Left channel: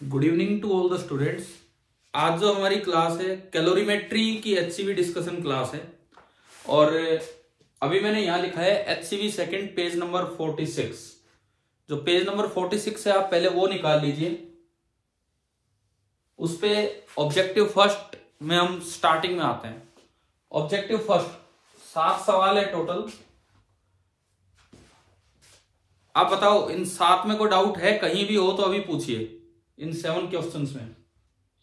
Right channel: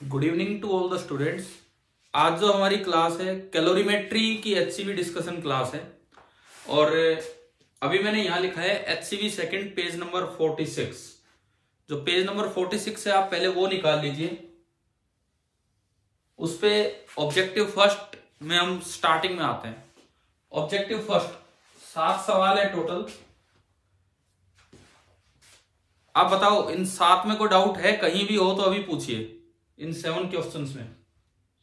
Good evening to all the students. आज जो हमारी क्लास है कैलोरीमेट्री की एचसीवी डिस्कशन क्लास है और अभी मैंने यहाँ लिखा है एचसीवी सेकंड पेज नंबर 46। जो पेज नंबर 46 है आप पहले वो निकाल लीजिए। उस पे ऑब्जेक्टिव फर्स्ट में हम स्टार्टिंग में आते हैं। ऑब्जेक्टिव फर्स्ट 7 सवाल है टोटल। आप बताओ इन 7 में कोई डाउट है? कहीं भी हो तो अभी पूछिए इन 7 क्वेश्चंस में।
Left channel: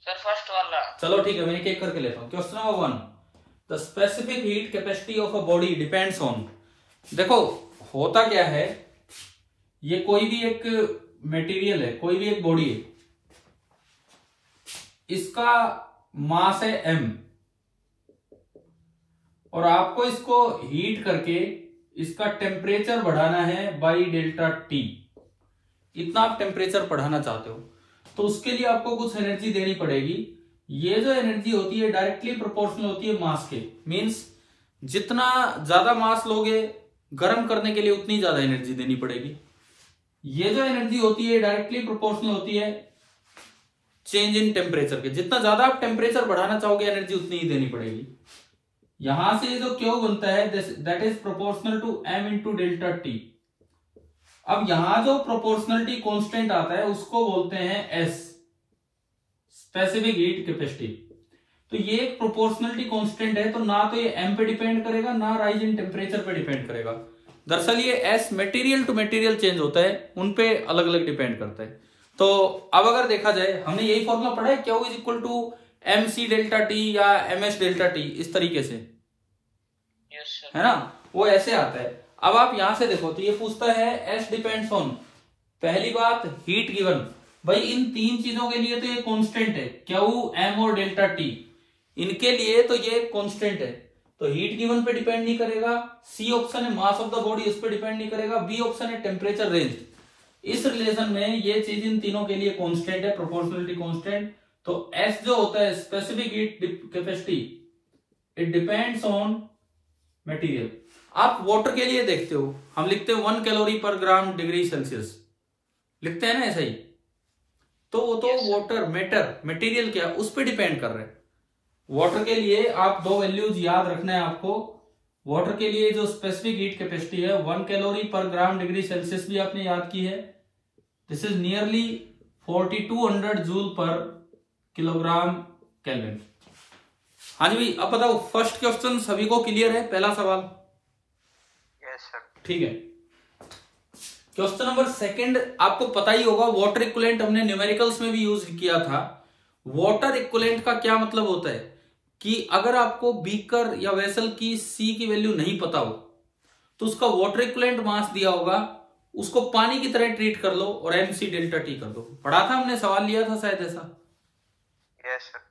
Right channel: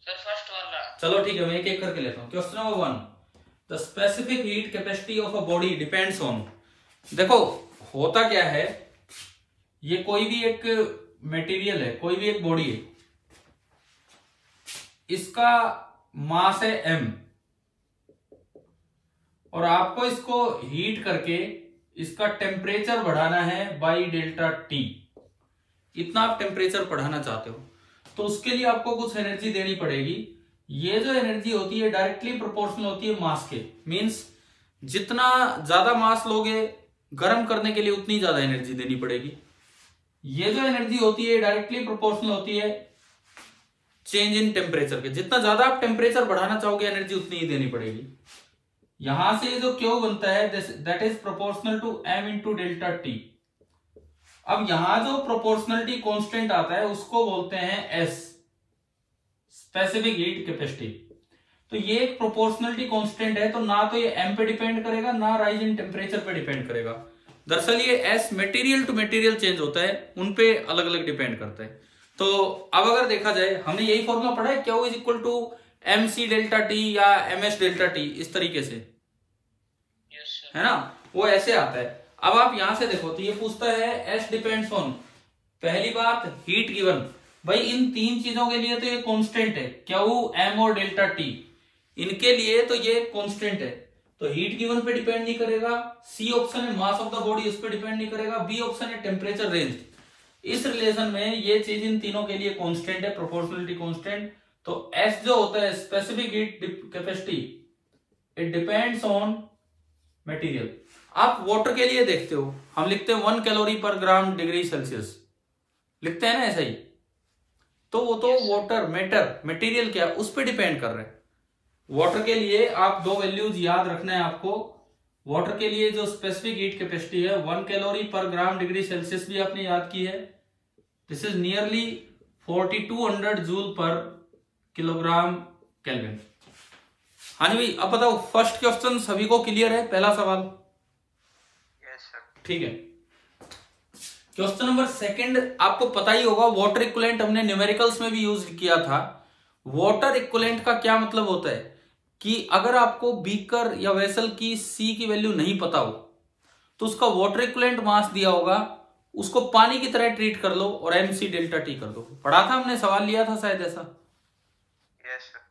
सर फर्स्ट वाला। चलो ठीक है, मैं एक एक करके लेता हूं। Question number 1, the specific heat capacity of a body depends on. देखो होता क्या है, ये कोई भी एक मटेरियल है, कोई भी एक बॉडी है, इसका मास है m और आपको इसको हीट करके इसका टेम्परेचर बढ़ाना है बाई डेल्टा टी। इतना आप टेम्परेचर बढ़ाना चाहते हो तो उसके लिए आपको कुछ एनर्जी देनी पड़ेगी। ये जो एनर्जी होती है डायरेक्टली प्रोपोर्शनल होती है मास के। मींस जितना ज्यादा मास लोगे गर्म करने के लिए उतनी ज्यादा एनर्जी देनी पड़ेगी। ये जो एनर्जी होती है डायरेक्टली प्रोपोर्शनल होती है चेंज इन टेम्परेचर के। जितना ज्यादा आप टेम्परेचर बढ़ाना चाहोगे एनर्जी उतनी ही देनी पड़ेगी। यहां से जो क्यू बनता है that is proportional to m into delta T. अब यहां जो प्रोपोर्शनलिटी कांस्टेंट आता है उसको बोलते हैं S, स्पेसिफिक हीट कैपेसिटी। तो ये एक प्रोपोर्शनलिटी कांस्टेंट है, तो ना तो ये m पे डिपेंड करेगा ना राइज इन टेम्परेचर पे डिपेंड करेगा। दरअसल ये S material to material change होता है, उन पे अलग अलग डिपेंड करता है। तो अब अगर देखा जाए, हमने यही फॉर्मूला पढ़ा है, Q is equal to mc delta T या ms डेल्टा टी, इस तरीके से है ना, वो ऐसे आता है। अब आप यहां से देखो तो ये पूछता है S डिपेंड्स ऑन। पहली बात हीट गिवन, भाई इन तीन चीजों के लिए तो ये कांस्टेंट है, क्यू m और डेल्टा टी, इनके लिए तो ये कांस्टेंट है, तो हीट गिवन पे डिपेंड नहीं करेगा। सी ऑप्शन है मास ऑफ द बॉडी, इस पे डिपेंड नहीं करेगा। बी ऑप्शन है टेम्परेचर रेंज। इस रिलेशन में ये चीज इन तीनों के लिए कांस्टेंट है, प्रोपोर्शनलिटी कांस्टेंट। तो S जो होता है specific heat capacity, it depends on material. आप वाटर के लिए देखते हो, हम लिखते हैं 1 कैलोरी पर ग्राम डिग्री सेल्सियस, लिखते हैं ना ऐसा ही। तो वो तो वाटर मैटर मटेरियल क्या उस पर डिपेंड कर रहे हैं। वाटर के लिए आप दो वैल्यूज याद रखना है आपको। वाटर के लिए जो स्पेसिफिक हीट कैपेसिटी है 1 कैलोरी पर ग्राम डिग्री सेल्सियस भी आपने याद की है। दिस इज नियरली 4200 जूल पर किलोग्राम केल्विन। हाँ जी भाई, अब बताओ फर्स्ट क्वेश्चन सभी को क्लियर है? पहला सवाल ठीक है। क्वेश्चन नंबर सेकंड आपको पता ही होगा, वाटर इक्विवेलेंट हमने न्यूमेरिकल्स में भी यूज किया था। वाटर इक्विवेलेंट का क्या मतलब होता है कि अगर आपको बीकर या वेसल की सी की वैल्यू नहीं पता हो तो उसका वाटर इक्विवेलेंट मास दिया होगा, उसको पानी की तरह ट्रीट कर लो और mc डेल्टा टी कर दो। पढ़ा था हमने, सवाल लिया था शायद ऐसा।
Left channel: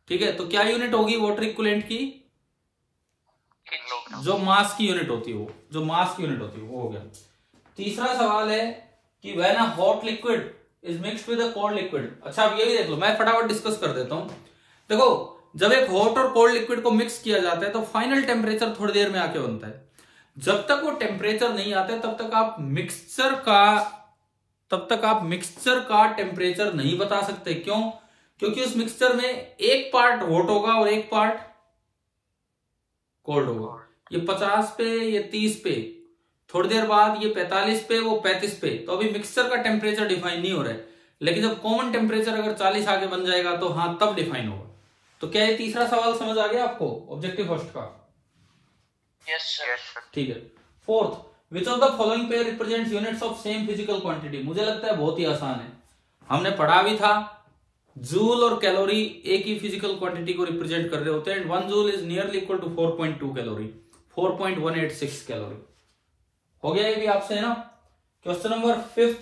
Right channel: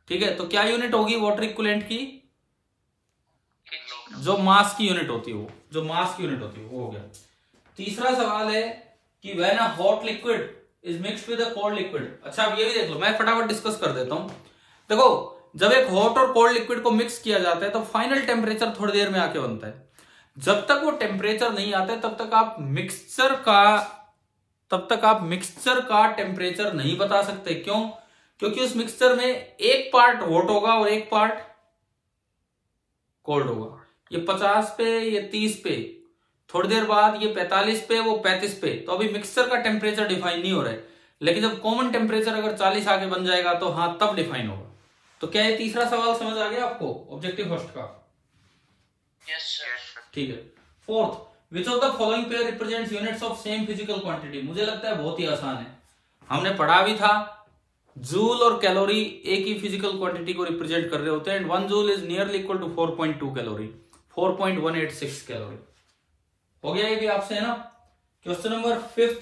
ठीक है, तो क्या यूनिट होगी वाटर इक्विवेलेंट की? जो मास की यूनिट होती है वो, जो मास की यूनिट होती है वो हो गया। तीसरा सवाल है कि when a hot liquid is mixed with a cold liquid. अच्छा अब ये भी देख लो, मैं फटाफट डिस्कस कर देता हूं। देखो जब एक हॉट और कोल्ड लिक्विड को मिक्स किया जाता है तो फाइनल टेम्परेचर थोड़ी देर में आके बनता है। जब तक वो टेम्परेचर नहीं आता है तब तक आप मिक्सचर का टेम्परेचर नहीं बता सकते। क्यों? क्योंकि उस मिक्सचर में एक पार्ट हॉट होगा और एक पार्ट कोल्ड होगा। ये 50 पे, ये 30 पे, थोड़ी देर बाद ये 45 पे, वो 35 पे। तो अभी मिक्सचर का टेम्परेचर डिफाइन नहीं हो रहा है, लेकिन जब कॉमन टेम्परेचर अगर 40 आगे बन जाएगा तो हाँ तब डिफाइन होगा। तो क्या ये तीसरा सवाल समझ आ गया आपको ऑब्जेक्टिव फर्स्ट का? Yes sir. ठीक है। Fourth, which of the following pair represents units of same physical quantity. मुझे लगता है बहुत ही आसान है, हमने पढ़ा भी था। जूल और कैलोरी एक ही फिजिकल क्वांटिटी को रिप्रेजेंट कर रहे होते हैं। 1 joule is nearly equal to 4.2 calorie, 4.186 calorie. हो गया ये भी आपसे, है ना। क्वेश्चन नंबर 5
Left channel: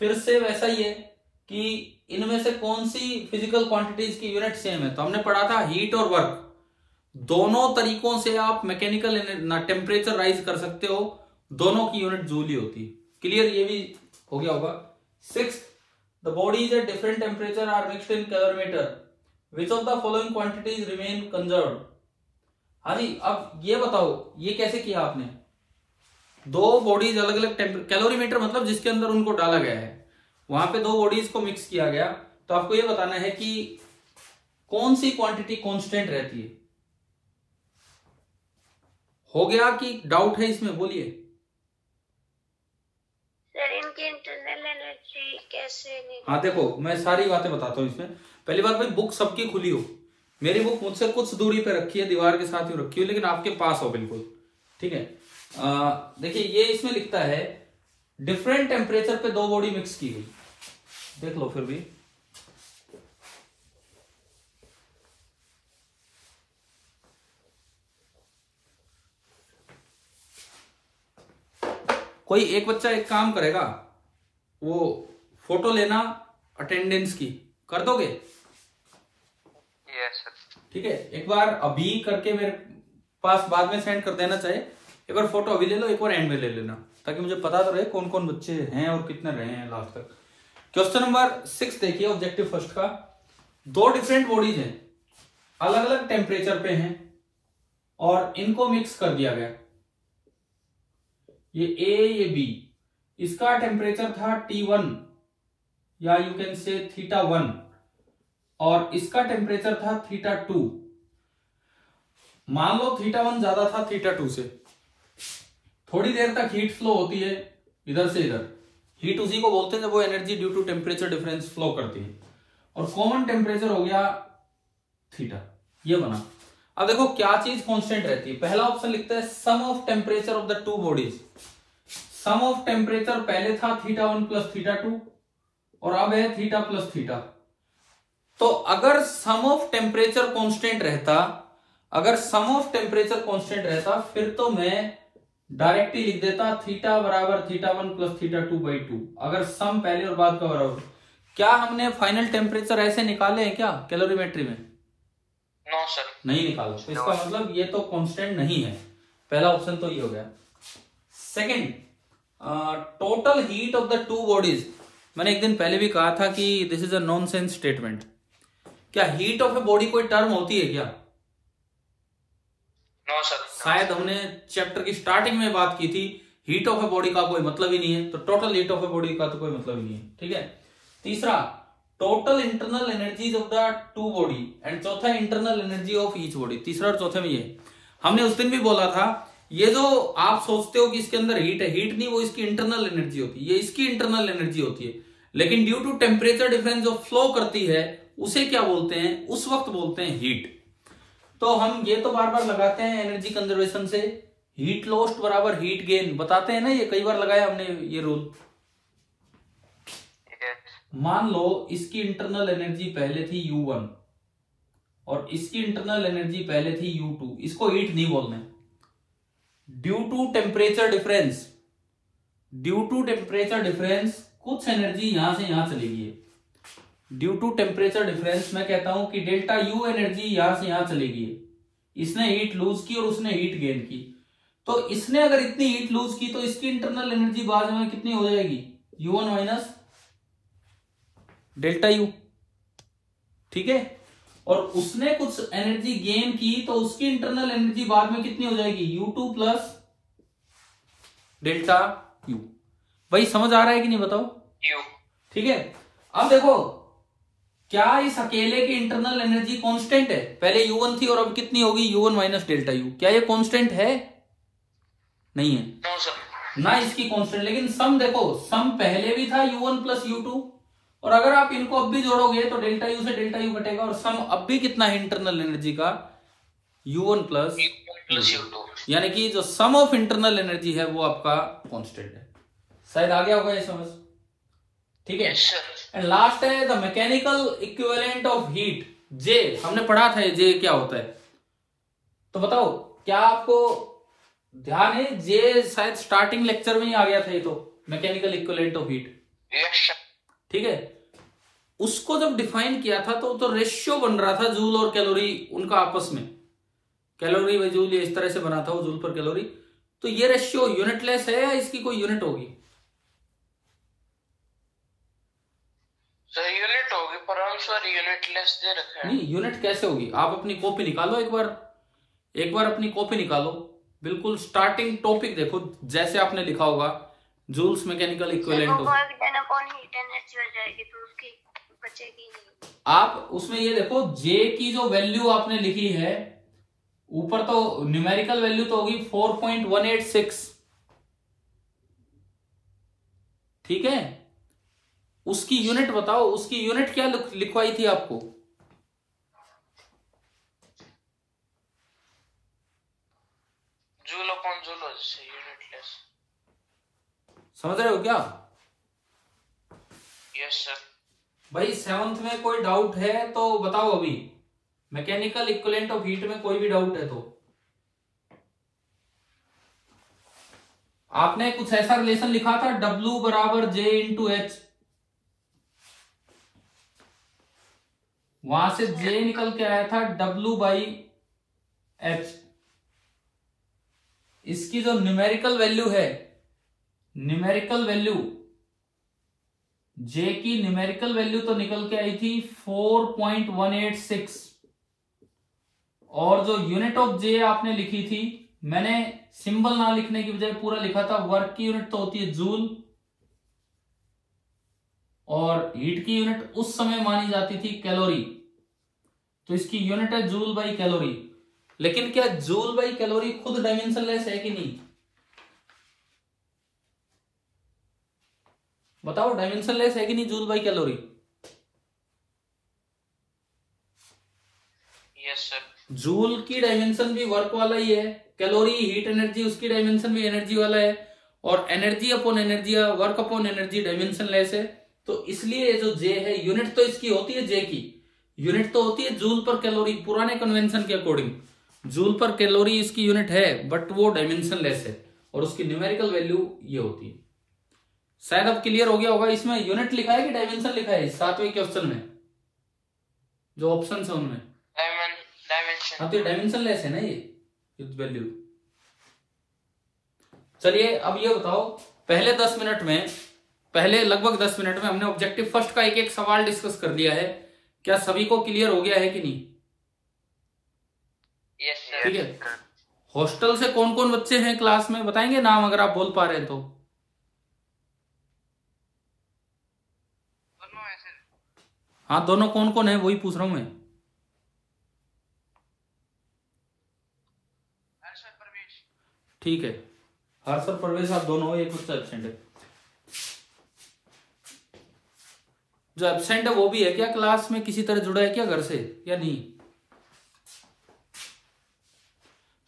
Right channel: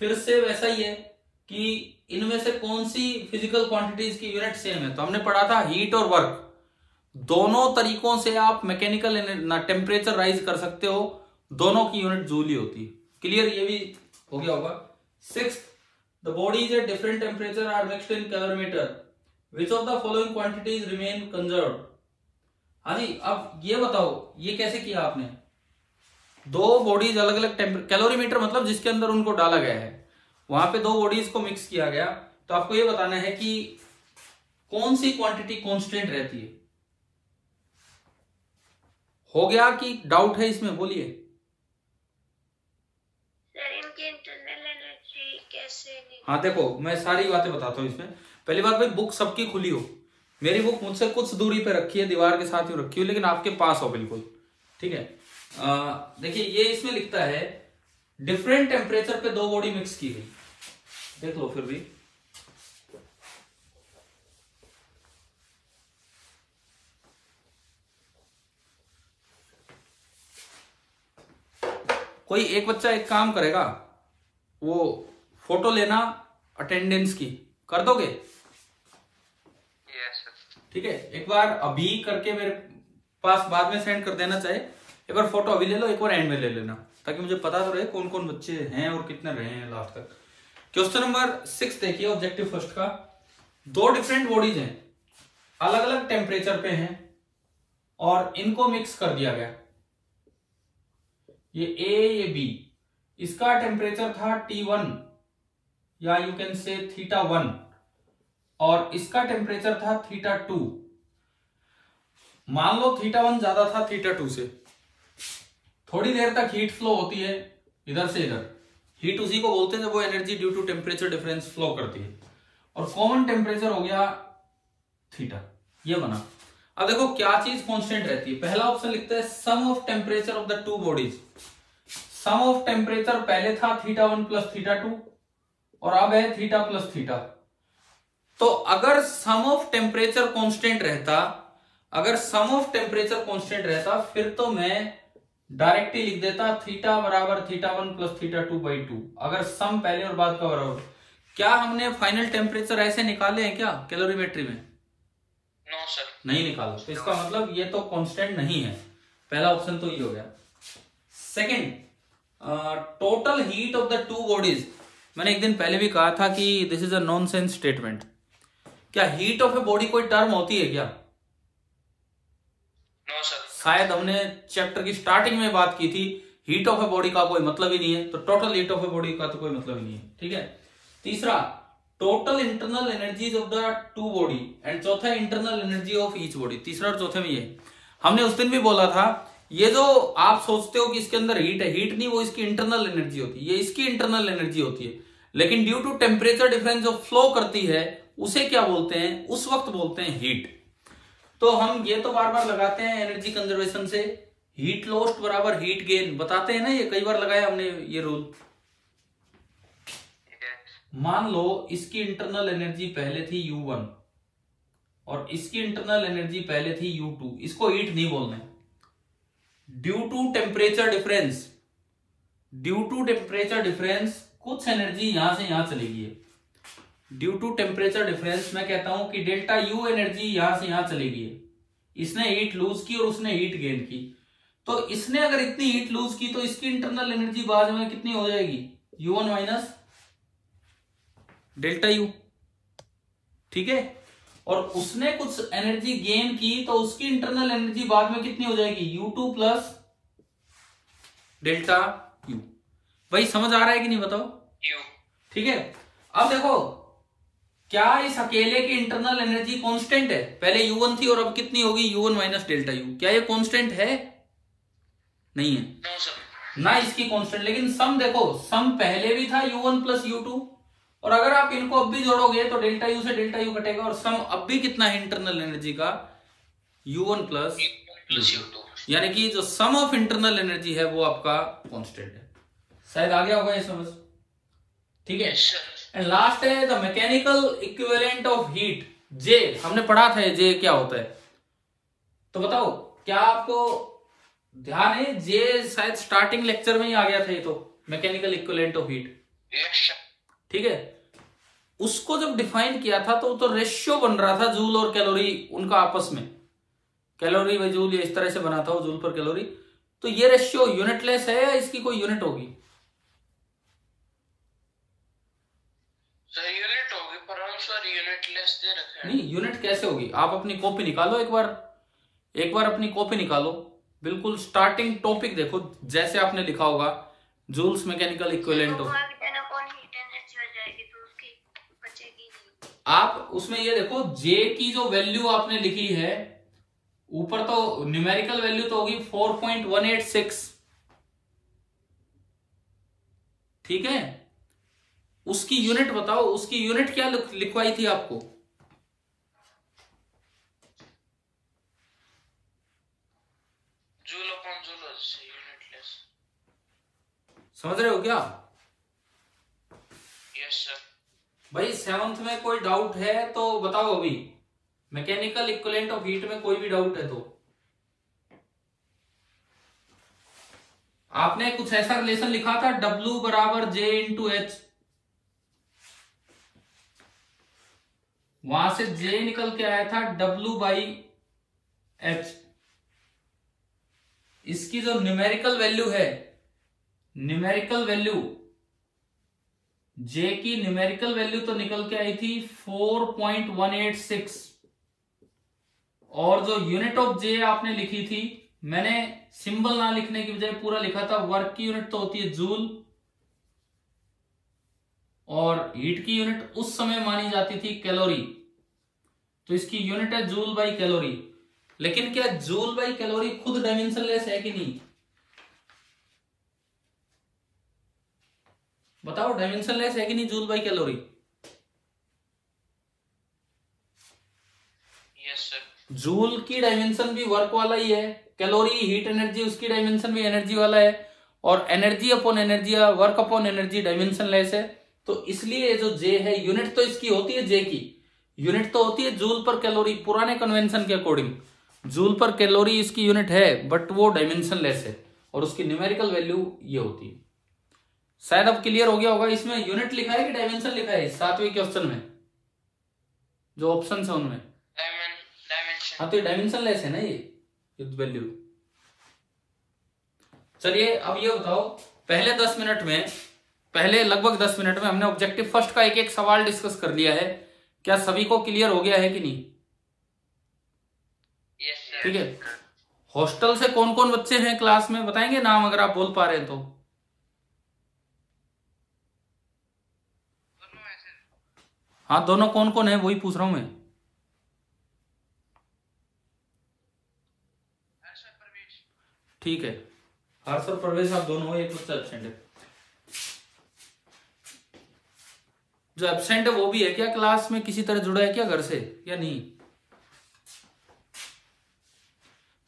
फिर से वैसा ही है कि इनमें से कौन सी फिजिकल क्वांटिटीज की यूनिट सेम है। तो हमने पढ़ा था हीट और वर्क दोनों तरीकों से आप मैकेनिकल टेम्परेचर राइज कर सकते हो, दोनों की यूनिट जूल ही होती है। क्लियर, ये भी हो गया होगा। 6th, the bodies at different temperature are mixed in calorimeter. Which of the following quantities remain conserved? हाँ जी, अब ये बताओ ये कैसे किया आपने? दो बॉडीज अलग अलग कैलोरीमीटर मतलब जिसके अंदर उनको डाला गया है, वहां पे दो बॉडीज को मिक्स किया गया। तो आपको ये बताना है कि कौन सी क्वांटिटी कांस्टेंट रहती है। हो गया कि डाउट है इसमें? बोलिए। सर इनकी इंटरनल एनर्जी कैसे? हाँ देखो, मैं सारी बातें बताता हूँ इसमें। पहली बात भाई, बुक सबकी खुली हो। मेरी बुक मुझसे कुछ दूरी पे रखी है, दीवार के साथ ही रखी हो, लेकिन आपके पास हो बिल्कुल, ठीक है। देखिए ये इसमें लिखता है डिफरेंट टेम्परेचर पे दो बॉडी मिक्स की गई। देख लो फिर भी, कोई एक बच्चा एक काम करेगा, वो फोटो लेना अटेंडेंस की, कर दोगे? Yes sir. ठीक है, एक बार अभी करके मेरे पास बाद में सेंड कर देना, चाहे एक बार फोटो अभी ले लो, एक बार एंड में ले लेना, ताकि मुझे पता तो रहे कौन कौन बच्चे हैं और कितने रहे हैं लास्ट तक। क्वेश्चन नंबर 6 देखिए, ऑब्जेक्टिव फर्स्ट का। दो डिफरेंट बॉडीज हैं, अलग अलग टेम्परेचर पे हैं और इनको मिक्स कर दिया गया। ये ए ये बी, इसका टेम्परेचर था T1 या यू कैन से θ1 और इसका टेम्परेचर था θ2। मान लो θ1 ज्यादा था θ2 से, थोड़ी देर तक हीट फ्लो होती है इधर से इधर। हीट उसी को बोलते हैं जब वो energy due to temperature difference flow करती है, और कॉमन टेम्परेचर हो गया थीटा, ये बना। अब देखो क्या चीज कांस्टेंट रहती है। पहला ऑप्शन लिखता है sum of temperature of the two bodies. Sum of temperature पहले था θ1 प्लस θ2 और अब है थीटा प्लस थीटा। तो अगर सम ऑफ टेम्परेचर कांस्टेंट रहता, अगर सम ऑफ टेम्परेचर कांस्टेंट रहता, फिर तो मैं डायरेक्टली लिख देता थीटा बराबर θ1 प्लस θ2/2, अगर सम पहले और बाद का बराबर। क्या हमने फाइनल टेम्परेचर ऐसे निकाले हैं क्या कैलोरीमेट्री में? नो सर, नहीं निकाला। तो इसका मतलब ये तो कांस्टेंट नहीं है। पहला ऑप्शन तो ये हो गया। Second, total heat of the two bodies. मैंने एक दिन पहले भी कहा था कि this is a nonsense statement. क्या हीट ऑफ ए बॉडी कोई टर्म होती है क्या? No sir. शायद हमने चैप्टर की स्टार्टिंग में बात की थी, हीट ऑफ ए बॉडी का कोई मतलब ही नहीं है, तो total heat of a body का तो कोई मतलब ही नहीं है, ठीक है। तीसरा, total internal energies of the two body, and चौथा internal energy of each body. तीसरा और चौथे में ये हमने उस दिन भी बोला था, ये जो आप सोचते हो कि इसके अंदर हीट है, हीट नहीं, वो इसकी इंटरनल एनर्जी होती है, ये इसकी इंटरनल एनर्जी होती है, लेकिन ड्यू टू टेम्परेचर डिफरेंस जो फ्लो करती है उसे क्या बोलते हैं? उस वक्त बोलते हैं हीट। तो हम ये तो बार बार लगाते हैं एनर्जी कंजर्वेशन से, हीट लॉस्ट बराबर हीट गेन, बताते हैं ना, ये कई बार लगाया हमने ये रूल। मान लो इसकी इंटरनल एनर्जी पहले थी U1 और इसकी इंटरनल एनर्जी पहले थी U2, इसको हीट नहीं बोलना है। Due to temperature difference, due to temperature difference कुछ एनर्जी यहां से यहां चली गई है। ड्यू टू टेम्परेचर डिफरेंस मैं कहता हूं कि डेल्टा U एनर्जी यहां से यहां चली गई है। इसने हीट लूज की और उसने हीट गेन की। तो इसने अगर इतनी हीट लूज की तो इसकी इंटरनल एनर्जी बाद में कितनी हो जाएगी? U1 माइनस डेल्टा U, ठीक है। और उसने कुछ एनर्जी गेन की तो उसकी इंटरनल एनर्जी बाद में कितनी हो जाएगी? U2 plus delta U। भाई समझ आ रहा है कि नहीं बताओ? ठीक है। अब देखो, क्या इस अकेले की इंटरनल एनर्जी कांस्टेंट है? पहले U1 थी और अब कितनी होगी? U1 minus delta U। क्या ये कांस्टेंट है? नहीं है। No sir. ना इसकी कांस्टेंट, लेकिन सम देखो, सम पहले भी था U1 प्लस U2, और अगर आप इनको अब भी जोड़ोगे तो डेल्टा U से डेल्टा U कटेगा, और सम अब भी कितना है इंटरनल एनर्जी का? U1 प्लस U2, यानी कि जो सम ऑफ इंटरनल एनर्जी है वो आपका कांस्टेंट है। शायद आ गया होगा ये समझ, ठीक है। एंड लास्ट है the mechanical equivalent of heat, J। हमने पढ़ा था J क्या होता है, तो बताओ क्या आपको ध्यान है? J शायद स्टार्टिंग लेक्चर में ही आ गया था ये तो, मैकेनिकल इक्विवेलेंट ऑफ हीट, ठीक है। उसको जब डिफाइन किया था तो रेशियो बन रहा था जूल और कैलोरी उनका आपस में, कैलोरी बाई जूल, ये इस तरह से बना था वो जूल पर कैलोरी। तो ये रेशियो यूनिटलेस है या इसकी कोई यूनिट होगी? सर यूनिट होगी, पर हम सर यूनिटलेस दे रखे हैं। नहीं, यूनिट कैसे होगी? आप अपनी कॉपी निकालो, एक बार अपनी कॉपी निकालो, बिल्कुल स्टार्टिंग टॉपिक देखो, जैसे आपने लिखा होगा जूल्स मैकेनिकल इक्विवेलेंट ऑफ। बचेगी नहीं। आप उसमें ये देखो जे की जो वैल्यू आपने लिखी है ऊपर, तो न्यूमेरिकल वैल्यू तो होगी 4.186, ठीक है। उसकी यूनिट बताओ, उसकी यूनिट क्या लिखवाई थी आपको? Joule upon joule unitless. समझ रहे हो क्या? Yes sir. भाई 7th में कोई डाउट है तो बताओ अभी। मैकेनिकल इक्विवेलेंट ऑफ हीट में कोई भी डाउट है तो। आपने कुछ ऐसा रिलेशन लिखा था W बराबर J इंटू एच, वहां से J निकल के आया था W बाई एच। इसकी जो न्यूमेरिकल वैल्यू है, न्यूमेरिकल वैल्यू J की न्यूमेरिकल वैल्यू तो निकल के आई थी 4.186, और जो यूनिट ऑफ J आपने लिखी थी, मैंने सिंबल ना लिखने की बजाय पूरा लिखा था। वर्क की यूनिट तो होती है जूल, और हीट की यूनिट उस समय मानी जाती थी कैलोरी, तो इसकी यूनिट है जूल बाई कैलोरी। लेकिन क्या जूल बाई कैलोरी खुद डायमेंशनलेस है कि नहीं? बताओ, डायमेंशनलेस है कि नहीं joule by calorie? Yes sir. Joule की डायमेंशन भी वर्क वाला ही है, कैलोरी हीट एनर्जी उसकी डायमेंशन भी एनर्जी वाला है, और एनर्जी अपॉन एनर्जी या वर्क अपॉन एनर्जी डायमेंशनलेस है। तो इसलिए जो जे है, यूनिट तो इसकी होती है, जे की यूनिट तो होती है जूल पर कैलोरी, पुराने कन्वेंशन के अकॉर्डिंग जूल पर कैलोरी इसकी यूनिट है, बट वो डायमेंशनलेस है, और उसकी न्यूमेरिकल वैल्यू ये होती है। शायद अब क्लियर हो गया होगा। इसमें यूनिट लिखा है कि डायमेंशन लिखा है 7वें क्वेश्चन में, जो ऑप्शन है उनमें? डायमेंशन। हाँ, तो डायमेंशनलेस है ना ये वैल्यू। चलिए अब ये बताओ, पहले लगभग 10 मिनट में हमने ऑब्जेक्टिव फर्स्ट का एक एक सवाल डिस्कस कर लिया है। क्या सभी को क्लियर हो गया है कि नहीं? Yes sir. ठीक है। हॉस्टल से कौन कौन बच्चे हैं क्लास में, बताएंगे नाम अगर आप बोल पा रहे हैं तो? हाँ, दोनों कौन कौन है वही पूछ रहा हूं मैं। ठीक है, हर्ष और प्रवेश आप दोनों हो, एक बच्चा एब्सेंट है। जो एब्सेंट है वो भी है क्या क्लास में, किसी तरह जुड़ा है क्या घर से या नहीं?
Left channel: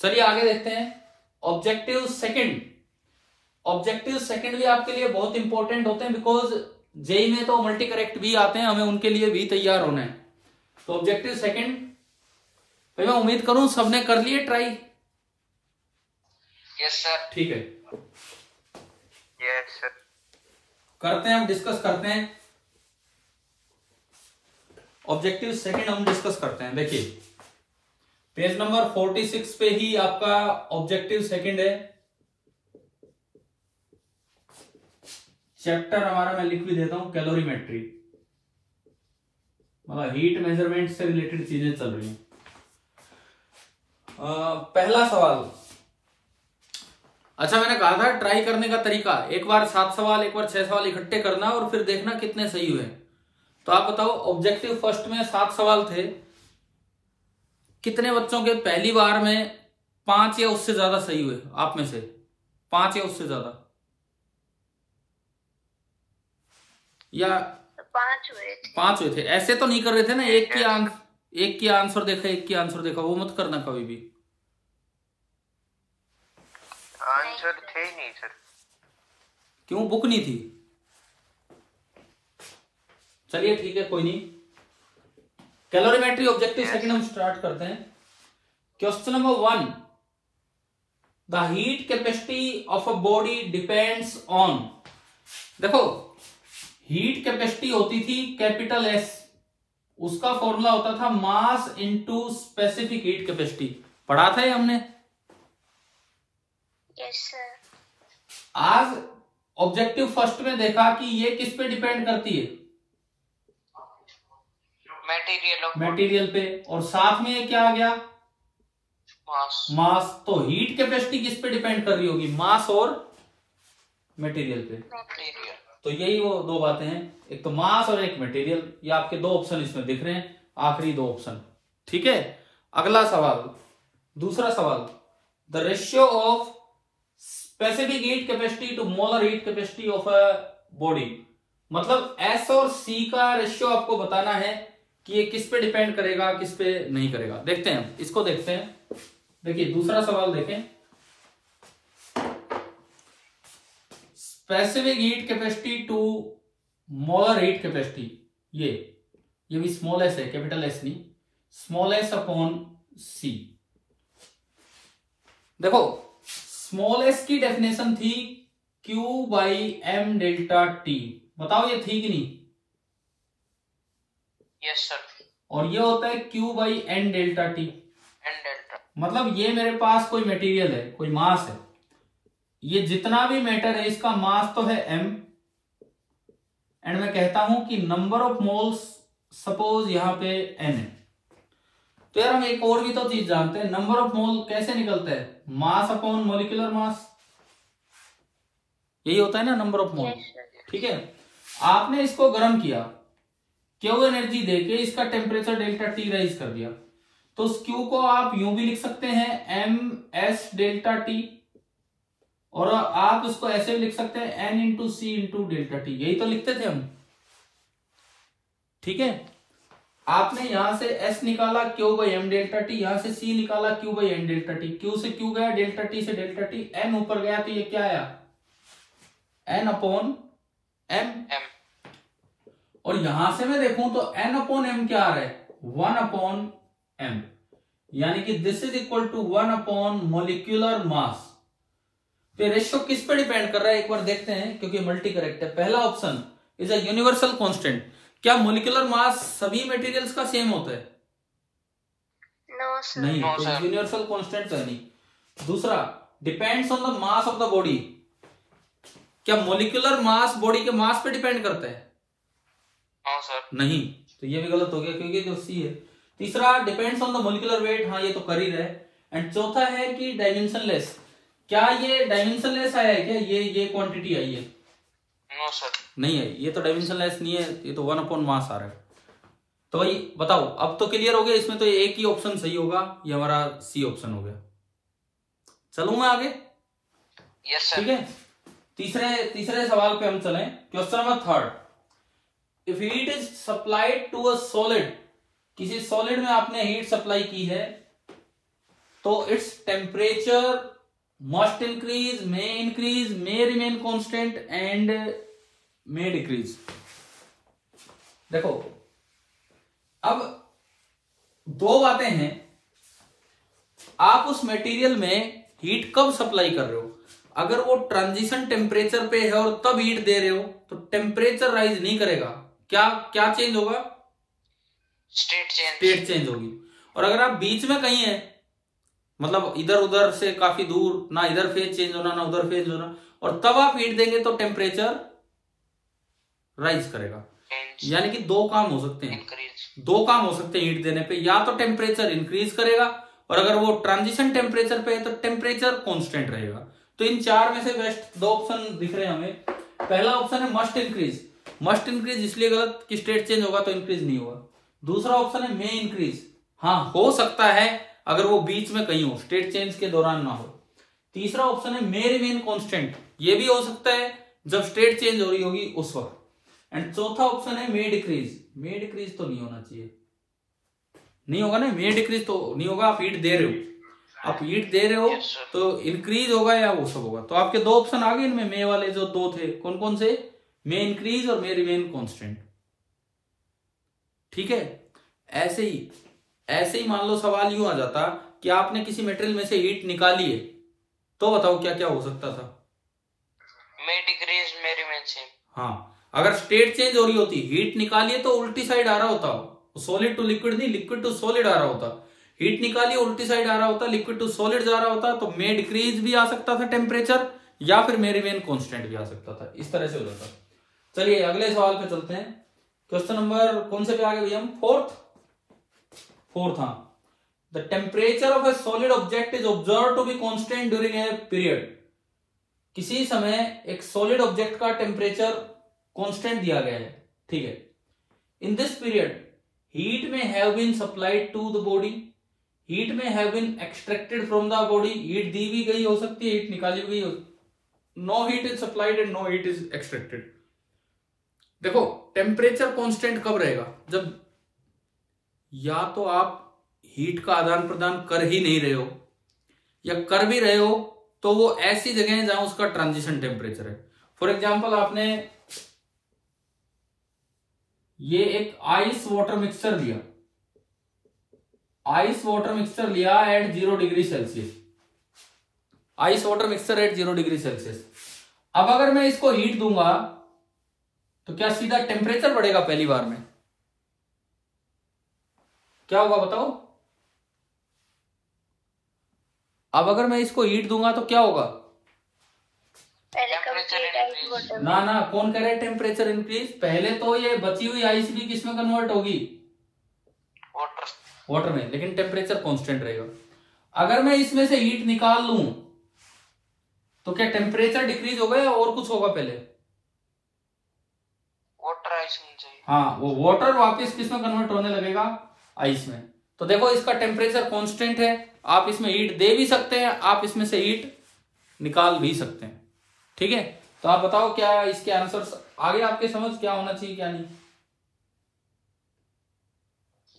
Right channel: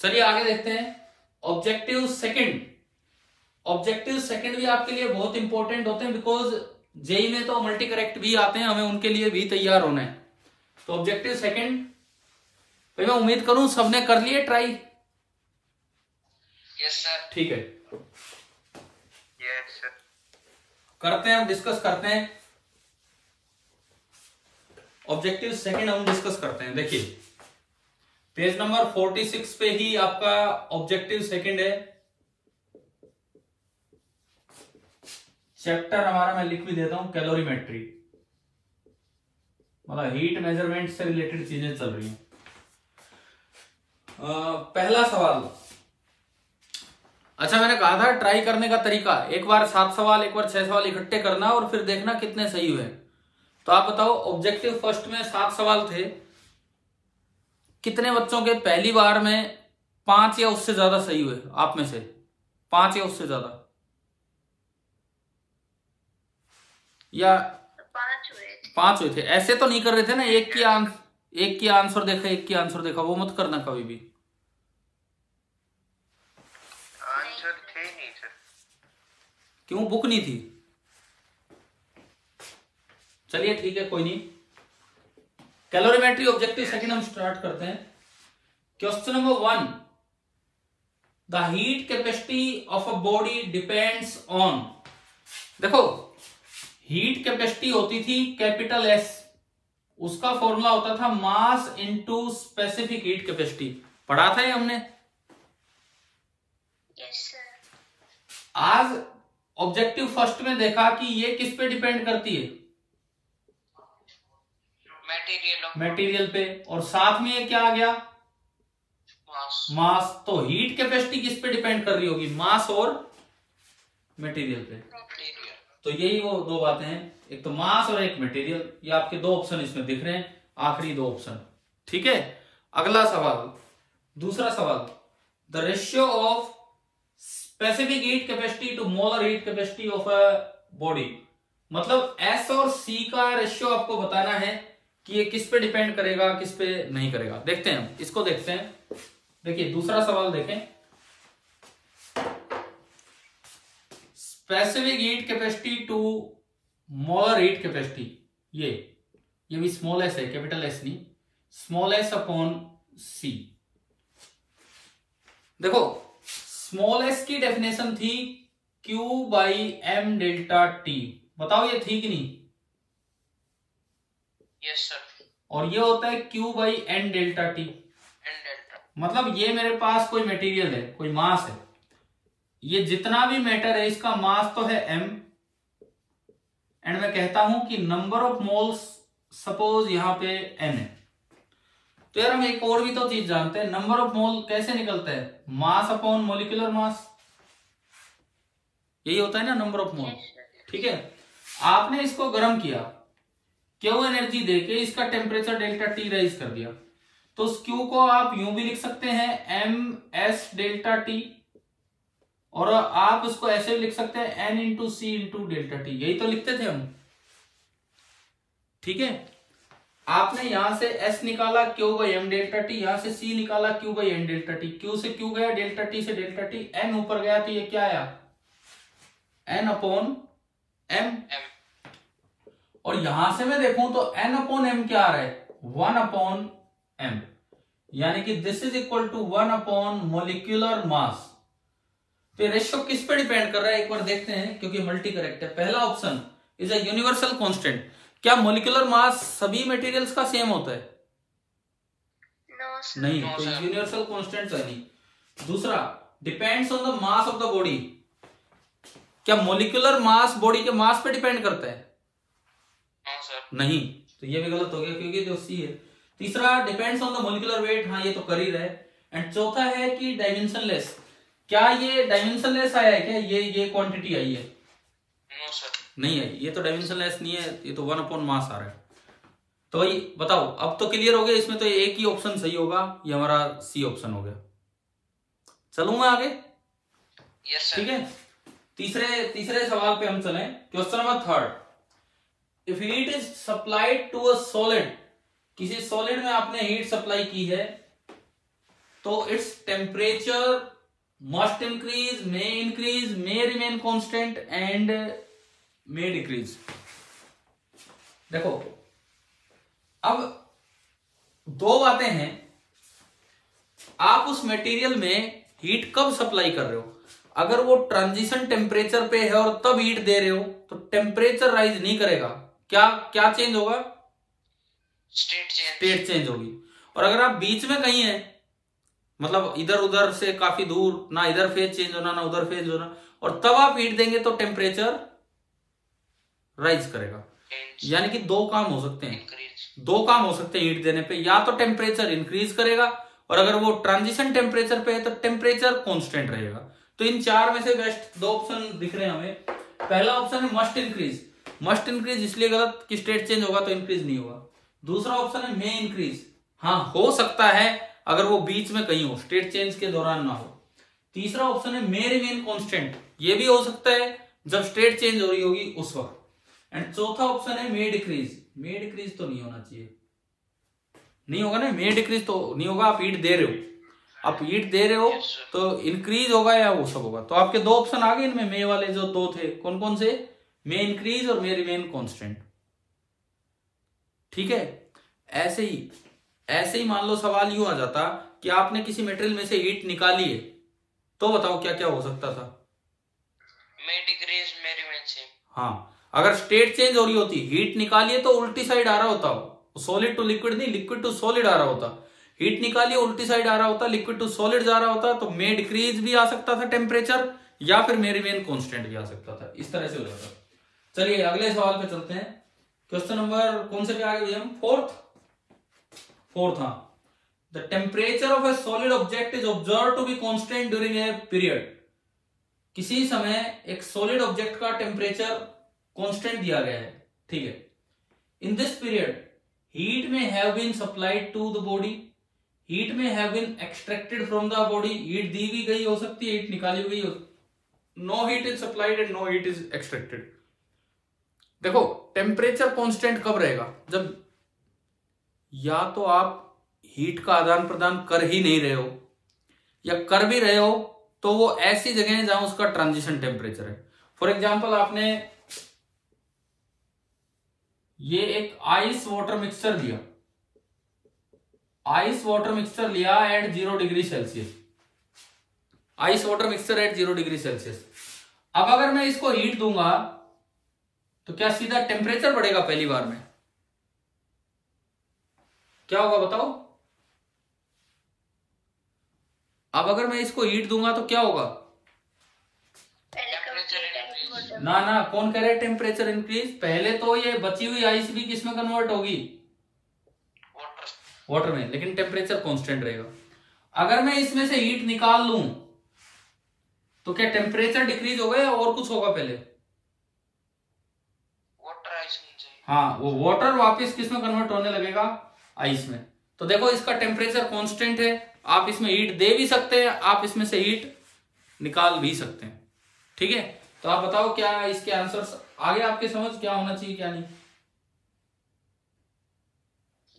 चलिए आगे देखते हैं। ऑब्जेक्टिव सेकंड भी आपके लिए बहुत इंपॉर्टेंट होते हैं, बिकॉज जेई में तो मल्टी करेक्ट भी आते हैं, हमें उनके लिए भी तैयार होना है। तो ऑब्जेक्टिव सेकंड भाई मैं उम्मीद करूं सबने कर लिए ट्राई। Yes sir. ठीक है, यस सर। करते हैं, हम डिस्कस करते हैं। ऑब्जेक्टिव सेकंड हम डिस्कस करते हैं। देखिए पेज नंबर 46 पे ही आपका ऑब्जेक्टिव सेकंड है। चैप्टर हमारा मैं लिख भी देता हूं, कैलोरीमेट्री, मतलब हीट मेजरमेंट से रिलेटेड चीजें चल रही हैं। पहला सवाल, अच्छा मैंने कहा था ट्राई करने का तरीका, एक बार 7 सवाल एक बार 6 सवाल इकट्ठे करना और फिर देखना कितने सही हुए। तो आप बताओ, ऑब्जेक्टिव फर्स्ट में 7 सवाल थे, कितने बच्चों के पहली बार में 5 या उससे ज्यादा सही हुए? आप में से 5 या उससे ज्यादा, या 5 हुए थे? ऐसे तो नहीं कर रहे थे ना, एक की आंसर देखा, एक की आंसर देखा, वो मत करना कभी भी। आंसर थे ही नहीं सर। क्यों, बुक नहीं थी? चलिए ठीक है, कोई नहीं। कैलोरीमेट्री ऑब्जेक्टिव सेकंड हम स्टार्ट करते हैं। Question number 1, the heat capacity of a body depends on. देखो हीट कैपेसिटी होती थी कैपिटल एस, उसका फॉर्मूला होता था mass into specific heat capacity. पढ़ा था ये हमने। Yes sir. आज ऑब्जेक्टिव फर्स्ट में देखा कि ये किस पे डिपेंड करती है? मटेरियल पे, और साथ में ये क्या आ गया? मास। तो हीट कैपेसिटी किस पे डिपेंड कर रही होगी? मास और मटेरियल पे। तो यही वो दो बातें हैं, एक तो मास और एक मटेरियल। ये आपके दो ऑप्शन इसमें दिख रहे हैं, आखिरी दो ऑप्शन। ठीक है, अगला सवाल, दूसरा सवाल, the ratio of specific heat capacity to molar heat capacity of a body. मतलब एस और सी का रेशियो आपको बताना है कि ये किस पे डिपेंड करेगा, किस पे नहीं करेगा। देखते हैं हम इसको, देखते हैं। देखिए दूसरा सवाल देखें, specific heat capacity to molar heat capacity, ये भी स्मॉल एस है, कैपिटल एस नहीं, स्मॉल एस अपॉन सी। देखो स्मॉल एस की डेफिनेशन थी Q by M delta T. बताओ ये थी कि नहीं? Yes sir. और ये होता है Q by N delta T. N delta, मतलब ये मेरे पास कोई मटेरियल है, कोई मास है, ये जितना भी मैटर है इसका मास तो है m, एंड मैं कहता हूं कि नंबर ऑफ मोल्स सपोज यहां पे n है। तो यार हम एक और भी तो चीज जानते हैं, नंबर ऑफ मोल कैसे निकलता है? मास अपॉन मोलिकुलर मास, यही होता है ना नंबर ऑफ मोल। ठीक है, आपने इसको गर्म किया, क्यू एनर्जी देके इसका टेम्परेचर डेल्टा टी राइज कर दिया, तो उस क्यू को आप यूं भी लिख सकते हैं एम एस डेल्टा टी, और आप उसको ऐसे भी लिख सकते हैं एन इंटू सी इंटू डेल्टा टी, यही तो लिखते थे हम। ठीक है, आपने यहां से S निकाला Q by M delta T, यहां से C निकाला Q by N delta T, Q से Q गया, डेल्टा टी से डेल्टा टी, N ऊपर गया तो ये क्या आया? N upon M। और यहां से मैं देखूं तो N अपॉन M क्या आ रहा है? 1 अपॉन M, यानी कि this is equal to 1 upon molecular mass. तो रेशियो किस पे डिपेंड कर रहा है एक बार देखते हैं, क्योंकि मल्टी करेक्ट है। पहला option is a universal constant. क्या मोलिकुलर मास सभी मटेरियल्स का सेम होता है? No sir. नहीं, तो यूनिवर्सल कांस्टेंट है नहीं। दूसरा, depends on the mass of the body. क्या मोलिकुलर मास बॉडी के मास पे डिपेंड करता है? No sir. नहीं, तो ये भी गलत हो गया क्योंकि जो सी है। तीसरा, depends on the molecular weight, हाँ ये तो कर ही रहे। एंड चौथा है कि डायमेंशनलेस। क्या ये डायमेंशनलेस आया है? क्या ये क्वांटिटी आई है? No sir. नहीं है, ये तो डायमेंशनलेस नहीं है, ये तो 1 अपॉन मास आ रहा है। तो भाई बताओ, अब तो क्लियर हो गया, इसमें तो एक ही ऑप्शन सही होगा, ये हमारा सी ऑप्शन हो गया। चलूं मैं आगे? Yes sir. ठीक है, तीसरे सवाल पे हम चलें। Question number 3, if heat is supplied to a solid, किसी सॉलिड में आपने हीट सप्लाई की है, तो its temperature must increase, may remain constant and may decrease. देखो अब दो बातें हैं, आप उस मटेरियल में हीट कब सप्लाई कर रहे हो। अगर वो ट्रांजिशन टेम्परेचर पे है और तब हीट दे रहे हो तो टेम्परेचर राइज नहीं करेगा। क्या चेंज होगा? स्टेट चेंज होगी। और अगर आप बीच में कहीं है, मतलब इधर उधर से काफी दूर, ना इधर फेज चेंज होना ना उधर फेज होना, और तब आप हीट देंगे तो टेम्परेचर राइज करेगा। यानी कि दो काम हो सकते हैं हीट देने पे, या तो टेम्परेचर इंक्रीज करेगा, और अगर वो ट्रांजिशन टेम्परेचर पे है तो टेम्परेचर कांस्टेंट रहेगा। तो इन चार में से बेस्ट दो ऑप्शन दिख रहे हैं हमें। पहला ऑप्शन है मस्ट इंक्रीज। मस्ट इंक्रीज इसलिए गलत कि स्टेट चेंज होगा तो इंक्रीज नहीं होगा। दूसरा ऑप्शन है मे इंक्रीज, हाँ हो सकता है अगर वो बीच में कहीं हो, स्टेट चेंज के दौरान ना हो। तीसरा ऑप्शन है मे रिमेन कांस्टेंट, ये भी हो सकता है जब स्टेट चेंज हो रही होगी उस वक्त। एंड चौथा ऑप्शन है मे डिक्रीज। मे डिक्रीज तो नहीं होना चाहिए, नहीं होगा ना, मे डिक्रीज तो नहीं होगा। आप हीट दे रहे हो, तो इंक्रीज होगा या वो सब होगा। तो आपके दो ऑप्शन आ गए इनमें, मे वाले जो दो थे, कौन कौन से? मे इंक्रीज और मे रिमेन कांस्टेंट। ठीक है, ऐसे ही मान लो सवाल यूं आ जाता कि आपने किसी मटेरियल में से हीट निकाली है, तो बताओ क्या क्या हो सकता था? मे डिक्रीज, मे रिमेन सेम। हाँ, अगर स्टेट चेंज हो रही होती, हीट निकाली है तो उल्टी साइड आ रहा होता, सॉलिड टू लिक्विड नहीं, लिक्विड टू सॉलिड आ रहा होता। हीट निकाली उल्टी साइड आ रहा होता, लिक्विड टू सॉलिड जा रहा होता, तो मे डिक्रीज भी आ सकता था टेम्परेचर, या फिर मे रिमेन कांस्टेंट भी आ सकता था। इस तरह से हो जाता। चलिए अगले सवाल पे चलते हैं। क्वेश्चन नंबर कौन से पे आ गए भैया हम? फोर्थ। हाँ, the temperature of a solid object is observe to be constant during a period. किसी समय एक सॉलिड ऑब्जेक्ट का टेम्परेचर कांस्टेंट दिया गया है, ठीक है। In this period heat may have been supplied to the body, heat may have been extracted from the body, heat दी भी गई हो सकती है, हीट निकाली भी गई हो, no heat is supplied and no heat is extracted. देखो टेम्परेचर कांस्टेंट कब रहेगा, जब या तो आप हीट का आदान प्रदान कर ही नहीं रहे हो, या कर भी रहे हो तो वो ऐसी जगह है जहां उसका ट्रांजिशन टेम्परेचर है। फॉर एग्जाम्पल आपने ये एक आइस वाटर मिक्सचर लिया, आइस वाटर मिक्सचर लिया at 0 degree Celsius, ice water mixture at 0 degree Celsius. अब अगर मैं इसको हीट दूंगा तो क्या सीधा टेम्परेचर बढ़ेगा पहली बार में? क्या होगा बताओ? अब अगर मैं इसको हीट दूंगा तो क्या होगा? ना ना, कौन कह रहे हैं टेम्परेचर इंक्रीज? पहले तो ये बची हुई आइस भी किसमें कन्वर्ट होगी? वाटर में, लेकिन टेम्परेचर कांस्टेंट रहेगा। अगर मैं इसमें से हीट निकाल लूं तो क्या टेम्परेचर डिक्रीज होगा या और कुछ होगा पहले? वाटर आइस में चाहिए। हाँ, वो वाटर वापस किसमें कन्वर्ट होने लगेगा? आइस में। तो देखो इसका टेम्परेचर कांस्टेंट है, आप इसमें हीट दे भी सकते हैं, आप इसमें से हीट निकाल भी सकते हैं, ठीक है। तो आप बताओ क्या इसके आंसर्स आगे आपके समझ क्या होना चाहिए क्या नहीं?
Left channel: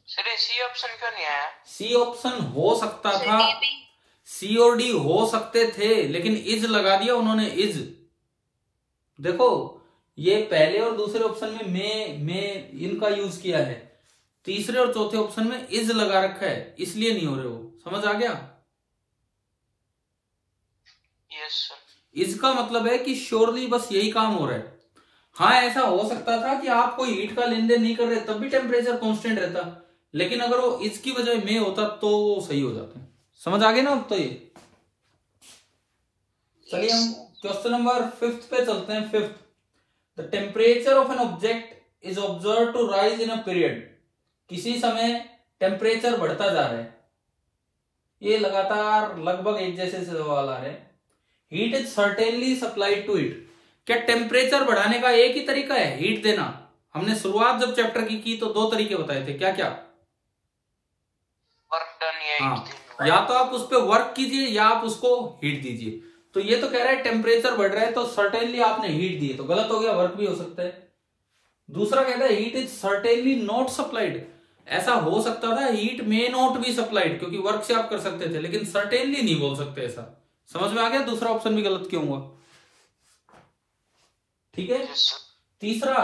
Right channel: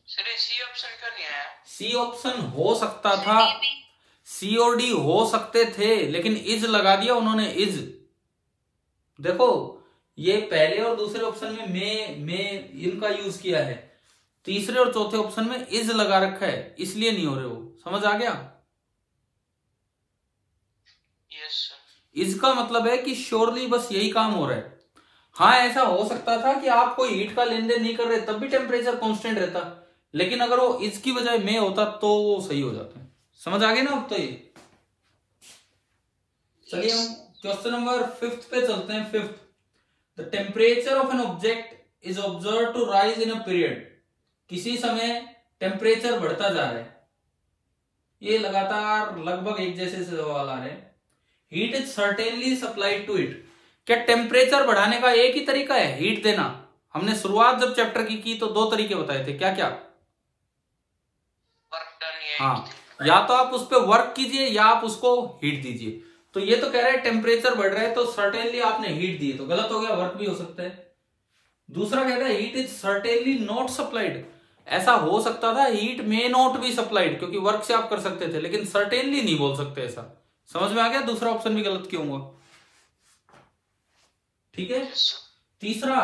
सर सी ऑप्शन क्यों नहीं आया? सी ऑप्शन हो सकता था, सी और डी हो सकते थे, लेकिन इज लगा दिया उन्होंने, इज। देखो ये पहले और दूसरे ऑप्शन में मैं इनका यूज किया है, तीसरे और चौथे ऑप्शन में इज लगा रखा है, इसलिए नहीं हो रहे हो। समझ आ गया? Yes sir. इज का मतलब है कि श्योरली बस यही काम हो रहा है। हाँ, ऐसा हो सकता था कि आप कोई हीट का लेन देन नहीं कर रहे तब भी टेम्परेचर कांस्टेंट रहता, लेकिन अगर वो इज की बजाय में होता तो वो सही हो जाता है। समझ आ गया ना अब तो ये? चलिए हम क्वेश्चन नंबर 5 पे चलते हैं। 5, the temperature of an object is observe to rise in a period. किसी समय टेम्परेचर बढ़ता जा रहा है, ये लगातार लगभग एक जैसे सवाल आ रहे हैं। Heat is certainly supplied to it. क्या टेम्परेचर बढ़ाने का एक ही तरीका है? हीट देना। हमने शुरुआत जब चैप्टर की तो 2 तरीके बताए थे, क्या क्या? Work done. हाँ, या तो आप उस पर वर्क कीजिए या आप उसको हीट दीजिए। तो ये तो कह रहा है टेम्परेचर बढ़ रहा है तो सर्टेनली आपने हीट दी, तो गलत हो गया, वर्क भी हो सकता है। दूसरा कहता है heat is certainly not supplied. ऐसा हो सकता था heat may not be supplied, क्योंकि वर्क से आप कर सकते थे, लेकिन सर्टेनली नहीं बोल सकते ऐसा। समझ में आ गया दूसरा ऑप्शन भी गलत क्यों हुआ? ठीक है। तीसरा,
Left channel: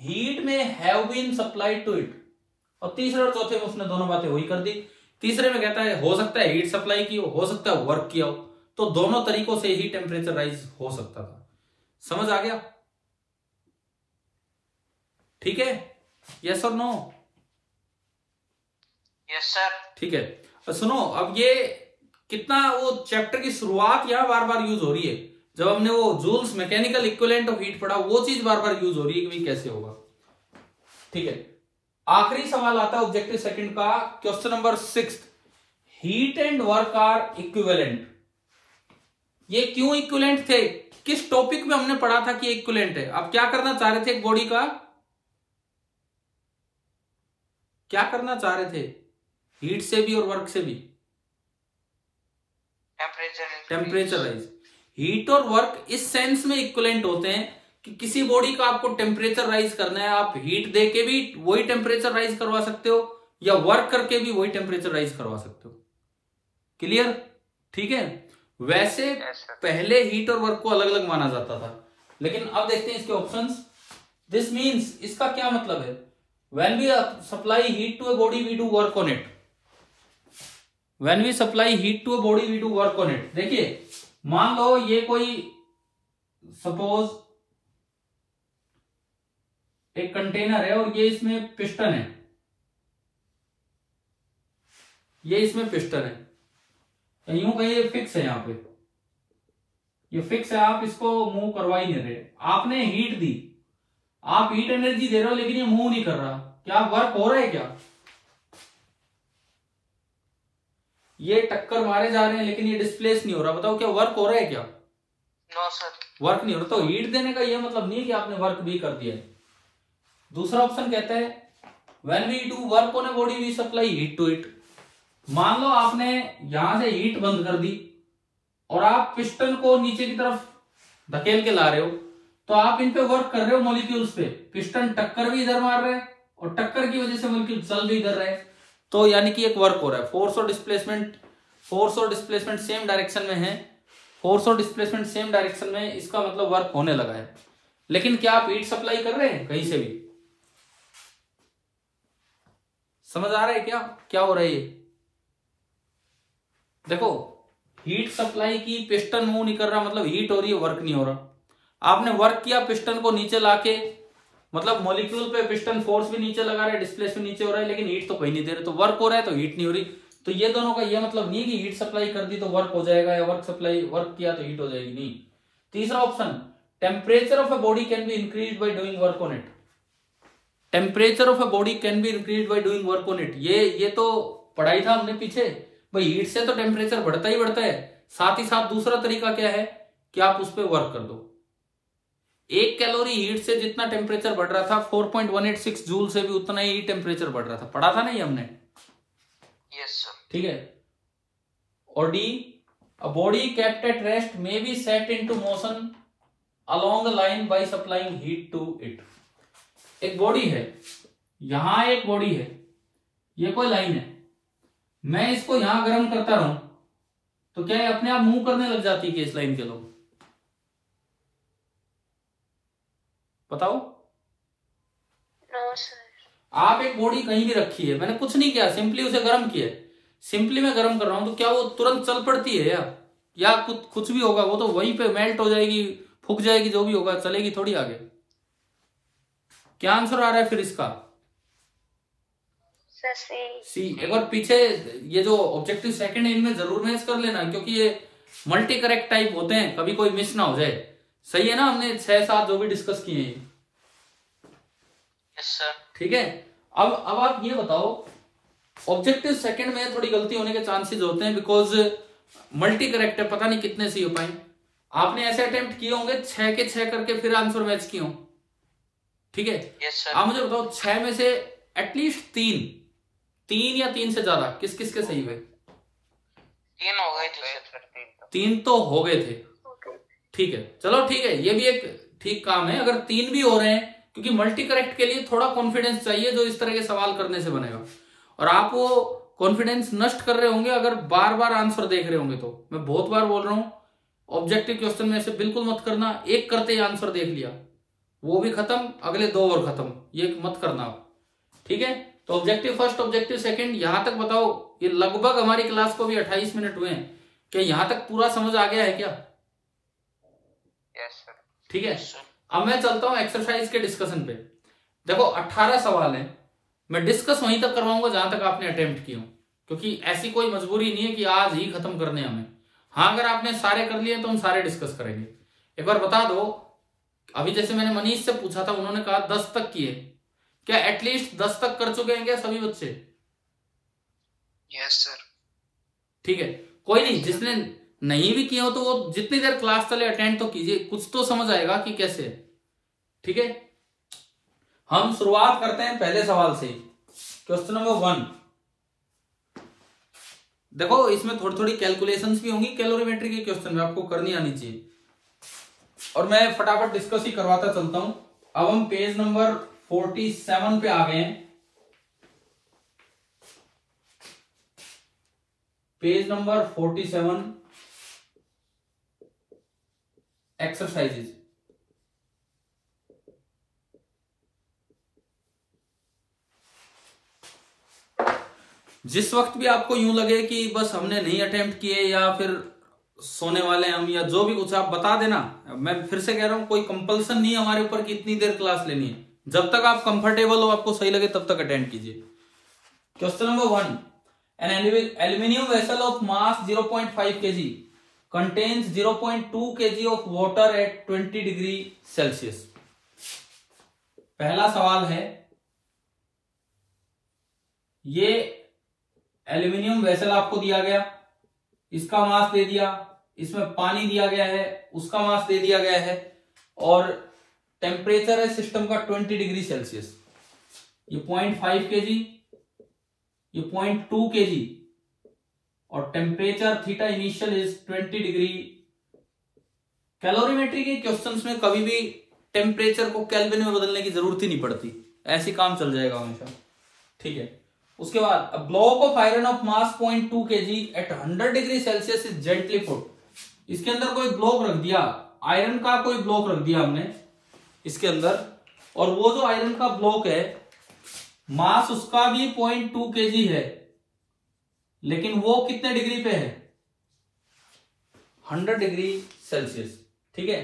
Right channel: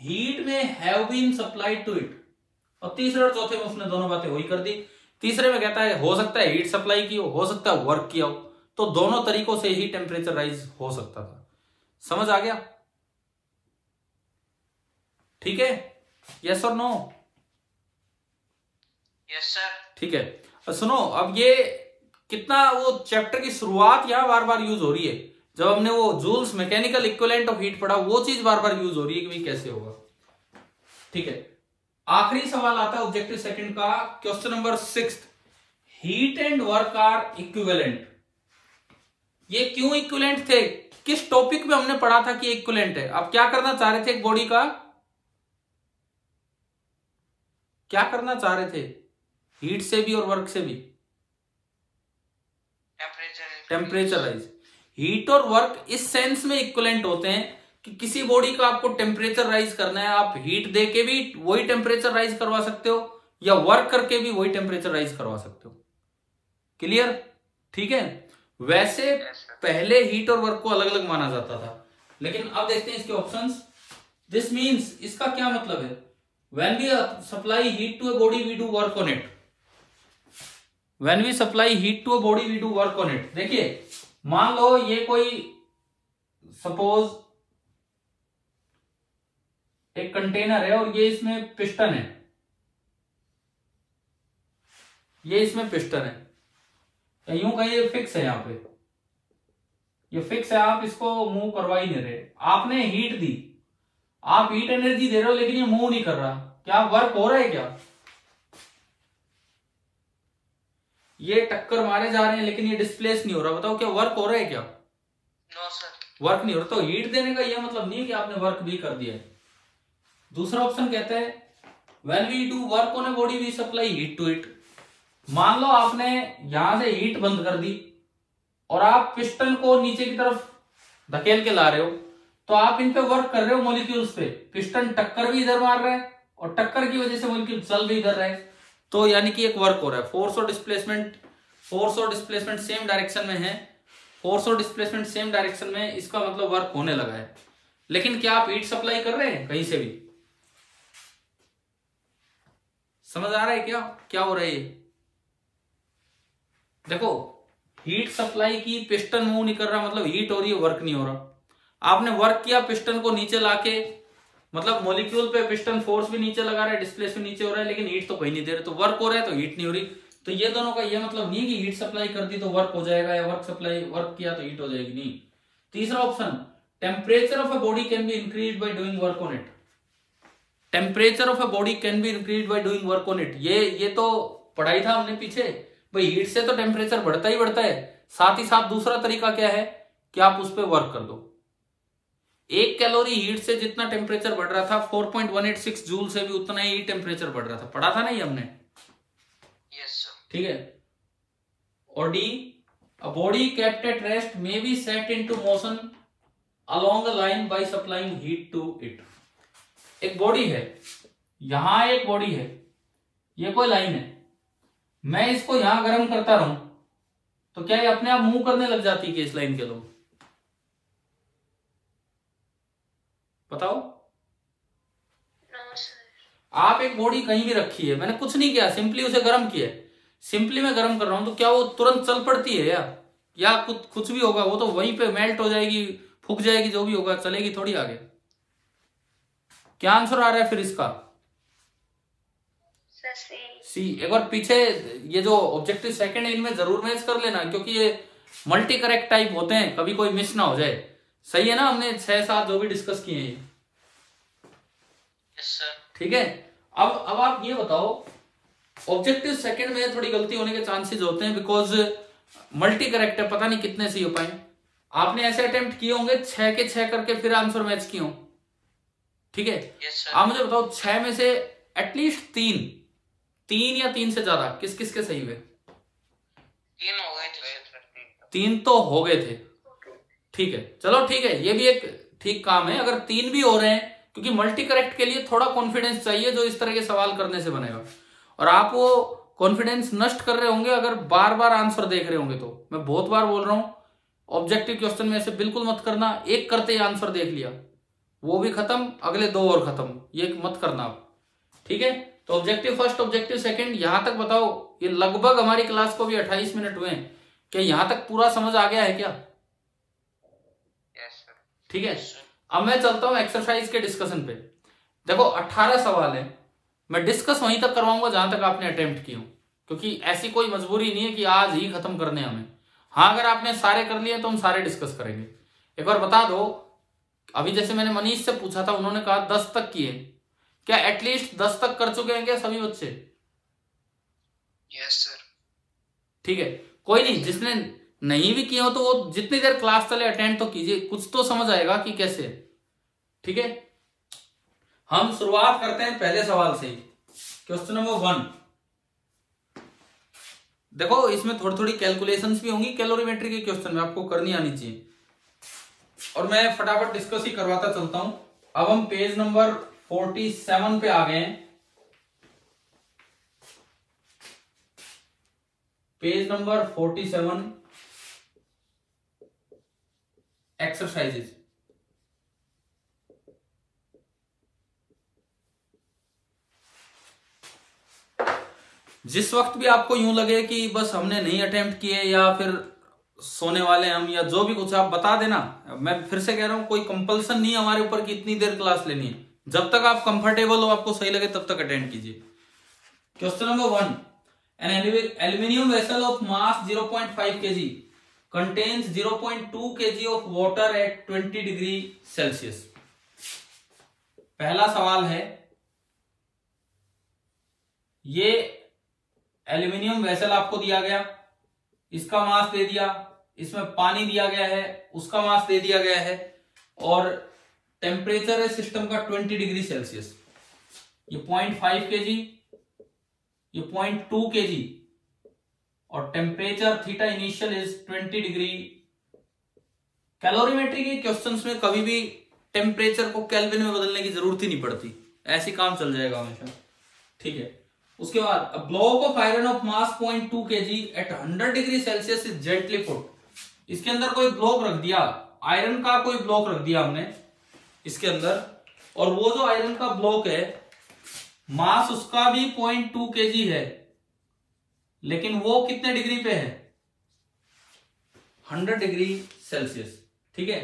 heat may have been supplied to it, और तीसरे और चौथे में उसने दोनों बातें वही कर दी। तीसरे में कहता है हो सकता है हीट सप्लाई की हो सकता है वर्क किया हो, तो दोनों तरीकों से ही टेम्परेचर राइज हो सकता था। समझ आ गया? ठीक है, यस और नो? Yes sir. ठीक है, सुनो, अब ये कितना वो चैप्टर की शुरुआत यहां बार बार यूज हो रही है। जब हमने वो Joule's mechanical equivalent of heat पढ़ा, वो चीज बार बार यूज हो रही है कि भाई कैसे होगा। ठीक है, आखिरी सवाल आता है ऑब्जेक्टिव सेकंड का, question number 6, heat and work are equivalent. ये क्यों इक्विवेलेंट थे? किस टॉपिक में हमने पढ़ा था कि इक्विवेलेंट है? आप क्या करना चाह रहे थे एक बॉडी का? क्या करना चाह रहे थे? हीट से भी और वर्क से भी टेम्परेचर राइज। हीट और वर्क इस सेंस में इक्विवेलेंट होते हैं कि किसी बॉडी का आपको टेम्परेचर राइज करना है, आप हीट दे के भी वही टेम्परेचर राइज करवा सकते हो या वर्क करके भी वही टेम्परेचर राइज करवा सकते हो। क्लियर? ठीक है। वैसे पहले हीट और वर्क को अलग अलग माना जाता था, लेकिन अब देखते हैं इसके ऑप्शंस। दिस मीन्स, इसका क्या मतलब है? When we supply heat to a body we do work on it. When we supply heat to a body we do work on it. देखिए, मान लो ये कोई सपोज एक कंटेनर है और ये इसमें पिस्टन है, ये इसमें पिस्टन है, यूं कहिए फिक्स है, यहां पे ये फिक्स है, आप इसको मूव करवा ही नहीं रहे। आपने हीट दी, आप हीट एनर्जी दे रहे हो, लेकिन ये मूव नहीं कर रहा। क्या वर्क हो रहा है? क्या ये टक्कर मारे जा रहे हैं लेकिन ये डिस्प्लेस नहीं हो रहा? बताओ क्या वर्क हो रहा है क्या? No sir. वर्क नहीं हो रहा। तो हीट देने का यह मतलब नहीं कि आपने वर्क भी कर दिया है। दूसरा ऑप्शन कहता है when we do work on a body we supply heat to it. मान लो आपने यहां से हीट बंद कर दी और आप पिस्टन को नीचे की तरफ धकेल के ला रहे हो, तो आप इन पे वर्क कर रहे हो मॉलिक्यूल्स पे। पिस्टन टक्कर भी इधर मार रहा है और टक्कर की वजह से मॉलिक्यूल चल भी इधर रहा है, तो यानी कि एक वर्क हो रहा है। फोर्स और डिस्प्लेसमेंट सेम डायरेक्शन में है, फोर्स और डिस्प्लेसमेंट सेम डायरेक्शन में, इसका मतलब वर्क होने लगा है। लेकिन क्या आप हीट सप्लाई कर रहे हैं कहीं से भी? समझ आ रहा है क्या हो रहा है ये? देखो हीट सप्लाई की, पिस्टन मूव नहीं कर रहा मतलब हीट हो रही है, वर्क नहीं हो रहा। आपने वर्क किया पिस्टन को नीचे लाके, मतलब मॉलिक्यूल पे पिस्टन फोर्स भी नीचे लगा रहे हैं, डिस्प्लेसमेंट नीचे हो रहा है, लेकिन हीट तो कहीं नहीं दे रहे, तो वर्क हो रहा है तो हीट नहीं हो रही। तो ये दोनों का ये मतलब नहीं कि हीट सप्लाई कर दी तो वर्क हो जाएगा, या वर्क किया तो हीट हो जाएगी, नहीं। तीसरा option, temperature of a body can be increase by doing work on it. Temperature of a body can be increase by doing work on it, ये तो पढ़ाई था हमने पीछे भाई। हीट से तो टेम्परेचर बढ़ता ही बढ़ता है, साथ ही साथ दूसरा तरीका क्या है कि आप उस पर वर्क कर दो। 1 कैलोरी हीट से जितना टेम्परेचर बढ़ रहा था, 4.186 जूल से भी उतना ही टेम्परेचर बढ़ रहा था। पढ़ा था नहीं हमने? Yes sir. ठीक है। और D, a body kept at rest may be set into motion along the line by supplying heat to it. एक बॉडी है, यहां एक बॉडी है, ये कोई लाइन है, मैं इसको यहां गर्म करता रहूं तो क्या ये अपने आप मूव करने लग जाती है कि इस लाइन के लोग? बताओ। No sir. आप एक बॉडी कहीं भी रखी है, मैंने कुछ नहीं किया, सिंपली उसे गर्म किया है, सिंपली मैं गर्म कर रहा हूं, तो क्या वो तुरंत चल पड़ती है या कुछ भी होगा? वो तो वहीं पे मेल्ट हो जाएगी, फूक जाएगी, जो भी होगा, चलेगी थोड़ी आगे। क्या आंसर आ रहा है फिर इसका? सी। एक बार पीछे ये जो ऑब्जेक्टिव सेकंड है इनमें जरूर मैच कर लेना, क्योंकि ये मल्टी करेक्ट टाइप होते हैं, कभी कोई मिस ना हो जाए। सही है ना? हमने 6-7 जो भी डिस्कस किए हैं। Yes sir. ठीक है। अब आप ये बताओ, ऑब्जेक्टिव सेकंड में थोड़ी गलती होने के चांसेस होते हैं, बिकॉज मल्टी करेक्ट है, पता नहीं कितने सही हो पाए। आपने ऐसे अटेम्प्ट किए होंगे 6 के 6 करके फिर आंसर मैच किए हो। ठीक है। Yes sir. आप मुझे बताओ 6 में से एटलीस्ट 3 या 3 से ज्यादा किस किस के सही हुए? 3 हो गए थे सर। 3 तो हो गए थे। ठीक है, चलो ठीक है, ये भी एक ठीक काम है अगर 3 भी हो रहे हैं, क्योंकि मल्टी करेक्ट के लिए थोड़ा कॉन्फिडेंस चाहिए जो इस तरह के सवाल करने से बनेगा। और आप वो कॉन्फिडेंस नष्ट कर रहे होंगे अगर बार बार आंसर देख रहे होंगे। तो मैं बहुत बार बोल रहा हूं, ऑब्जेक्टिव क्वेश्चन में ऐसे बिल्कुल मत करना, एक करते ही आंसर देख लिया, वो भी खत्म, अगले 2 और खत्म, ये मत करना आप। ठीक है। तो ऑब्जेक्टिव फर्स्ट, ऑब्जेक्टिव सेकंड, यहां तक बताओ, ये लगभग हमारी क्लास को भी 28 मिनट हुए हैं, क्या यहां तक पूरा समझ आ गया है क्या? Yes sir. ठीक है। अब मैं चलता हूं एक्सरसाइज के डिस्कशन पे। देखो 18 सवाल है, मैं डिस्कस वहीं तक करवाऊंगा जहां तक आपने अटेम्प्ट किए हो, क्योंकि ऐसी कोई मजबूरी नहीं है कि आज ही खत्म करने हमें। हाँ, अगर आपने सारे कर लिए तो हम सारे डिस्कस करेंगे। एक बार बता दो, अभी जैसे मैंने मनीष से पूछा था, उन्होंने कहा 10 तक किए, क्या एटलीस्ट 10 तक कर चुके हैं क्या सभी बच्चे? Yes sir. ठीक है, कोई नहीं, जिसने नहीं भी किए हो तो वो जितनी देर क्लास चले अटेंड तो कीजिए, कुछ तो समझ आएगा कि कैसे है। ठीक है, हम शुरुआत करते हैं पहले सवाल से। Question number 1। देखो इसमें थोड़ी थोड़ी कैलकुलेशंस भी होंगी, कैलोरीमेट्री के क्वेश्चन में आपको करनी आनी चाहिए, और मैं फटाफट डिस्कस ही करवाता चलता हूं। अब हम पेज नंबर 47 पे आ गए हैं। Page number 47, exercises. जिस वक्त भी आपको यूं लगे कि बस हमने नहीं अटेम्प्ट किए या फिर सोने वाले हम या जो भी कुछ, आप बता देना। मैं फिर से कह रहा हूं, कोई कंपल्सन नहीं है हमारे ऊपर कि इतनी देर क्लास लेनी है, जब तक आप कंफर्टेबल हो, आपको सही लगे तब तक अटेंड कीजिए। Question number 1, an aluminium vessel of mass 0.5 kg contains 0.2 kg of water at 20 degree Celsius. पहला सवाल है, ये एल्यूमिनियम वेसल आपको दिया गया, इसका मास दे दिया इसमें पानी दिया गया है, उसका मास दे दिया गया है, और टेम्परेचर है सिस्टम का 20 डिग्री सेल्सियस। ये 0.5 kg, ये 0.2 kg, और temperature theta initial is 20 degree. Calorimetry के क्वेश्चंस में कभी भी टेम्परेचर को केल्विन में बदलने की जरूरत ही नहीं पड़ती, ऐसे काम चल जाएगा हमेशा, ठीक है। उसके बाद block of iron of mass 0.2 kg at 100 degree Celsius is gently put. इसके अंदर कोई ब्लॉक रख दिया, आयरन का कोई ब्लॉक रख दिया हमने इसके अंदर, और वो जो आयरन का ब्लॉक है मास उसका भी 0.2 kg है, लेकिन वो कितने डिग्री पे है, 100 डिग्री सेल्सियस, ठीक है।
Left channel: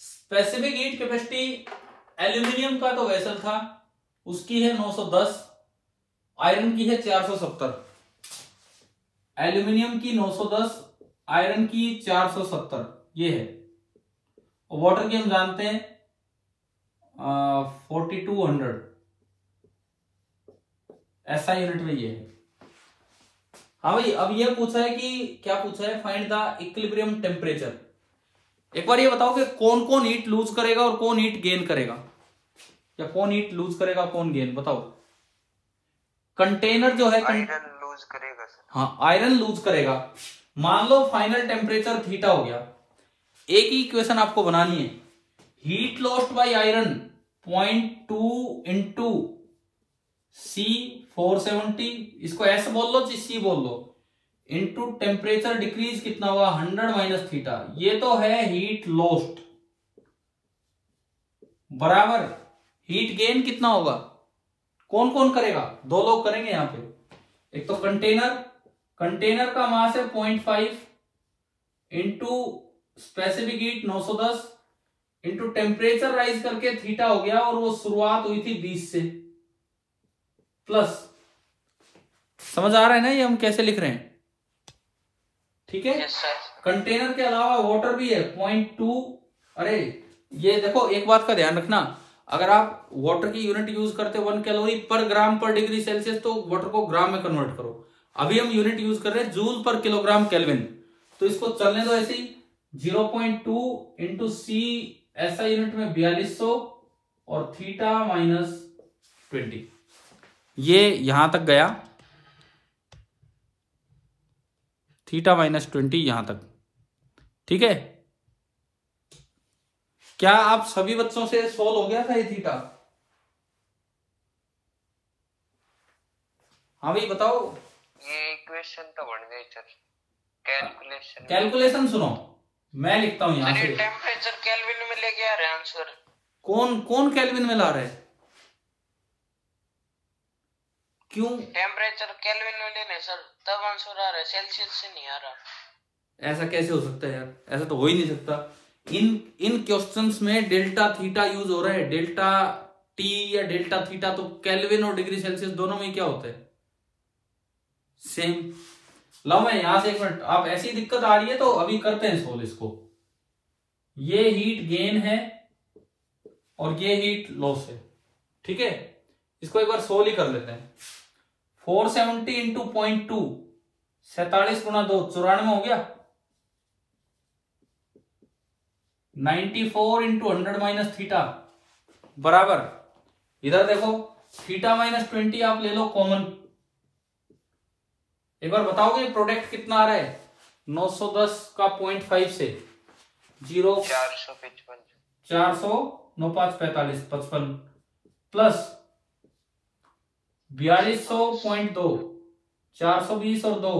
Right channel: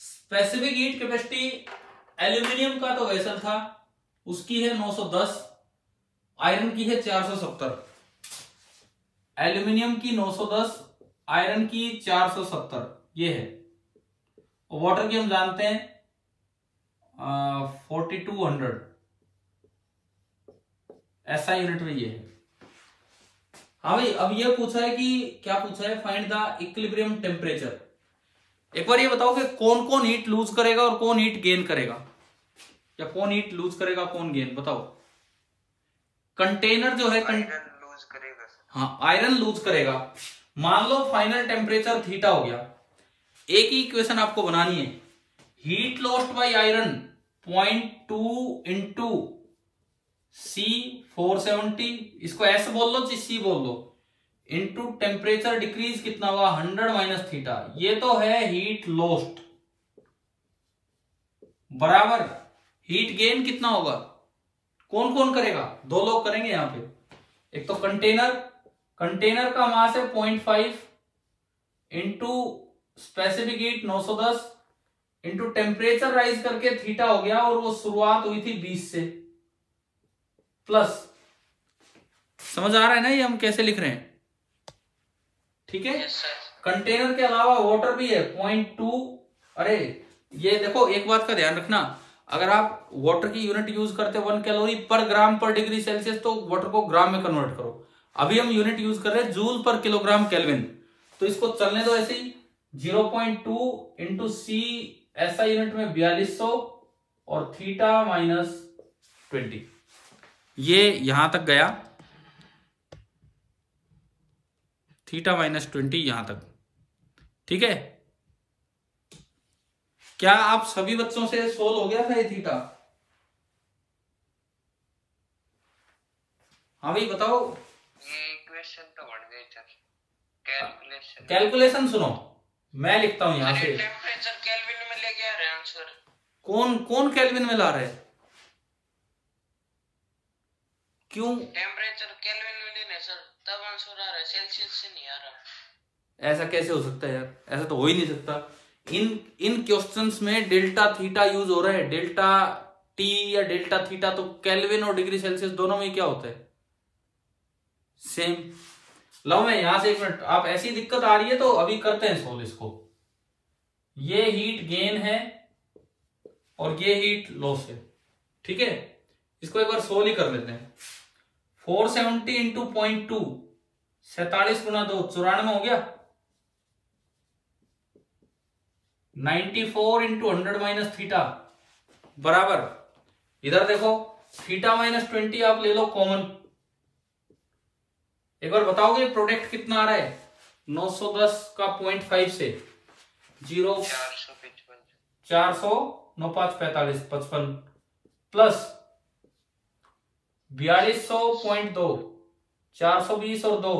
स्पेसिफिक हीट कैपेसिटी एल्यूमिनियम का तो वेसल था, उसकी है 910, आयरन की है 470। एल्यूमिनियम की 910, आयरन की 470, ये है। और वाटर की हम जानते हैं 4200, ऐसा यूनिट में ये है। हाँ भाई, अब ये पूछा है कि क्या पूछा है, फाइंड द इक्विलिब्रियम टेम्परेचर। एक बार ये बताओ कि कौन कौन हीट लूज करेगा और कौन हीट गेन करेगा, या कौन हीट लूज करेगा कौन गेन, बताओ। कंटेनर जो है आयरन लूज करेगा सर। हाँ, आयरन लूज करेगा। मान लो फाइनल टेम्परेचर थीटा हो गया, एक ही इक्वेशन आपको बनानी है, heat lost by iron 0.2 into C 470, इसको एस बोल लो सी बोल लो, इंटू टेम्परेचर डिक्रीज कितना हुआ 100 माइनस थीटा, ये तो है हीट लॉस्ट, बराबर हीट गेन कितना होगा, कौन कौन करेगा, दो लोग करेंगे यहां पे। एक तो कंटेनर का मास है 0.5 into specific heat 910 into temperature rise करके थीटा हो गया, और वो शुरुआत हुई थी 20 से, प्लस, समझ आ रहा है ना ये हम कैसे लिख रहे हैं, ठीक है। कंटेनर के अलावा वाटर भी है 0.2। अरे ये देखो, एक बात का ध्यान रखना, अगर आप वाटर की यूनिट यूज करते 1 कैलोरी पर ग्राम पर डिग्री सेल्सियस, तो वाटर को ग्राम में कन्वर्ट करो। अभी हम यूनिट यूज कर रहे हैं जूल पर किलोग्राम केल्विन, तो इसको चलने दो ऐसे ही। 0.2 इंटू सी ऐसा यूनिट में 4200, और थीटा -20, ये यहां तक गया, थीटा -20 यहां तक, ठीक है। क्या आप सभी बच्चों से सोल्व हो गया था ये थीटा? हाँ भाई बताओ। ये इक्वेशन तो बन गई सर। कैलकुलेशन सुनो, मैं लिखता हूं यहां से। टेम्परेचर केल्विन में लेके आ रहे हैं आंसर। कौन कौन केल्विन में ला रहे हैं? क्यों टेम्परेचर केल्विन में लेने सर, तब आंसर आ रहा है, सेल्सियस से नहीं आ रहा। ऐसा कैसे हो सकता है यार, ऐसा तो हो ही नहीं सकता। इन क्वेश्चंस में डेल्टा थीटा यूज हो रहा है, डेल्टा टी या डेल्टा थीटा, तो केल्विन और डिग्री सेल्सियस दोनों में क्या होता है, सेम। लो मैं यहां से एक मिनट, आप ऐसी दिक्कत आ रही है तो अभी करते हैं सोल्व इसको। ये हीट गेन है और ये हीट लॉस है, ठीक है। इसको एक बार सोल्व ही कर लेते हैं। 470 इंटू 0.2, 47 गुना 2, 94 हो गया। 94 इंटू 100 माइनस थीटा, बराबर, इधर देखो थीटा -20 आप ले लो कॉमन। एक बार बताओगे प्रोडक्ट कितना आ रहा है, 910 का 0.5 से 0, 400, 9 5 45, 55, प्लस 4200.2, 420 और 2,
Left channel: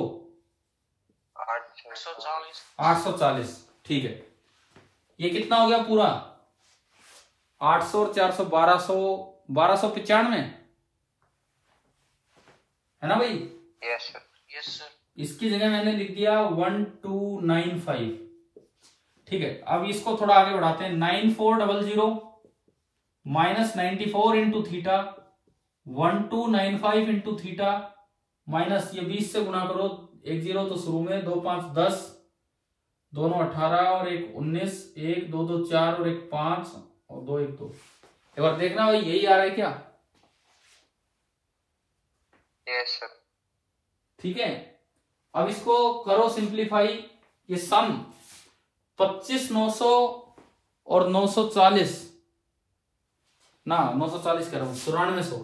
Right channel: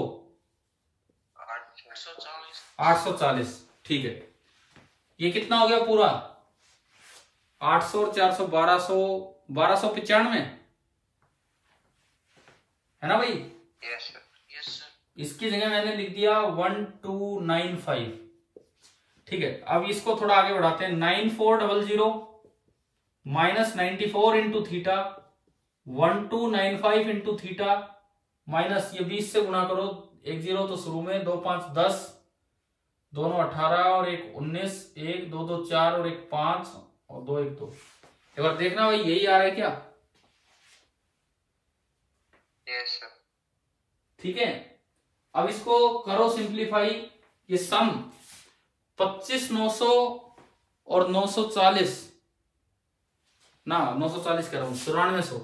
840, ठीक है। ये कितना हो गया पूरा, 800 और 400, 1295 है ना भाई? Yes sir. इसकी जगह मैंने लिख दिया 1295, ठीक है। अब इसको थोड़ा आगे बढ़ाते हैं। 9400 minus 94 into theta, 1295 into theta, minus ये 20 से गुणा करो, 1 0 तो शुरू में, 2 5 10, दोनों 18 और 1 19, 1 2 2 4 और 1 5 और 2 1 2। एक बार देखना भाई यही आ रहा है क्या? Yes sir. ठीक है। अब इसको करो सिंप्लीफाई, ये सम 25,900 और 940 ना 940 कह रहा हूं, 9400,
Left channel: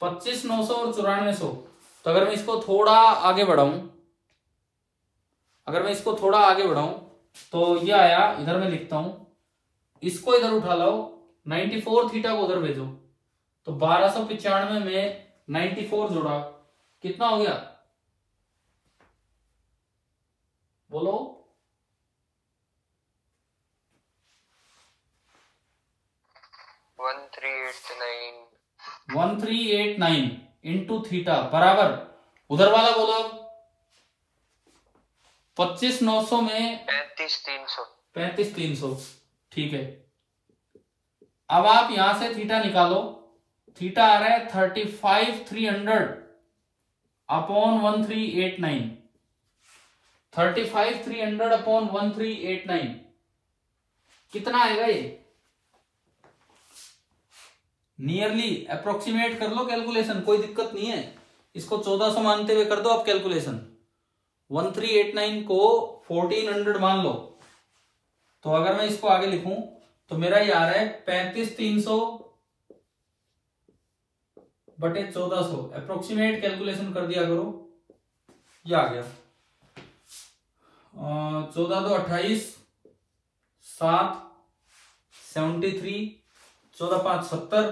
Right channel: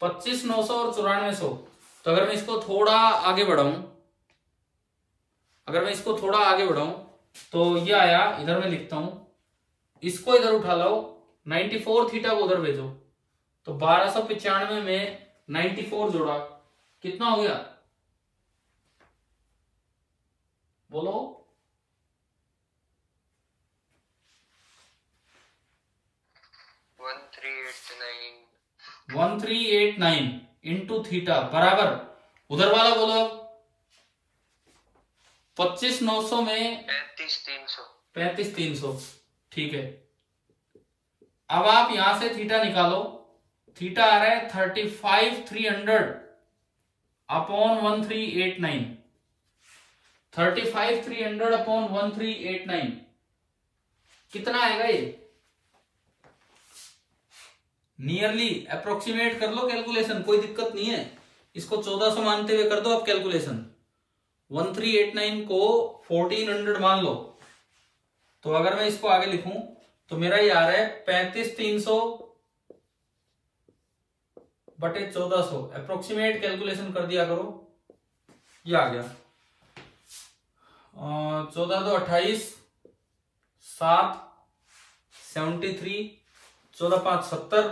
25,900 और 9400। तो अगर मैं इसको थोड़ा आगे बढ़ाऊं, तो ये आया, इधर मैं लिखता हूं, इसको इधर उठा लाओ, 94 थीटा को उधर भेजो, तो 1295 में 94 जोड़ा, कितना हो गया बोलो? 1389 इंटू थीटा बराबर, उधर वाला बोलो अब, 25,900 में 35,300। ठीक है, अब आप यहां से थीटा निकालो, थीटा आ रहा है 35,300 अपॉन 1389, 35,300 अपॉन 1389 कितना आएगा ये? नियरली अप्रोक्सीमेट कर लो कैलकुलेशन, कोई दिक्कत नहीं है, इसको 1400 मानते हुए कर दो आप कैलकुलेशन। 1389 को 1400 मान लो, तो अगर मैं इसको आगे लिखूं तो मेरा ये आ रहा है 35,300 बटे 1400, अप्रोक्सीमेट कैलकुलेशन कर दिया करो, ये आ गया 14 2 28, 7 73, 14 5 70,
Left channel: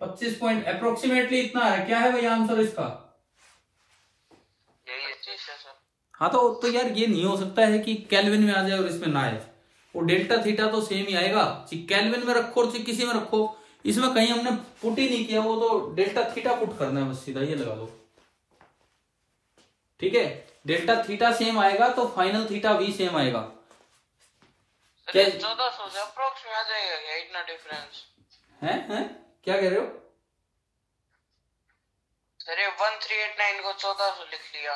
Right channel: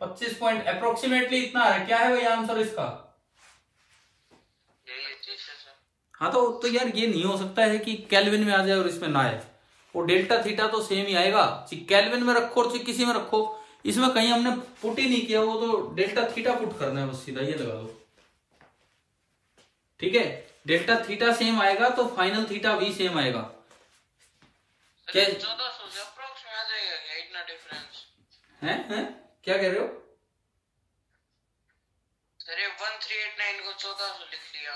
25 पॉइंट अप्रोक्सीमेटली इतना आ रहा है। क्या है भाई आंसर इसका? हाँ तो यार ये नहीं हो सकता है कि केल्विन में आ जाए और इसमें ना आए, वो डेल्टा थीटा तो सेम ही आएगा, केल्विन में रखो और किसी में रखो, इसमें कहीं हमने पुट ही नहीं किया, वो तो डेल्टा थीटा पुट करना है बस, सीधा ये लगा दो। ठीक है, डेल्टा थीटा सेम आएगा तो फाइनल थीटा भी सेम आएगा। क्या 1400 से अप्रोक्स में आ जाएगा क्या इतना डिफरेंस? है क्या कह रहे हो? अरे 1389 को 1400 लिख लिया,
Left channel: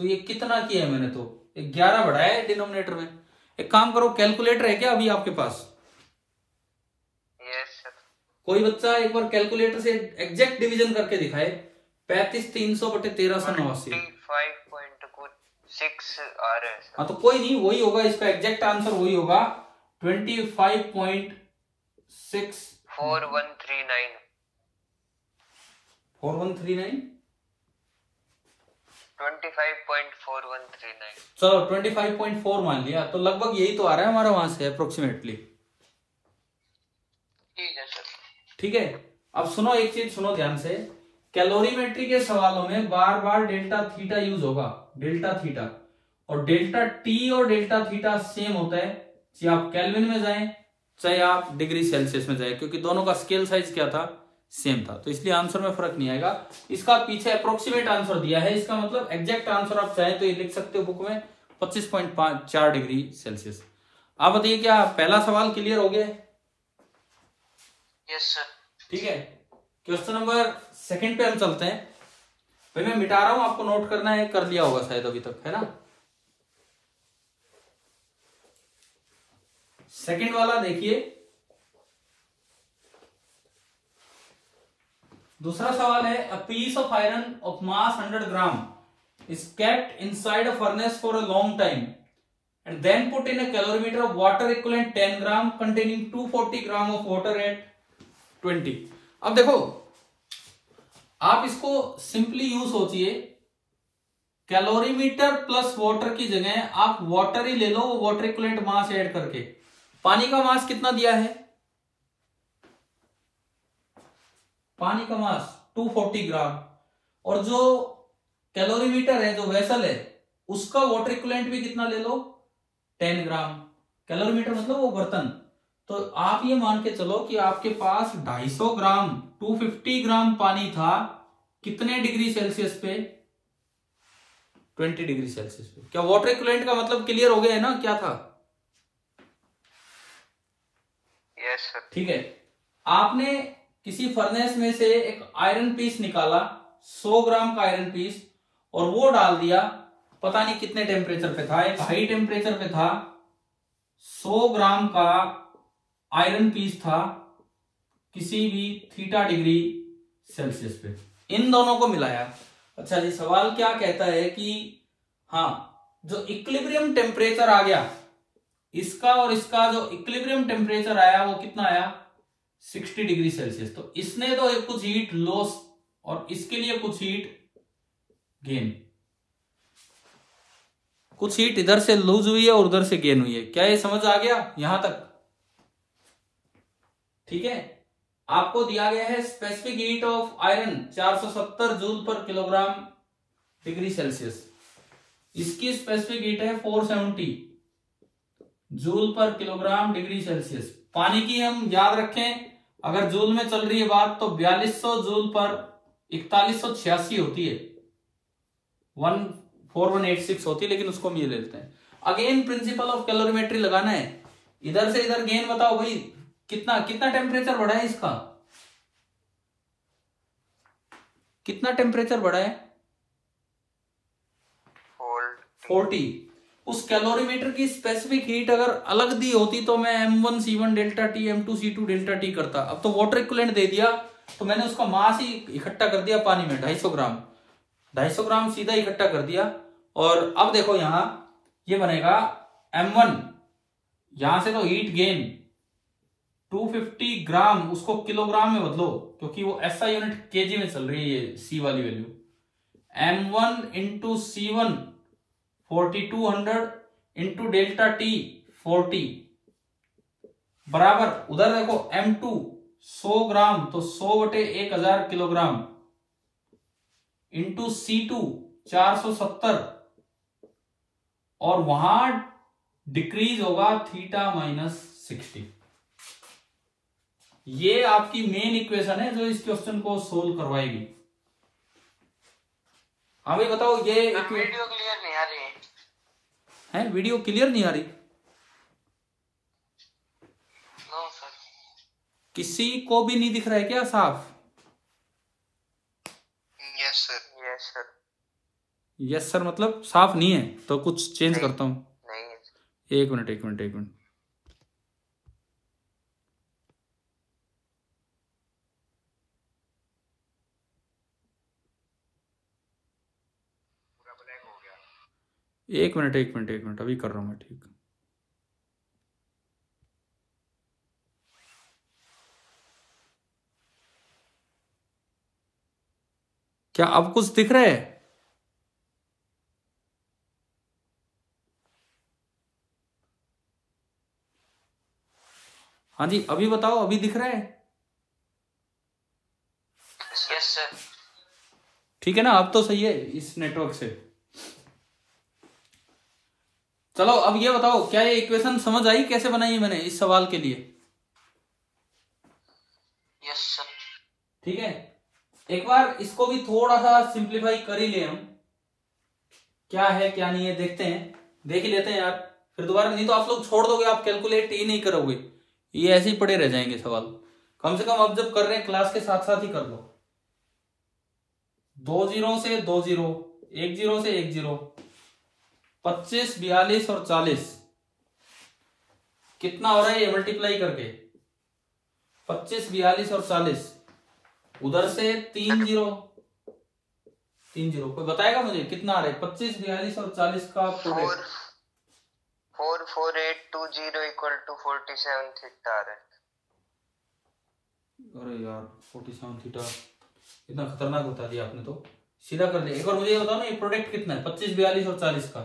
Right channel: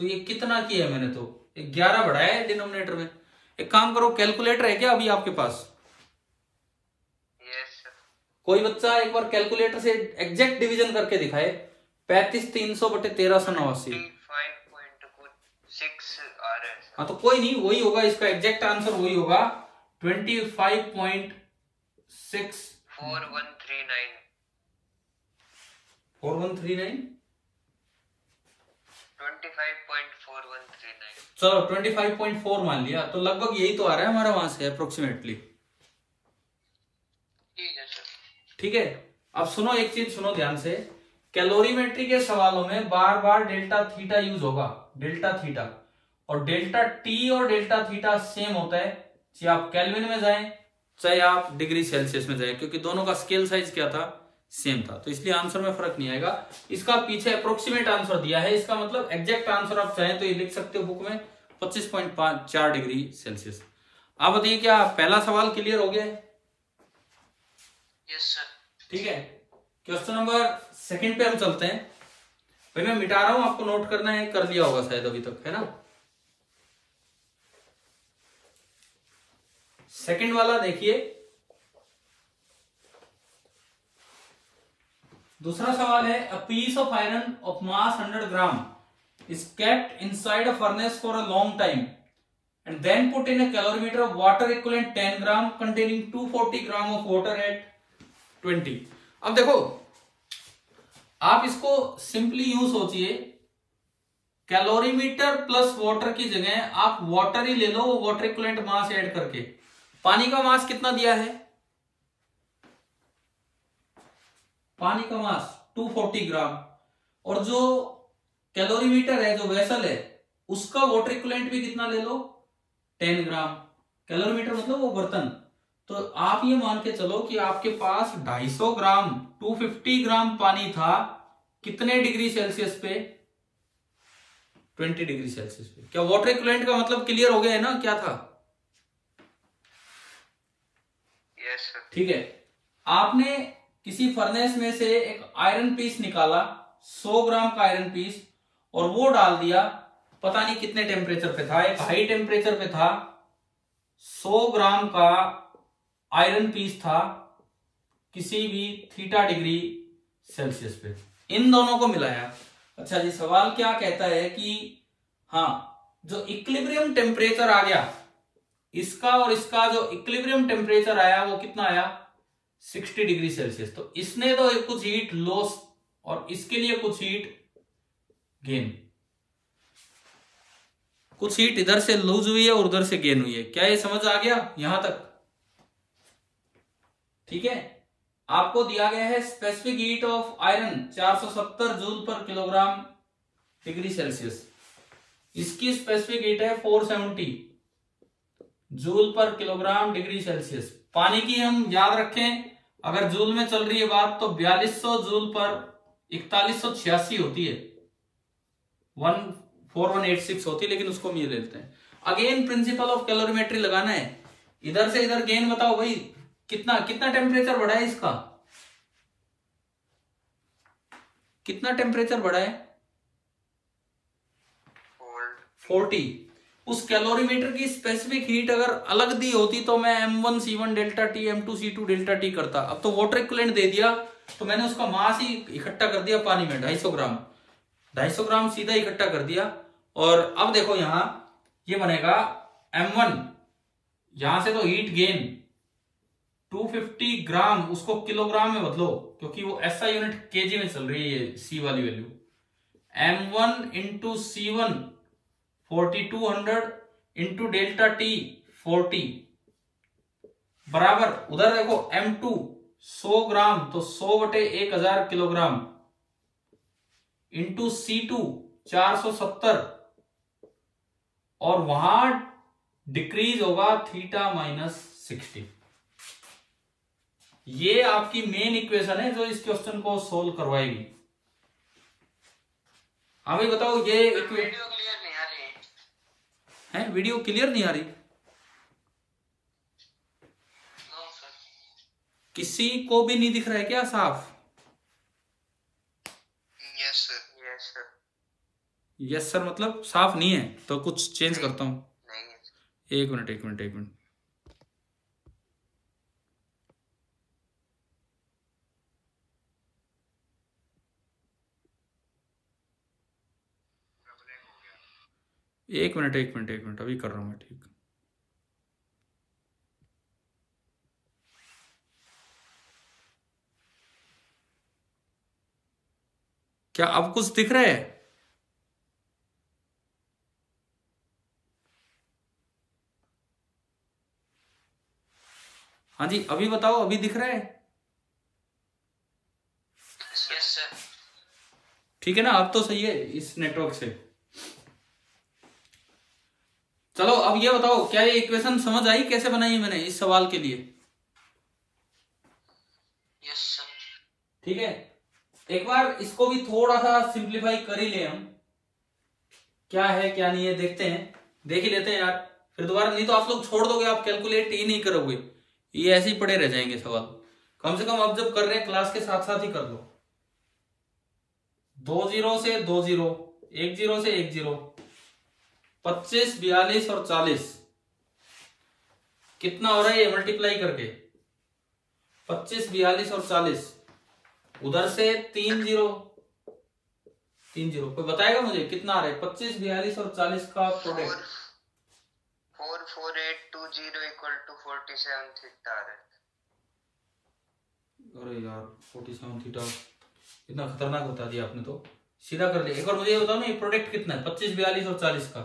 तो ये कितना किया है मैंने? तो 11 बढ़ाया है डिनोमिनेटर में। एक काम करो, कैलकुलेटर है क्या अभी आपके पास? Yes sir. कोई बच्चा एक बार कैलकुलेटर से एग्जैक्ट डिवीजन करके दिखाए, 35,300 बटे 1389। 5.6 आ रहा है। हाँ तो कोई नहीं, वही होगा इसका एग्जैक्ट आंसर, वही होगा 25.6 4139 4139 25.4139। चलो 25.4 मान लिया, तो लगभग यही तो आ रहा है हमारा वहां से अप्रोक्सीमेटली। ठीक है सर। ठीक है, अब सुनो एक चीज सुनो ध्यान से, कैलोरीमेट्री के सवालों में बार बार डेल्टा थीटा यूज होगा, डेल्टा थीटा, और डेल्टा टी और डेल्टा थीटा सेम होता है, चाहे आप केल्विन में जाएं चाहे आप डिग्री सेल्सियस में जाएं, क्योंकि दोनों का स्केल साइज क्या था? सेम था, तो इसलिए आंसर में फर्क नहीं आएगा। इसका पीछे अप्रोक्सीमेट आंसर दिया है, इसका मतलब एग्जैक्ट आंसर आप चाहें तो ये लिख सकते हो बुक में 25.4 डिग्री सेल्सियस। आप बताइए क्या पहला सवाल क्लियर हो गया? Yes sir. ठीक है, क्वेश्चन नंबर सेकंड पे हम चलते हैं। भाई मैं मिटा रहा हूं, आपको नोट करना है, कर लिया होगा शायद अभी तक, है ना? सेकंड वाला देखिए, दूसरा सवाल है, a piece of iron of mass 100 gram is kept inside a furnace for a long time and then put in a calorimeter of water equivalent 10 gram containing 240 gram of water at 20। अब देखो, आप इसको simply यूं सोचिए, calorimeter plus water की जगह आप water ही ले लो, वाटर इक्विवेलेंट मास ऐड करके। पानी का मास कितना दिया है? पानी का मास 240 ग्राम, और जो कैलोरीमीटर है, जो वेसल है, उसका वाटर इक्विवेलेंट भी कितना ले लो? 10 ग्राम। कैलोरीमीटर मतलब वो बर्तन। तो आप ये मान के चलो कि आपके पास 250 ग्राम 250 ग्राम पानी था, कितने डिग्री सेल्सियस पे? 20 डिग्री सेल्सियस पे। क्या वाटर इक्विवेलेंट का मतलब क्लियर हो गया है ना क्या था? Yes sir. ठीक है, आपने किसी फर्नेस में से एक आयरन पीस निकाला, 100 ग्राम का आयरन पीस, और वो डाल दिया, पता नहीं कितने टेम्परेचर पे था, एक हाई टेम्परेचर पे था, 100 ग्राम का आयरन पीस था किसी भी थीटा डिग्री सेल्सियस पे, इन दोनों को मिलाया। अच्छा जी, सवाल क्या कहता है कि हाँ, जो इक्विलिब्रियम टेम्परेचर आ गया, इसका और इसका जो इक्विलिब्रियम टेम्परेचर आया वो कितना आया 60 डिग्री सेल्सियस। तो इसने तो कुछ हीट लॉस और इसके लिए कुछ हीट गेन, कुछ हीट इधर से लूज हुई है और उधर से गेन हुई है। क्या ये समझ आ गया यहां तक? ठीक है। आपको दिया गया है specific heat of iron 470 joule पर किलोग्राम डिग्री सेल्सियस, इसकी स्पेसिफिक हीट है 470 जूल पर किलोग्राम डिग्री सेल्सियस। पानी की हम याद रखें, अगर जूल में चल रही है बात तो 4200 जूल पर 4186 होती है, 14186 होती है, लेकिन उसको भी लेते हैं। अगेन प्रिंसिपल ऑफ कैलोरीमेट्री लगाना है, इधर से इधर गेन बताओ भाई कितना कितना टेम्परेचर बढ़ा है इसका, कितना टेम्परेचर बढ़ा है 40। उस कैलोरीमीटर की स्पेसिफिक हीट अगर अलग दी होती तो मैं M1C1 delta T M2C2 delta T करता। अब तो वाटर इक्विवेलेंट दे दिया तो मैंने उसका मास ही इकट्ठा कर दिया पानी में, 250 ग्राम सीधा इकट्ठा कर दिया। और अब देखो यहां ये बनेगा M1, यहां से तो हीट गेन 250 ग्राम, उसको किलोग्राम में बदलो क्योंकि वो SI यूनिट केजी में चल रही है C वाली value. M1 into C1 4200 into delta T 40 बराबर, उधर देखो M2 100 ग्राम तो 100/1000 किलोग्राम इंटू C2 470 और वहां डिक्रीज होगा थीटा -60। ये आपकी मेन इक्वेशन है जो इस क्वेश्चन को सोल्व करवाएगी। हाँ भाई बताओ, ये वीडियो क्लियर नहीं आ रही है? वीडियो क्लियर नहीं आ रही? No sir. किसी को भी नहीं दिख रहा है क्या साफ? Yes sir, yes sir. Yes sir मतलब साफ नहीं है तो कुछ चेंज करता हूं। नहीं। एक मिनट। एक मिनट अभी कर रहा हूं मैं। ठीक, क्या अब कुछ दिख रहा है? हाँ जी अभी बताओ, अभी दिख रहा है? Yes sir. ठीक है ना, अब तो सही है इस नेटवर्क से। चलो अब ये बताओ, क्या ये इक्वेशन समझ आई कैसे बनाई है मैंने इस सवाल के लिए? Yes sir. ठीक है, एक बार इसको भी थोड़ा सा सिंप्लीफाई कर ही ले हम, क्या है क्या नहीं है देखते हैं, देख ही लेते हैं यार, फिर दोबारा नहीं तो आप लोग छोड़ दोगे, आप कैलकुलेट ही नहीं करोगे, ये ऐसे ही पड़े रह जाएंगे सवाल। कम से कम अब जब कर रहे हैं क्लास के साथ साथ ही कर लो। 2 0 से 2 0, 1 0 से 1 0, 25, 42 और 40 कितना हो रहा है ये मल्टीप्लाई करके? 25, 42 और 40, उधर से 3 0, कोई बताएगा मुझे कितना आ रहा है 25, 42 और 40 का प्रोडक्ट? 44820 इक्वल टू 47 थीटा आ रहा है। अरे यार 47 थीटा इतना खतरनाक बता दिया आपने, तो सीधा कर लिया। एक और मुझे बताओ ना ये प्रोडक्ट कितना है 25, 42 और 40 का?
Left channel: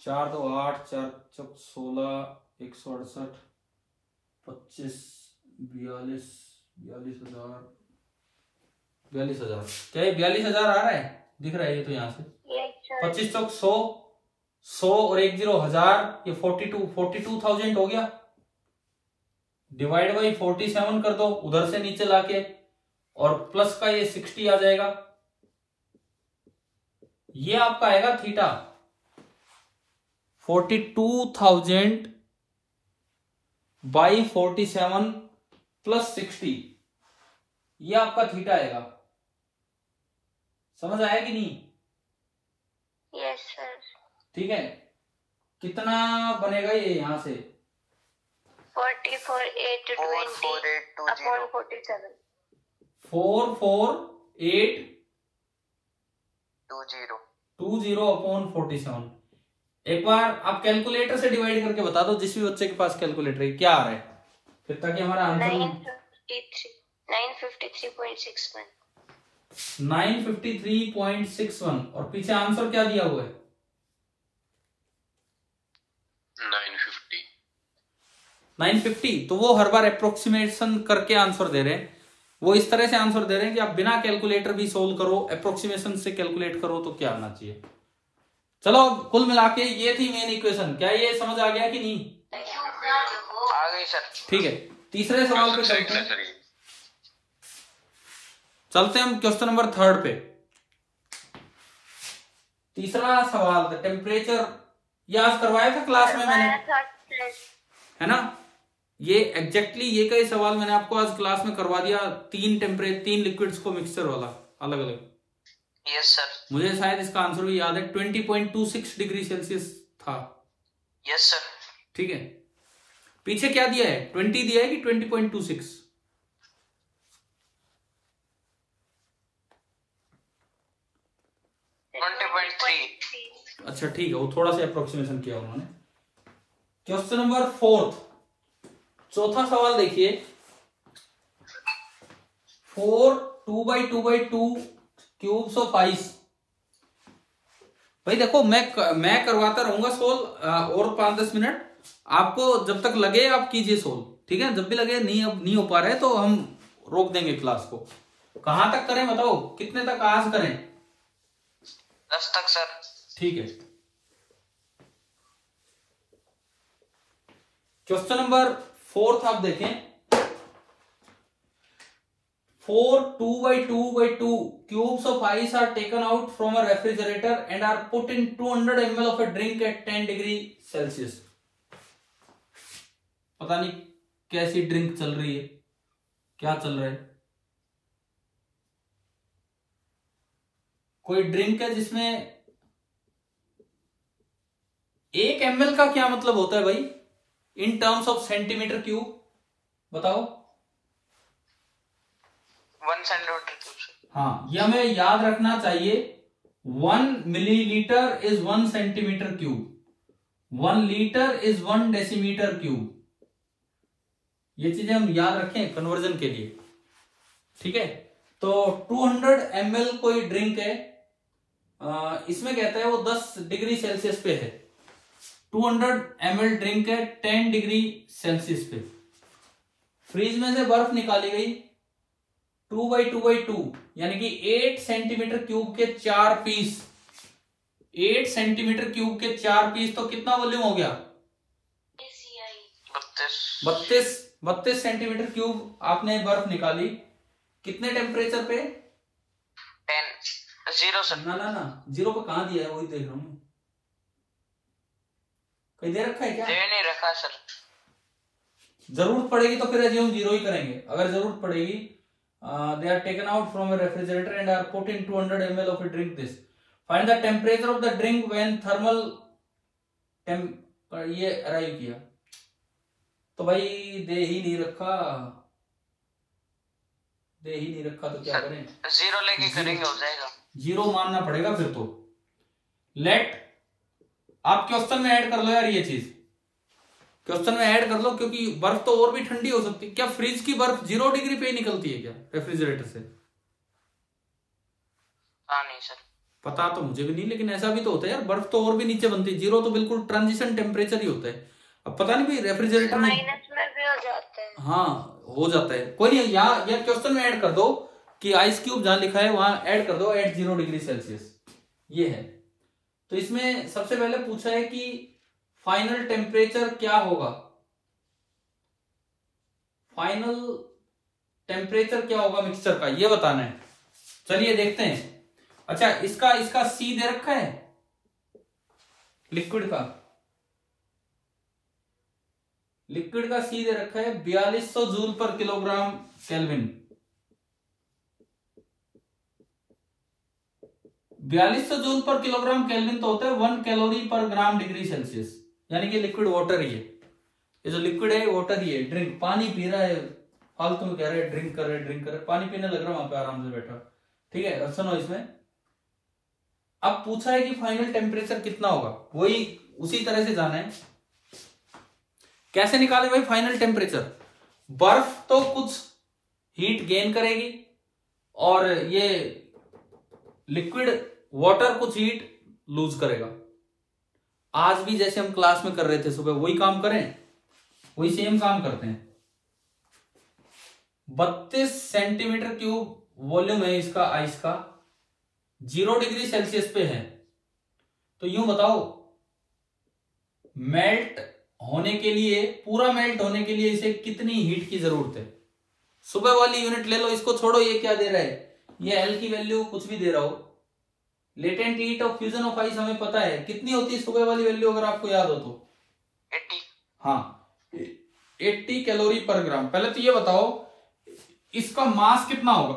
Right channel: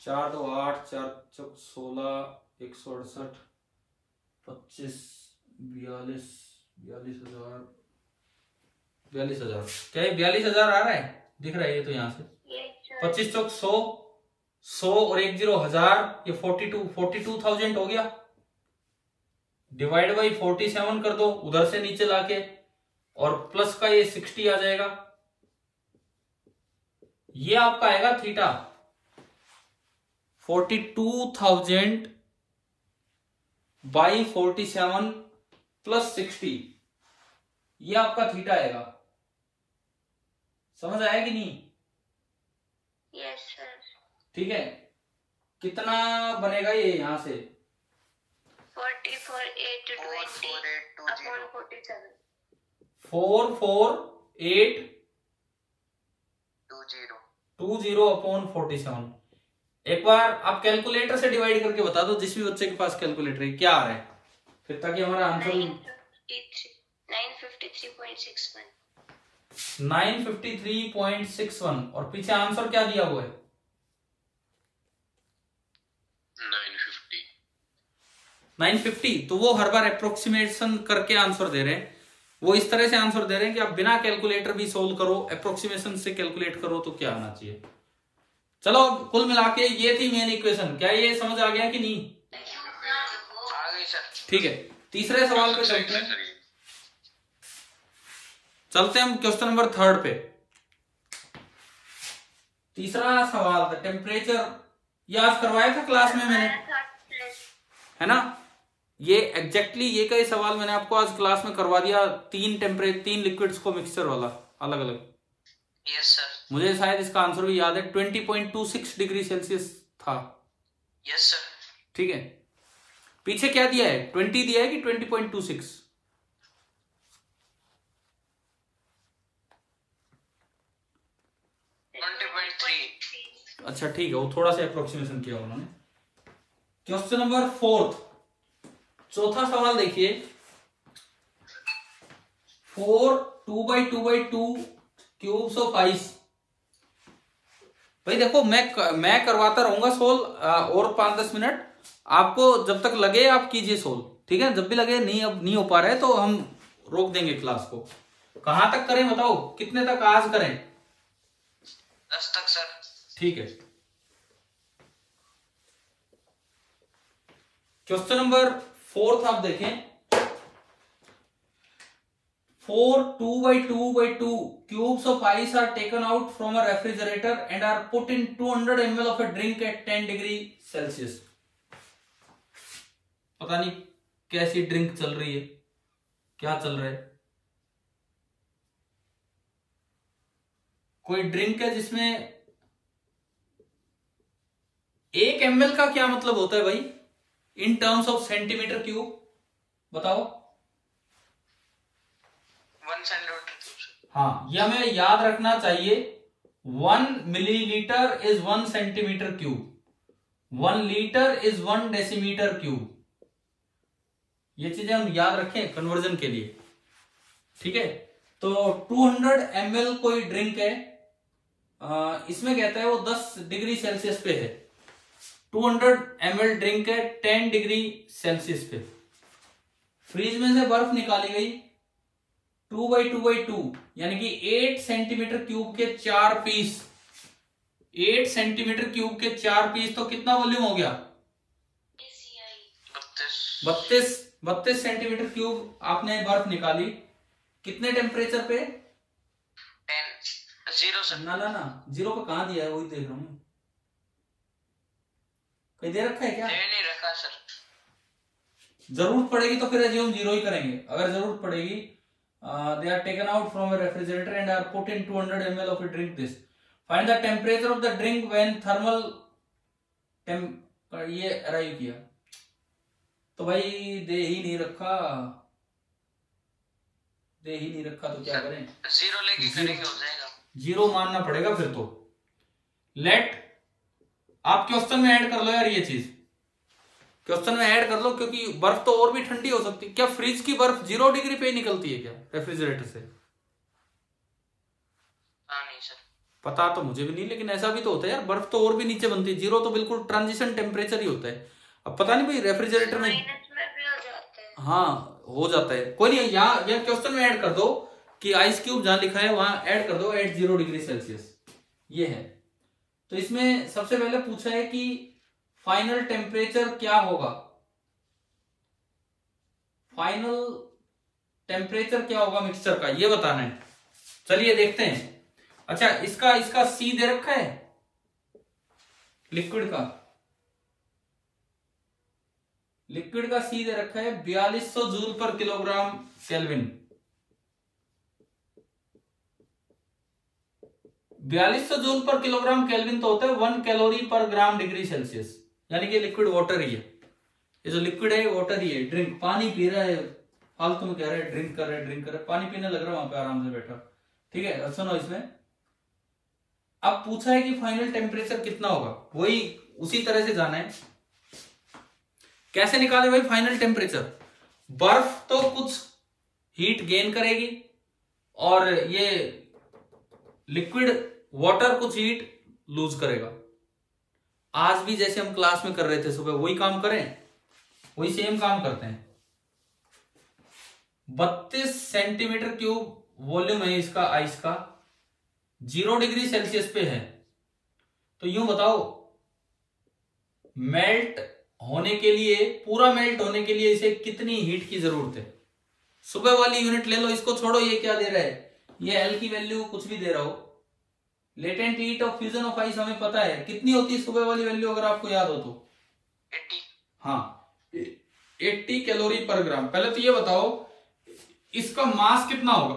4 2 8 4 4 16 168 25 42 42,000 क्या ये 42,000 आ रहा है? दिख रहा है ये तो यहाँ से 25 चौक 100 और 1 0 1000, ये 42,000 हो गया। डिवाइड बाई 47 कर दो उधर से नीचे लाके, और प्लस का ये 60 आ जाएगा। ये आपका आएगा थीटा 42,000 बाई 47 प्लस 60, ये आपका थीटा आएगा। समझ आया कि नहीं? Yes sir. ठीक है, कितना बनेगा ये यहां से? 44,820 44820 अपॉन 47। एक बार आप कैलकुलेटर से डिवाइड करके बता दो, जिस भी बच्चे के पास कैलकुलेटर है, क्या आ रहा है फिर, ताकि हमारा आंसर 953.61। 953.61 और पीछे आंसर क्या दिया हुआ है? 950। तो वो हर बार अप्रोक्सीमेशन करके आंसर दे रहे हैं, वो इस तरह से आंसर दे रहे हैं कि आप बिना कैलकुलेटर भी सोल्व करो, अप्रोक्सीमेशन से कैलकुलेट करो तो क्या आना चाहिए। चलो कुल मिला के ये थी मेन इक्वेशन। क्या ये समझ आ गया कि नहीं? आ गई सर। ठीक है, तीसरे सवाल पे चलते हैं। हम क्वेश्चन नंबर 3 पे। तीसरा सवाल था टेम्परेचर, याद करवाया था क्लास में मैंने, है ना? ये एग्जैक्टली ये का ही सवाल मैंने आपको आज क्लास में करवा दिया, 3 लिक्विड्स को मिक्सचर वाला अलग अलग। Yes sir. मुझे शायद इसका आंसर भी याद है, 20.26 डिग्री सेल्सियस था। Yes sir. ठीक है, पीछे क्या दिया है? 20 दिया है कि 20.26? 20.3। अच्छा ठीक है, वो थोड़ा सा अप्रोक्सीमेशन किया उन्होंने। क्वेश्चन नंबर 4, चौथा सवाल देखिए। 4 2x2x2 क्यूब्स ऑफ आइस। भाई देखो, मैं करवाता रहूंगा सोल्व और 5-10 मिनट, आपको जब तक लगे आप कीजिए सोल्व, ठीक है? जब भी लगे नहीं अब नहीं हो पा रहे तो हम रोक देंगे क्लास को। कहां तक करें बताओ, कितने तक आज करें? 10 तक सर। ठीक है, क्वेश्चन नंबर 4 आप देखें। 4 2x2x2 cubes of ice are taken out from a refrigerator and are put in 200 ml of a drink at 10 degree Celsius। पता नहीं कैसी ड्रिंक चल रही है, क्या चल रहा है? कोई ड्रिंक है जिसमें 1 ml का क्या मतलब होता है भाई in terms of centimetre cube? बताओ। 1 सेंटीमीटर क्यूब। हाँ, यह हमें याद रखना चाहिए। 1 millilitre is 1 centimetre cube, 1 litre is 1 decimetre cube. ये चीजें हम याद रखें कन्वर्जन के लिए, ठीक है? तो 200 ml कोई ड्रिंक है, इसमें कहता है वो 10 डिग्री सेल्सियस पे है। 200 ml ड्रिंक है 10 डिग्री सेल्सियस पे। फ्रीज में से बर्फ निकाली गई 2x2x2 यानी कि 8 सेंटीमीटर क्यूब के 4 पीस। 8 सेंटीमीटर क्यूब के 4 पीस, तो कितना वॉल्यूम हो गया? 32 सेंटीमीटर क्यूब आपने बर्फ निकाली। कितने टेम्परेचर पे? 0 सर। ना 0 पे कहां दिया है, वही देख रहा हूं। कहीं दे रखा है क्या? नहीं रखा सर। जरूरत पड़ेगी तो फिर हम 0 ही करेंगे। अगर जरूरत पड़ेगी, they are taken out from a refrigerator and are put in 200 ml of a drink this. Find the temperature of the drink when thermal ये अराइव किया। तो भाई दे ही नहीं रखा तो क्या करें? 0 लेके करेंगे, हो जाएगा। 0 मानना पड़ेगा फिर तो। लेट आप क्वेश्चन में ऐड कर लो यार, ये चीज क्वेश्चन में ऐड कर लो, क्योंकि बर्फ तो और भी ठंडी हो सकती है। क्या फ्रिज की बर्फ 0 डिग्री पे ही निकलती है क्या रेफ्रिजरेटर से? नहीं सर, पता तो मुझे भी नहीं, लेकिन ऐसा भी तो होता है यार, बर्फ तो और भी नीचे बनती है। 0 तो बिल्कुल ट्रांजिशन टेम्परेचर ही होता है। अब पता नहीं भाई रेफ्रिजरेटर में माइनस में भी हो जाता है। हाँ हो जाता है, कोई नहीं। यहाँ ये क्वेश्चन में ऐड कर दो कि आइस क्यूब जहां लिखा है वहां ऐड कर दो 80 डिग्री सेल्सियस, ये है। तो इसमें सबसे पहले पूछा है कि फाइनल टेम्परेचर क्या होगा, फाइनल टेम्परेचर क्या होगा मिक्सचर का, ये बताना है। चलिए देखते हैं। अच्छा, इसका सी दे रखा है लिक्विड का सी दे रखा है 4200 जूल पर किलोग्राम केल्विन। 4200 जूल पर किलोग्राम केल्विन तो होता है 1 कैलोरी पर ग्राम डिग्री सेल्सियस, यानी कि लिक्विड वाटर ही है। ये जो लिक्विड है वाटर ही है। ड्रिंक, पानी पी रहा है, फालतू में कह रहे हैं ड्रिंक कर रहे हैं, पानी पीने लग रहा है वहां पे आराम से बैठा, ठीक है। सुनो, इसमें अब पूछा है कि फाइनल टेम्परेचर कितना होगा, वही उसी तरह से जाना है। कैसे निकाले भाई फाइनल टेम्परेचर? बर्फ तो कुछ हीट गेन करेगी और ये लिक्विड वाटर कुछ हीट लूज करेगा। आज भी जैसे हम क्लास में कर रहे थे सुबह, वही काम करें, वही सेम काम करते हैं। 32 सेंटीमीटर क्यूब वॉल्यूम है इसका आइस का, 0 डिग्री सेल्सियस पे है। तो यूं बताओ, मेल्ट होने के लिए, पूरा मेल्ट होने के लिए इसे कितनी हीट की जरूरत है? सुबह वाली यूनिट ले लो, इसको छोड़ो, ये क्या दे रहा है, ये एल की वैल्यू कुछ भी दे रहा हो। Latent heat of fusion of ice हमें पता है कितनी होती है सुबह वाली वैल्यू, अगर आपको याद हो तो 80। हाँ, 80 कैलोरी पर ग्राम। पहले तो ये बताओ इसका मास कितना होगा,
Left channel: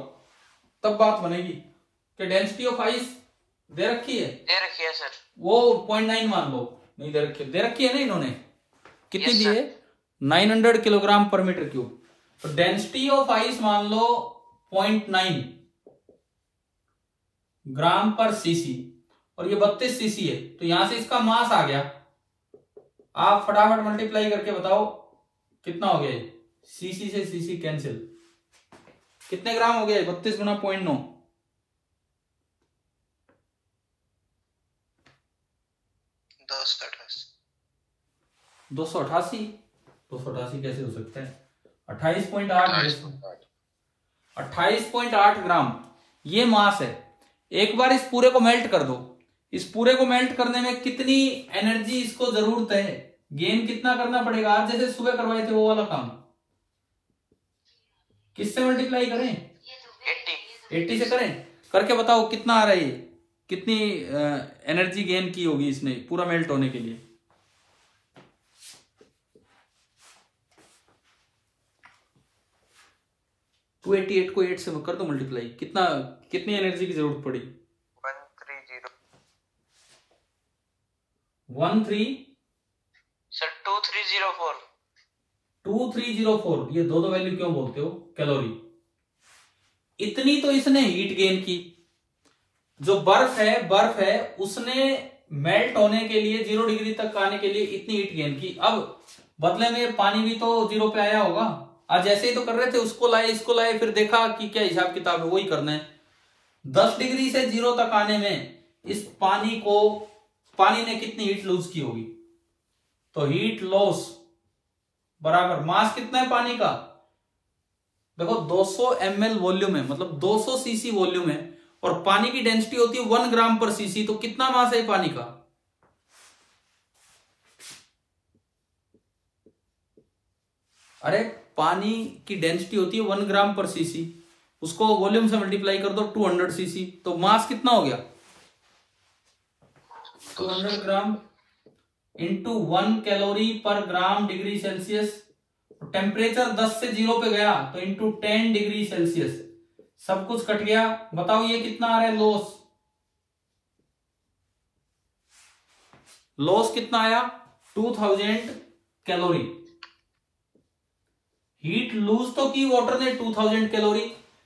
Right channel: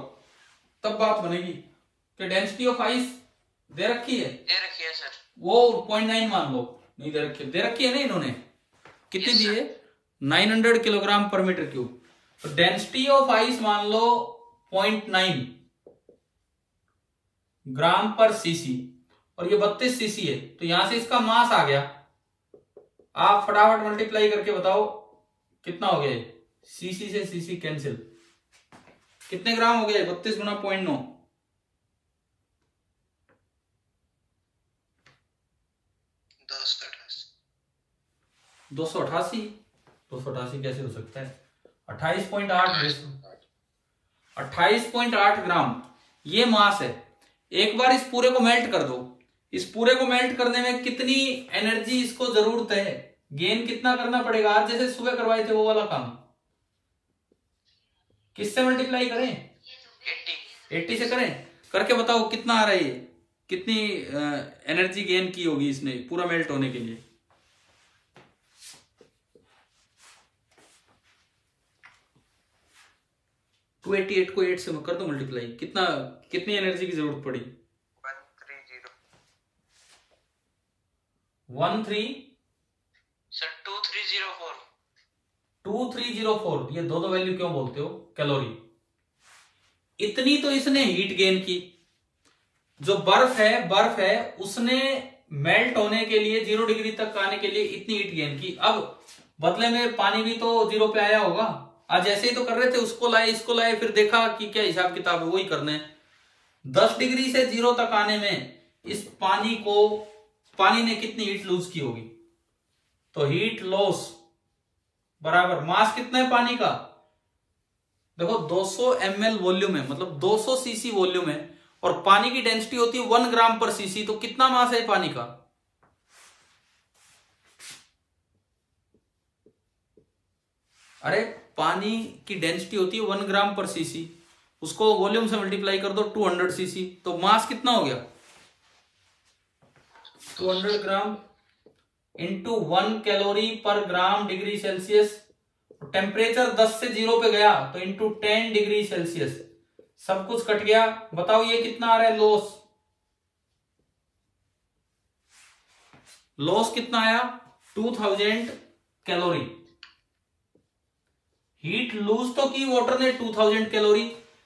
तब बात बनेगी कि डेंसिटी ऑफ आइस दे रखी है। दे रखी है सर। वो 0.9 मान लो, नहीं दे रखी है, दे रखी है ना इन्होंने, कितनी दी है? 900 किलोग्राम पर मीटर क्यूब। तो डेंसिटी ऑफ आइस मान लो 0.9 ग्राम पर सीसी, और ये 32 सीसी है, तो यहां से इसका मास आ गया। आप फटाफट मल्टीप्लाई करके बताओ कितना हो गया। सीसी से सीसी कैंसिल, कितने ग्राम हो गए? 32 गुना 0.9, 288। 288 कैसे हो सकता है? 28.8 ग्राम ये मास है। एक बार इस पूरे को मेल्ट कर दो, इस पूरे को मेल्ट करने में कितनी एनर्जी इसको जरूरत है, गेन कितना करना पड़ेगा? आज जैसे सुबह करवाए थे वो वाला काम, किससे मल्टीप्लाई करें? 80 से करें, करके बताओ कितना आ रहा है, कितनी एनर्जी गेन की होगी इसने पूरा मेल्ट होने के लिए। टू 88 को 8 से कर दो मल्टीप्लाई, कितनी एनर्जी की जरूरत पड़ी? 2304। ये दो वैल्यू क्यों बोलते हो? कैलोरी। इतनी तो इसने हीट गेन की। जो बर्फ है उसने मेल्ट होने के लिए 0 डिग्री तक आने के लिए इतनी हीट गेन की। अब बदले में पानी भी तो 0 पे आया होगा। आज जैसे ही तो कर रहे थे, उसको लाए इसको लाए, फिर देखा कि क्या हिसाब किताब है, वही करना है। 10 डिग्री से 0 तक आने में इस पानी ने कितनी हीट लूज की होगी? तो हीट लॉस बराबर मास कितना है पानी का? देखो 200 ml वॉल्यूम है, मतलब 200 सीसी वॉल्यूम है, और पानी की डेंसिटी होती है 1 ग्राम पर सीसी। तो कितना मास है पानी का? अरे पानी की डेंसिटी होती है 1 ग्राम पर सीसी, उसको वॉल्यूम से मल्टीप्लाई कर दो 200 सीसी, तो मास कितना हो गया? 200 ग्राम इंटू 1 कैलोरी पर ग्राम डिग्री सेल्सियस। टेम्परेचर 10 से 0 पे गया तो इंटू 10 डिग्री सेल्सियस, सब कुछ कट गया। बताओ ये कितना आ रहा है लॉस? लॉस कितना आया? 2000 कैलोरी। हीट लूज तो की वाटर ने 2000 कैलोरी,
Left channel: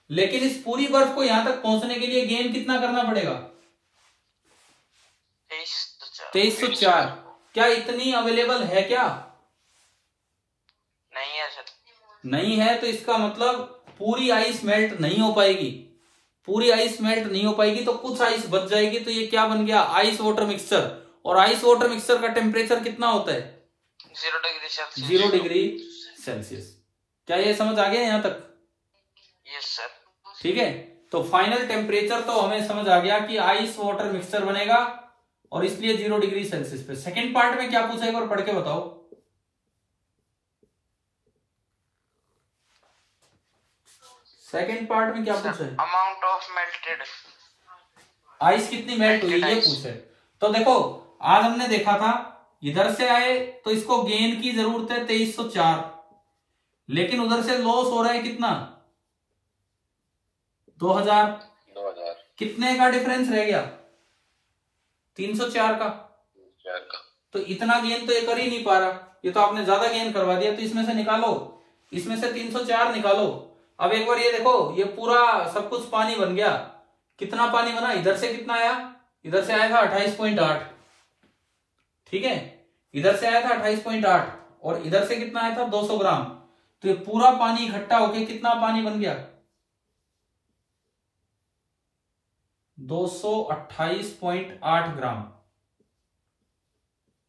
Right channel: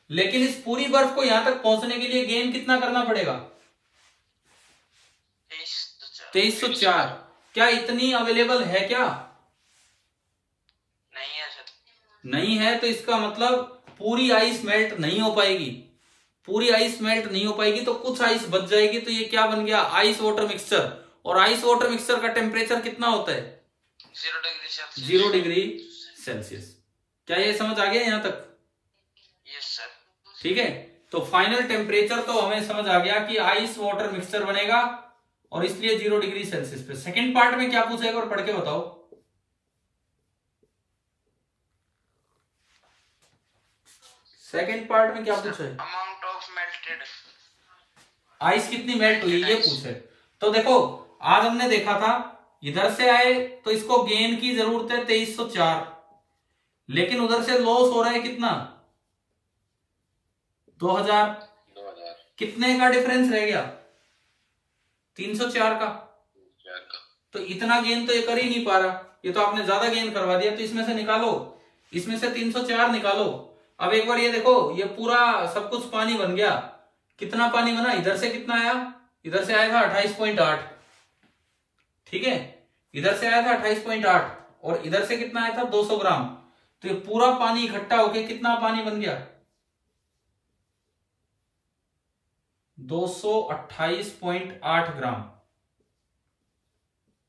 लेकिन इस पूरी बर्फ को यहां तक पहुंचने के लिए गेन कितना करना पड़ेगा? 2304। क्या इतनी अवेलेबल है क्या? नहीं है सर। नहीं है, तो इसका मतलब पूरी आइस मेल्ट नहीं हो पाएगी। पूरी आइस मेल्ट नहीं हो पाएगी तो कुछ आइस बच जाएगी। तो ये क्या बन गया? Ice water mixture. और आइस वाटर मिक्सचर का टेम्परेचर कितना होता है? 0 डिग्री सेल्सियस। 0 degree Celsius. क्या ये समझ आ गया यहां तक? Yes sir. ठीक है, तो फाइनल टेम्परेचर तो हमें समझ आ गया कि आइस वाटर मिक्सचर बनेगा, और इसलिए 0 डिग्री सेल्सियस पे। सेकेंड पार्ट में क्या पूछेगा और पढ़ के बताओ। सेकेंड पार्ट में क्या पूछे? अमाउंट ऑफ मेल्टेड आइस कितनी मेल्ट हुई ये पूछे। तो देखो आज हमने देखा था, इधर से आए तो इसको गेन की जरूरत है 2304, लेकिन उधर से लॉस हो रहा है कितना? 2000। कितने का डिफरेंस रह गया? 304 का। तो इतना गेन तो ये कर ही नहीं पा रहा, ये तो आपने ज्यादा गेन करवा दिया। तो इसमें से निकालो, इसमें से 304 निकालो। अब एक बार ये देखो, ये पूरा सब कुछ पानी बन गया। कितना पानी बना? इधर से कितना आया? इधर से आया था 28.8, ठीक है, इधर से आया था 28.8 और इधर से कितना आया था 200 ग्राम। तो ये पूरा पानी इकट्ठा होके कितना पानी बन गया 228.8 gram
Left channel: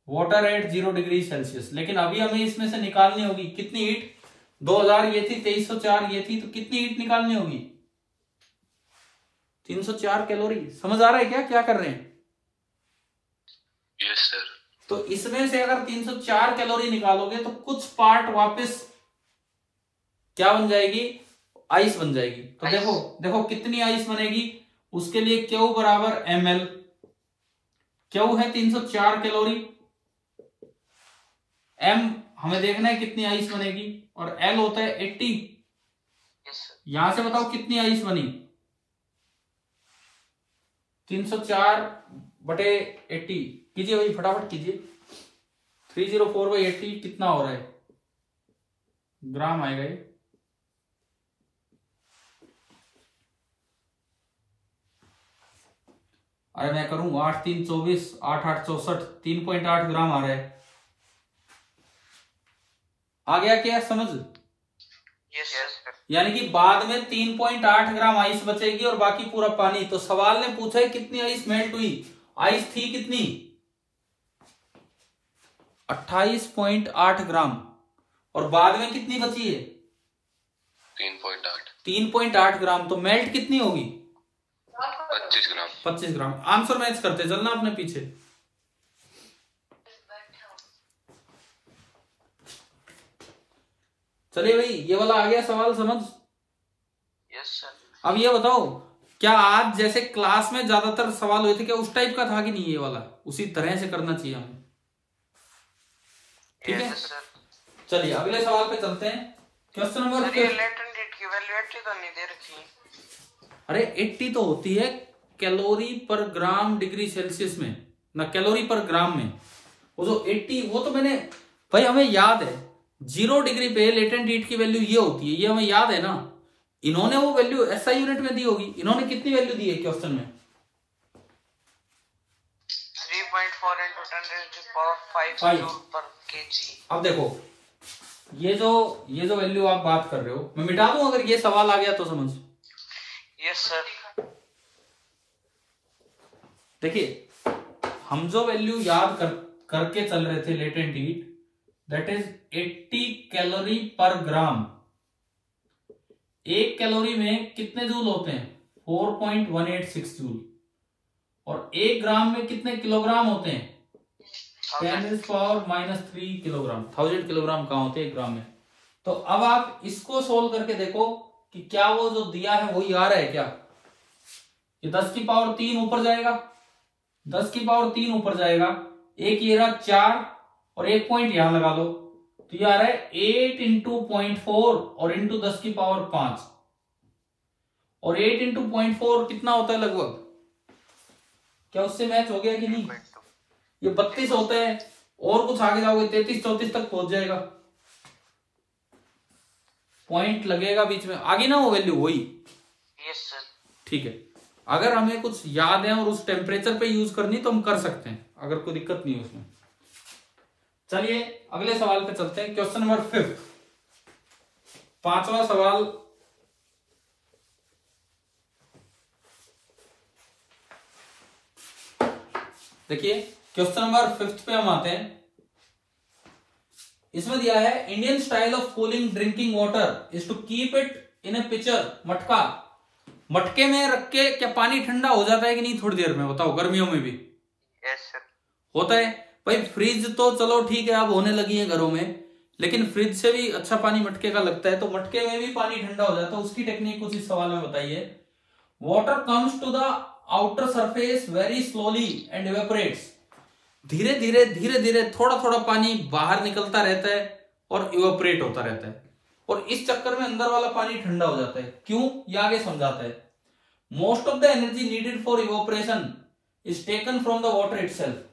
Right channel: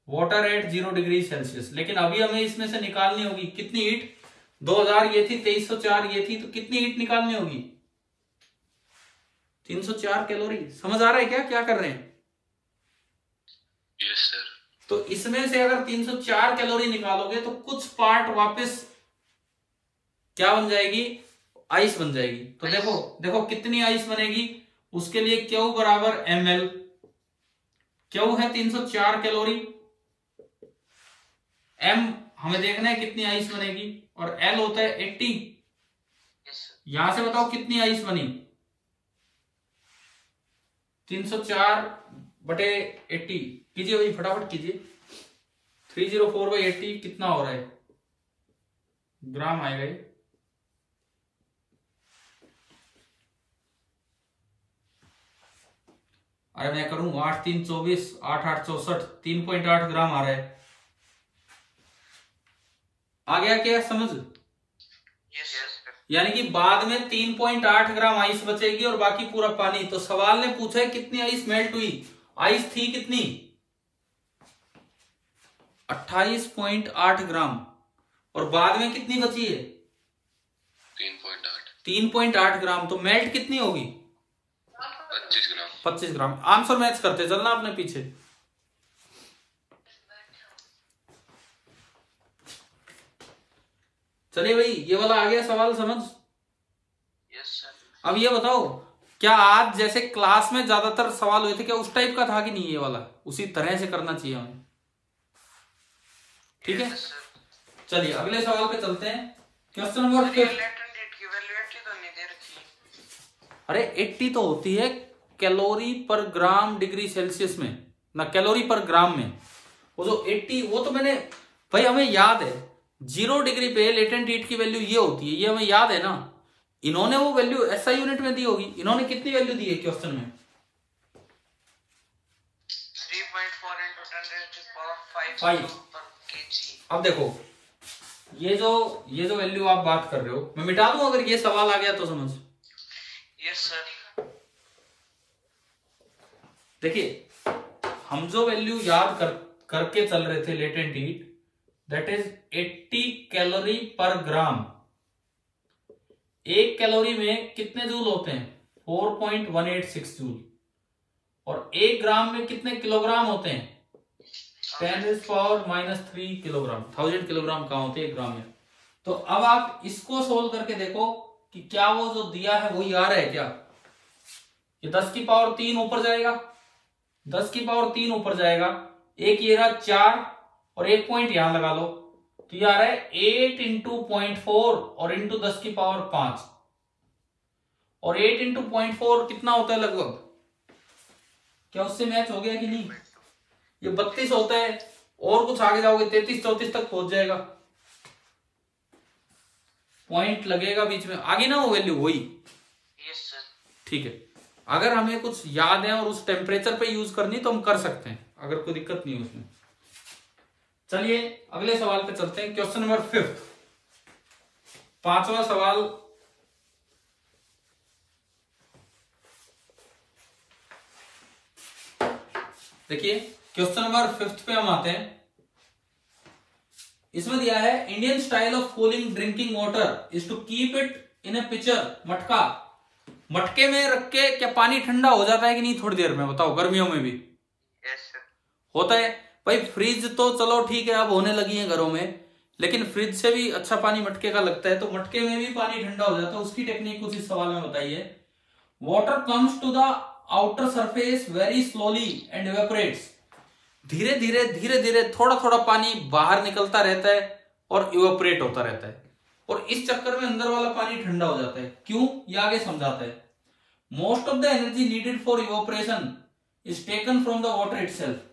water at 0 degree Celsius. लेकिन अभी हमें इसमें से निकालनी होगी कितनी हीट, 2000 ये थी, 2304 ये थी, तो कितनी हीट निकालनी होगी 304 कैलोरी। समझ आ रहा है क्या कर रहे हैं? Yes sir. तो इसमें से अगर 304 कैलोरी निकालोगे तो कुछ पार्ट वापस क्या बन जाएगी, आइस बन जाएगी। तो देखो कितनी आइस बनेगी, उसके लिए Q बराबर ml, Q है 304 कैलोरी, M हमें देखना है कितनी आइस बनेगी, और L होता है 80। यहां से बताओ कितनी आइस बनी, 304/80 कीजिए भाई, फटाफट कीजिए। 304/80 कितना हो रहा है, ग्राम आएगा ये। अरे मैं करूं 8 3 24, 8 8 64, 3.8 ग्राम आ रहा है। आ गया क्या समझ? Yes sir. यानी कि बाद में 3.8 ग्राम आइस बचेगी और बाकी पूरा पानी। तो सवाल ने पूछा है कितनी आइस मेल्ट हुई, आइस थी कितनी 28.8 ग्राम, और बाद में कितनी बची है 3.8 ग्राम। तो मेल्ट कितनी होगी 25 ग्राम। आंसर मैच करते चलना अपने पीछे। चलिए भाई, ये वाला आ गया सवाल समझ? Yes sir. अब ये बताओ, क्या आज जैसे क्लास में ज्यादातर सवाल हुए थे, क्या उस टाइप का था कि नहीं, ये वाला उसी तरह से करना चाहिए हमें? ठीक है, चलिए अगले सवाल पे चलते हैं। Question number 5। अरे 80 तो होती है कैलोरी पर ग्राम डिग्री सेल्सियस में, ना कैलोरी पर ग्राम में। वो जो 80 वो तो मैंने भाई हमें याद है, 0 डिग्री पे लेटेंट हीट की वैल्यू ये होती है, ये हमें याद है ना। इन्होंने वो वैल्यू ऐसा यूनिट में दी होगी, इन्होंने कितनी वैल्यू दी है क्वेश्चन में 3.4 × 10⁵ पर केजी। अब देखो ये जो वैल्यू आप बात कर रहे हो, मैं मिटा दूं अगर ये सवाल आ गया तो समझ। Yes sir. देखिए हम जो वैल्यू याद करके चल रहे थे latent heat, that is 80 calorie पर ग्राम। एक कैलोरी में कितने जूल होते हैं 4.186 जूल, और एक ग्राम में कितने किलोग्राम होते हैं 10⁻³ किलोग्राम। 1000 किलोग्राम कहां होते हैं एक ग्राम में। तो अब आप इसको सोल्व करके देखो कि क्या वो जो दिया है वही आ रहा है क्या। ये 10⁻³ ऊपर जाएगा, 10⁻³ ऊपर जाएगा, एक ये रहा 4 और एक पॉइंट यहां लगा लो, तो ये आ रहा है 8 × 0.4 और इंटू 10⁵ और 8 × 0.4 कितना होता है लगभग, क्या उससे मैच हो गया कि नहीं? ये 32 होता है, और कुछ आगे जाओगे 33 34 तक पहुंच जाएगा, पॉइंट लगेगा बीच में, आगे ना वो वैल्यू वही। Yes sir. ठीक है, अगर हमें कुछ याद है और उस टेम्परेचर पे यूज करनी तो हम कर सकते हैं, अगर कोई दिक्कत नहीं है उसमें। चलिए अगले सवाल पे चलते हैं। क्वेश्चन नंबर 5, 5वां सवाल। देखिए क्वेश्चन नंबर 5 पे हम आते हैं। इसमें दिया है Indian style of cooling drinking water is to keep it in a pitcher, मटका। मटके में रख के क्या पानी ठंडा हो जाता है कि नहीं थोड़ी देर में, बताओ गर्मियों में भी? Yes sir. होता है भाई। फ्रिज तो चलो ठीक है अब होने लगी है घरों में, लेकिन फ्रिज से भी अच्छा पानी मटके का लगता है, तो मटके में भी पानी ठंडा हो जाता है। उसकी टेक्निक कुछ इस सवाल में बताइए। Water comes to the outer surface very slowly and evaporates. धीरे धीरे थोड़ा थोड़ा पानी बाहर निकलता रहता है और इवेपोरेट होता रहता है, और इस चक्कर में अंदर वाला पानी ठंडा हो जाता है। क्यों, ये आगे समझाता है। Most of the energy needed for evaporation is taken from the water itself.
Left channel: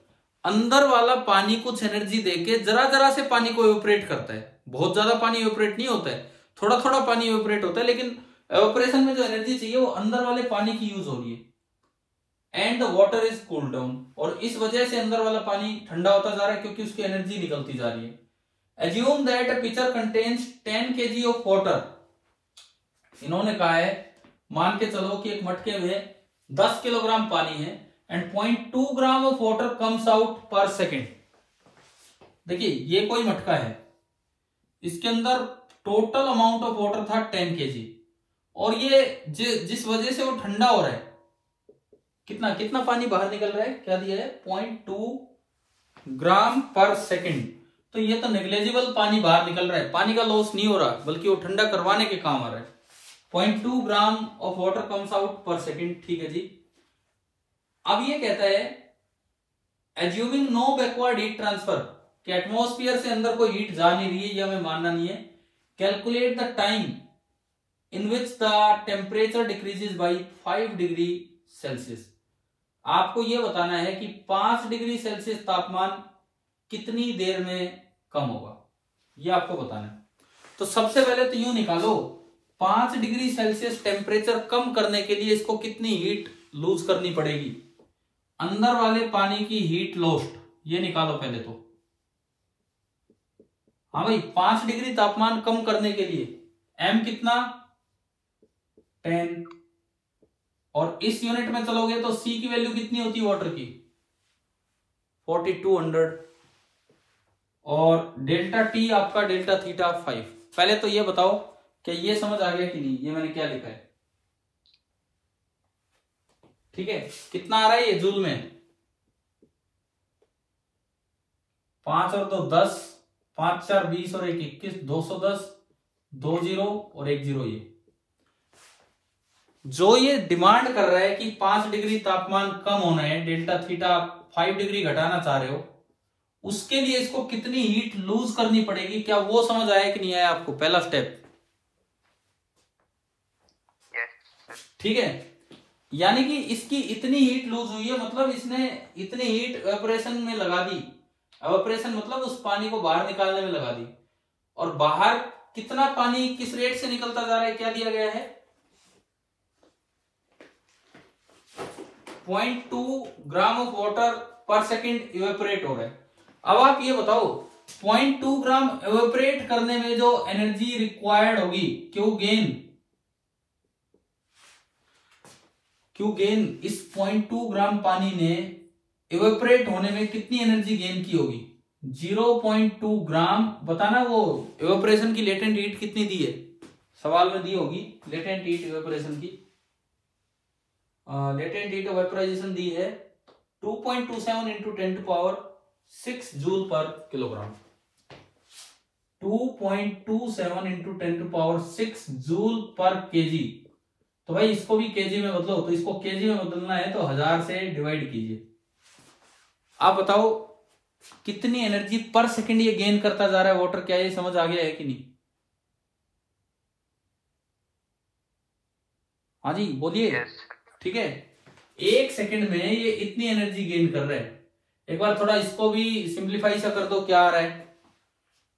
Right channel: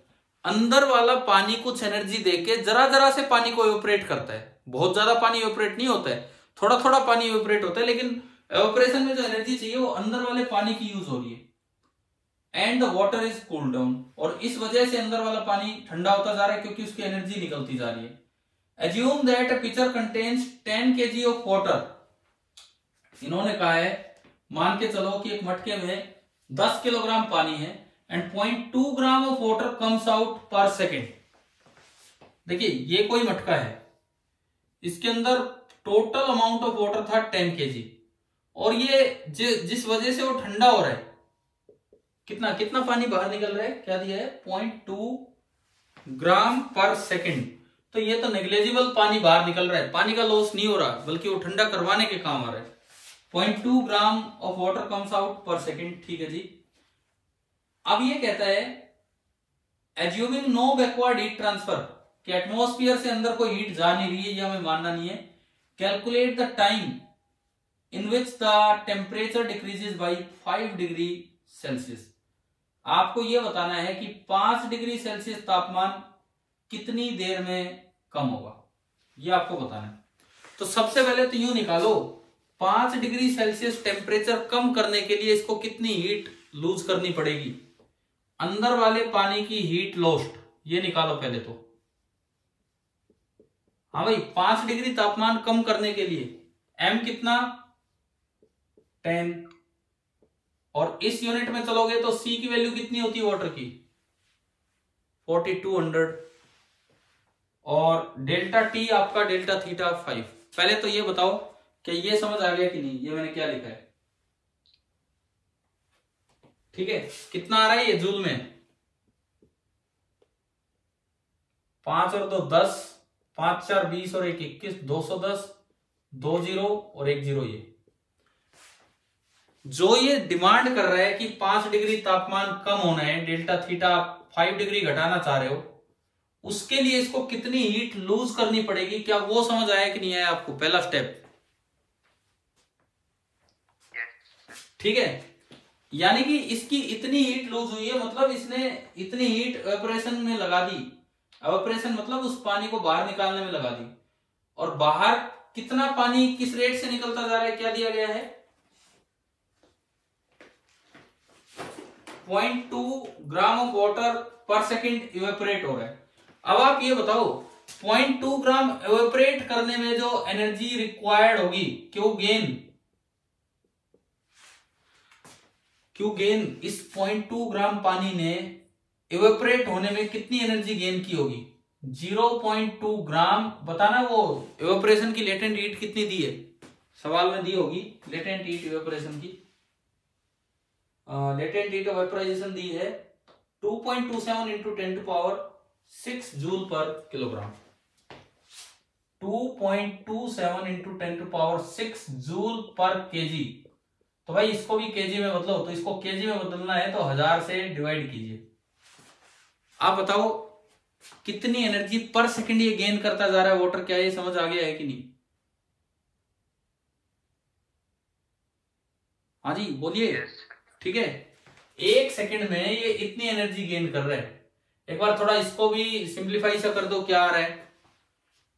अंदर वाला पानी कुछ एनर्जी देके जरा जरा से पानी को इवेपोरेट करता है। बहुत ज्यादा पानी इवेपोरेट नहीं होता है, थोड़ा थोड़ा पानी इवेपोरेट होता है, लेकिन इवेपोरेशन में जो एनर्जी चाहिए वो अंदर वाले पानी की यूज हो रही है। And the water is cool down, और इस वजह से अंदर वाला पानी ठंडा होता जा रहा है क्योंकि उसकी एनर्जी निकलती जा रही है। Assume that a pitcher contains 10 kg of water. इन्होंने कहा है, मान के चलो कि एक मटके में 10 किलोग्राम पानी है and 0.2 gram of water comes out per second. देखिए ये कोई मटका है, इसके अंदर टोटल अमाउंट ऑफ वाटर था 10 kg, और ये जिस वजह से वो ठंडा हो रहा है, कितना कितना पानी बाहर निकल रहा है, क्या दिया है 0.2 ग्राम पर सेकेंड। तो ये तो नेग्लेजिबल पानी बाहर निकल रहा है, पानी का लॉस नहीं हो रहा बल्कि वो ठंडा करवाने के काम आ रहा है। 0.2 gram of water comes out per second, ठीक है जी। अब ये कहता है assuming no backward heat transfer, कि एटमॉस्फेयर से अंदर कोई हीट जा नहीं रही है, ये हमें मानना नहीं है। Calculate the time in which the temperature decreases by 5 degree Celsius. आपको यह बताना है कि 5 डिग्री सेल्सियस तापमान कितनी देर में कम होगा, यह आपको बताना है। तो सबसे पहले तो यूं निकालो, 5 डिग्री सेल्सियस टेम्परेचर कम करने के लिए इसको कितनी हीट लूज करनी पड़ेगी, अंदर वाले पानी की हीट लॉस्ट, ये निकालो पहले तो। हाँ भाई, 5 डिग्री तापमान कम करने के लिए m कितना 10, और इस यूनिट में चलोगे तो c की वैल्यू कितनी होती है वाटर की 4200, और डेल्टा t आपका डेल्टा थीटा 5। पहले तो ये बताओ कि ये समझ आ गया कि नहीं, ये मैंने क्या लिखा है, ठीक है। कितना आ रहा है ये जूल में, 5 और 2 10, 5 4 20 और 1 21, 210, 2 0 और 1 0। ये जो ये डिमांड कर रहा है कि 5 डिग्री तापमान कम होना है, डेल्टा थीटा 5 डिग्री घटाना चाह रहे हो, उसके लिए इसको कितनी हीट लूज करनी पड़ेगी, क्या वो समझ आया कि नहीं आया आपको, पहला स्टेप, ठीक है। यानी कि इसकी इतनी हीट लूज हुई है, मतलब इसने इतनी हीट एवापोरेशन में लगा दी, एवापोरेशन मतलब उस पानी को बाहर निकालने में लगा दी, और बाहर कितना पानी किस रेट से निकलता जा रहा है, क्या दिया गया है 0.2 ग्राम ऑफ वाटर पर सेकेंड इवेपोरेट हो रहा है। अब आप ये बताओ 0.2 ग्राम इवेपोरेट करने में जो एनर्जी रिक्वायर्ड होगी, क्यों गेन इस 0.2 ग्राम पानी ने इवेपोरेट होने में कितनी एनर्जी गेन की होगी, 0.2 ग्राम। बताना वो इवेपोरेशन की लेटेंट हीट कितनी दी है, सवाल में दी होगी लेटेंट हीट इवेपोरेशन की। लेटेंट हीट ऑफ वेपोराइजेशन दी है 2.27 इंटू 10⁶ जूल पर किलोग्राम, 2.27 इंटू 10⁶ जूल पर केजी। तो भाई इसको भी केजी में बदलो, तो इसको केजी में बदलना है तो 1000 से डिवाइड कीजिए। आप बताओ कितनी एनर्जी पर सेकंड ये गेन करता जा रहा है वाटर, क्या ये समझ आ गया है कि नहीं? हाँ जी बोलिए, ठीक है। 1 सेकंड में ये इतनी एनर्जी गेन कर रहा है। एक बार थोड़ा इसको भी सिंप्लीफाई सा कर दो, क्या आ रहा है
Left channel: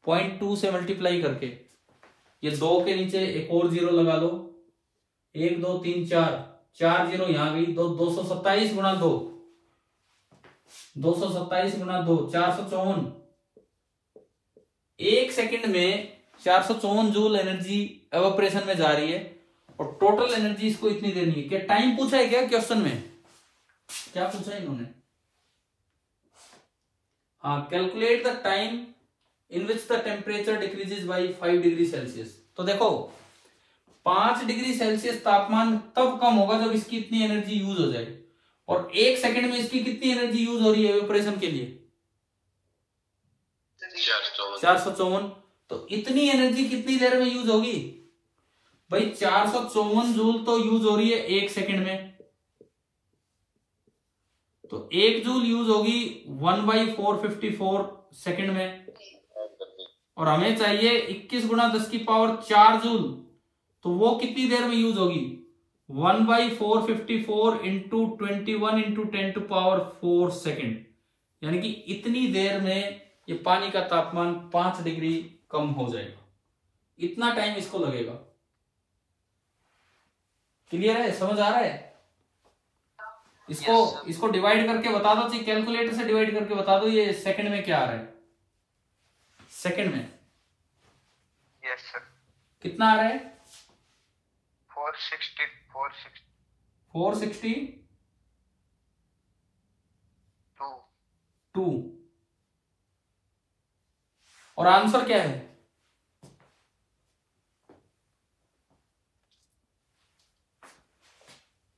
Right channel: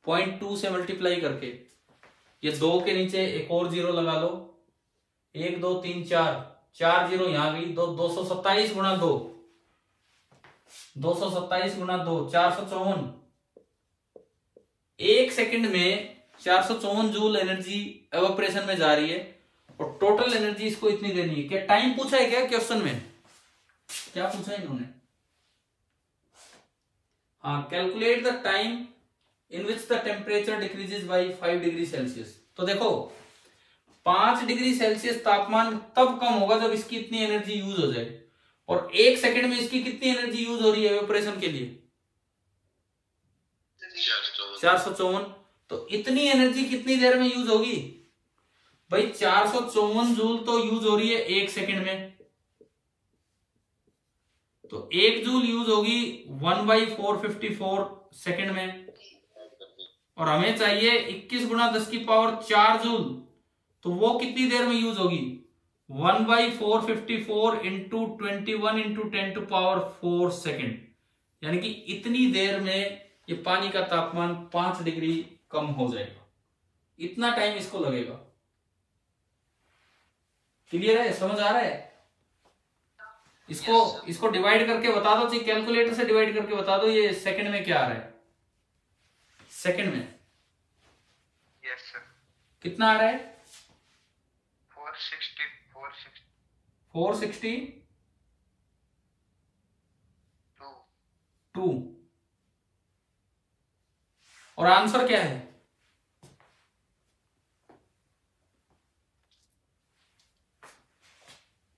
0.2 से मल्टीप्लाई करके, ये 2 के नीचे एक और 0 लगा लो, 1 2 3 4 0 यहां गई, 227 गुणा 2, 227 गुणा 2 454। 1 सेकंड में 454 जूल एनर्जी एवापोरेशन में जा रही है, और टोटल एनर्जी इसको इतनी देनी है। क्या टाइम पूछा है क्या क्वेश्चन में, क्या पूछा है इन्होंने? हाँ, calculate the time in which the temperature decreases by 5 degree Celsius. तो देखो 5 डिग्री सेल्सियस तापमान तब कम होगा जब इसकी इतनी एनर्जी यूज हो जाए, और 1 सेकंड में इसकी कितनी एनर्जी यूज हो रही है एवापोरेशन के लिए 454। तो इतनी एनर्जी कितनी देर में यूज होगी भाई, 454 जूल तो यूज हो रही है 1 सेकंड में, तो 1 जूल यूज होगी 1/454 सेकंड में, और हमें चाहिए 21 गुणा 10⁴ जूल, तो वो कितनी देर में यूज होगी 1/454 इंटू 21 इंटू 10⁴ सेकेंड। यानी कि इतनी देर में ये पानी का तापमान 5 डिग्री कम हो जाएगा, इतना टाइम इसको लगेगा। क्लियर है, समझ आ रहा है? इसको डिवाइड करके बता दो, चाहिए कैलकुलेटर से डिवाइड करके बता दो ये सेकंड में क्या आ रहा है। सेकंड में यस सर। कितना आ रहा है? 462। और आंसर क्या है?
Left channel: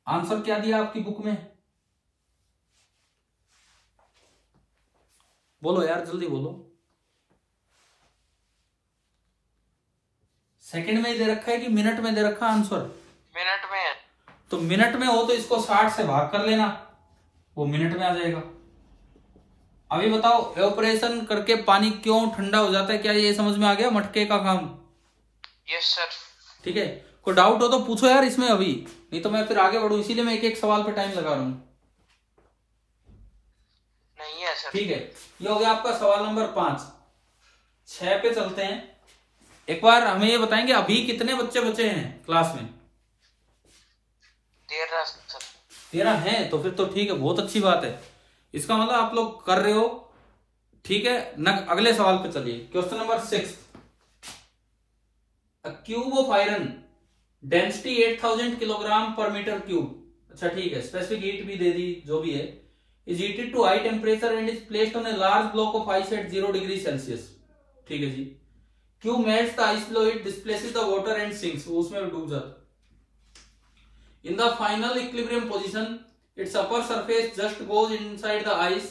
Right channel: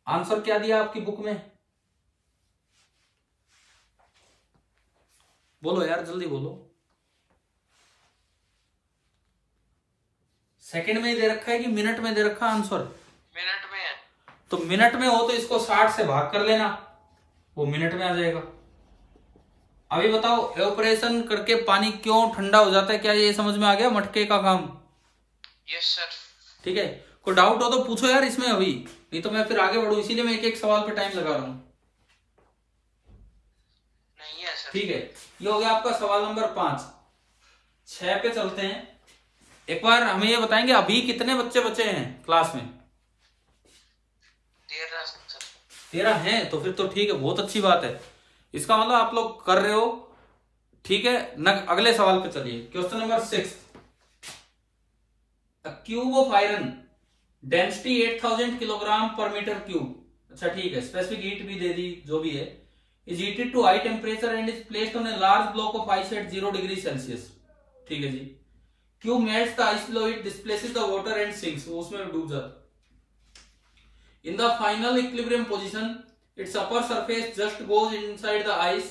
आंसर क्या दिया आपकी बुक में? बोलो यार, जल्दी बोलो। सेकंड में दे रखा है कि मिनट में दे रखा आंसर? मिनट में है। तो मिनट में हो तो इसको 60 से भाग कर लेना, वो मिनट में आ जाएगा। अभी बताओ, एवापोरेशन करके पानी क्यों ठंडा हो जाता है? क्या ये समझ में आ गया मटके का काम? Yes sir. ठीक है, कोई डाउट हो तो पूछो यार इसमें अभी, नहीं तो मैं फिर आगे बढ़ू, इसीलिए मैं एक एक सवाल पे टाइम लगा रहा हूं। नहीं है सर। ठीक है, ये हो गया आपका सवाल नंबर 5। 6 पे चलते हैं। एक बार हमें ये बताएंगे अभी कितने बच्चे बचे हैं क्लास में? 13 सर। 13 हैं, तो फिर तो ठीक है, बहुत अच्छी बात है। इसका मतलब आप लोग कर रहे हो। ठीक है, अगले सवाल पे चलिए। Question number 6। A cube of iron density 8000 kilogram per metre cube. अच्छा ठीक है, स्पेसिफिक हीट भी दे दी, जो भी है। Is heated to high temperature and is placed on a large block of ice at 0 degree Celsius. ठीक है जी। Cube melts the ice below it, displaces the water and sinks, उसमें डूब जाता। In the final equilibrium position its upper surface just goes inside the ice.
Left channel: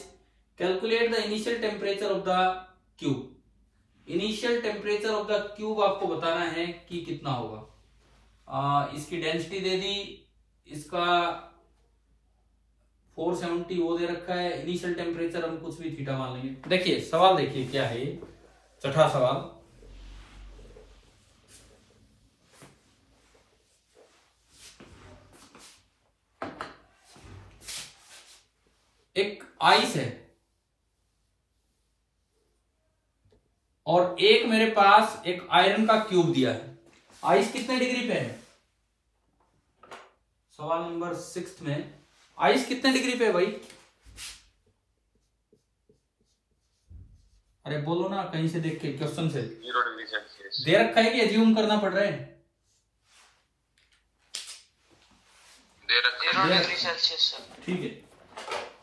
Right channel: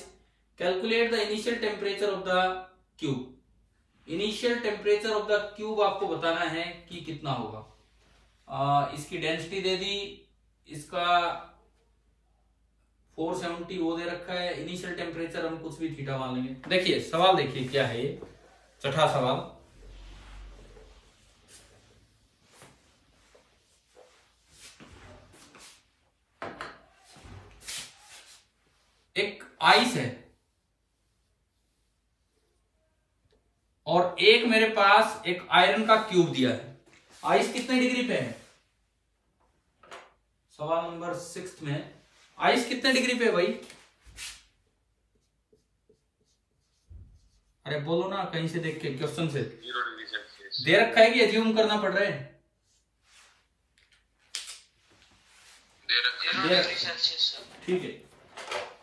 Calculate the initial temperature of the cube. Initial temperature of the cube आपको बताना है कि कितना होगा। इसकी डेंसिटी दे दी, इसका 470 वो दे रखा है। इनिशियल टेम्परेचर हम कुछ भी थीटा मान लेंगे। देखिए सवाल, देखिए क्या है ये, छठा सवाल। एक आइस है और एक मेरे पास एक आयरन का क्यूब दिया है। आइस कितने डिग्री पे है? सवाल नंबर 6 में आइस कितने डिग्री पे है भाई? अरे बोलो ना कहीं से देख के, क्वेश्चन से। 0 डिग्री सेल्सियस दे रखा है कि एज्यूम करना पड़ रहा है? दे रखा है 0 डिग्री सेल्सियस। ठीक है,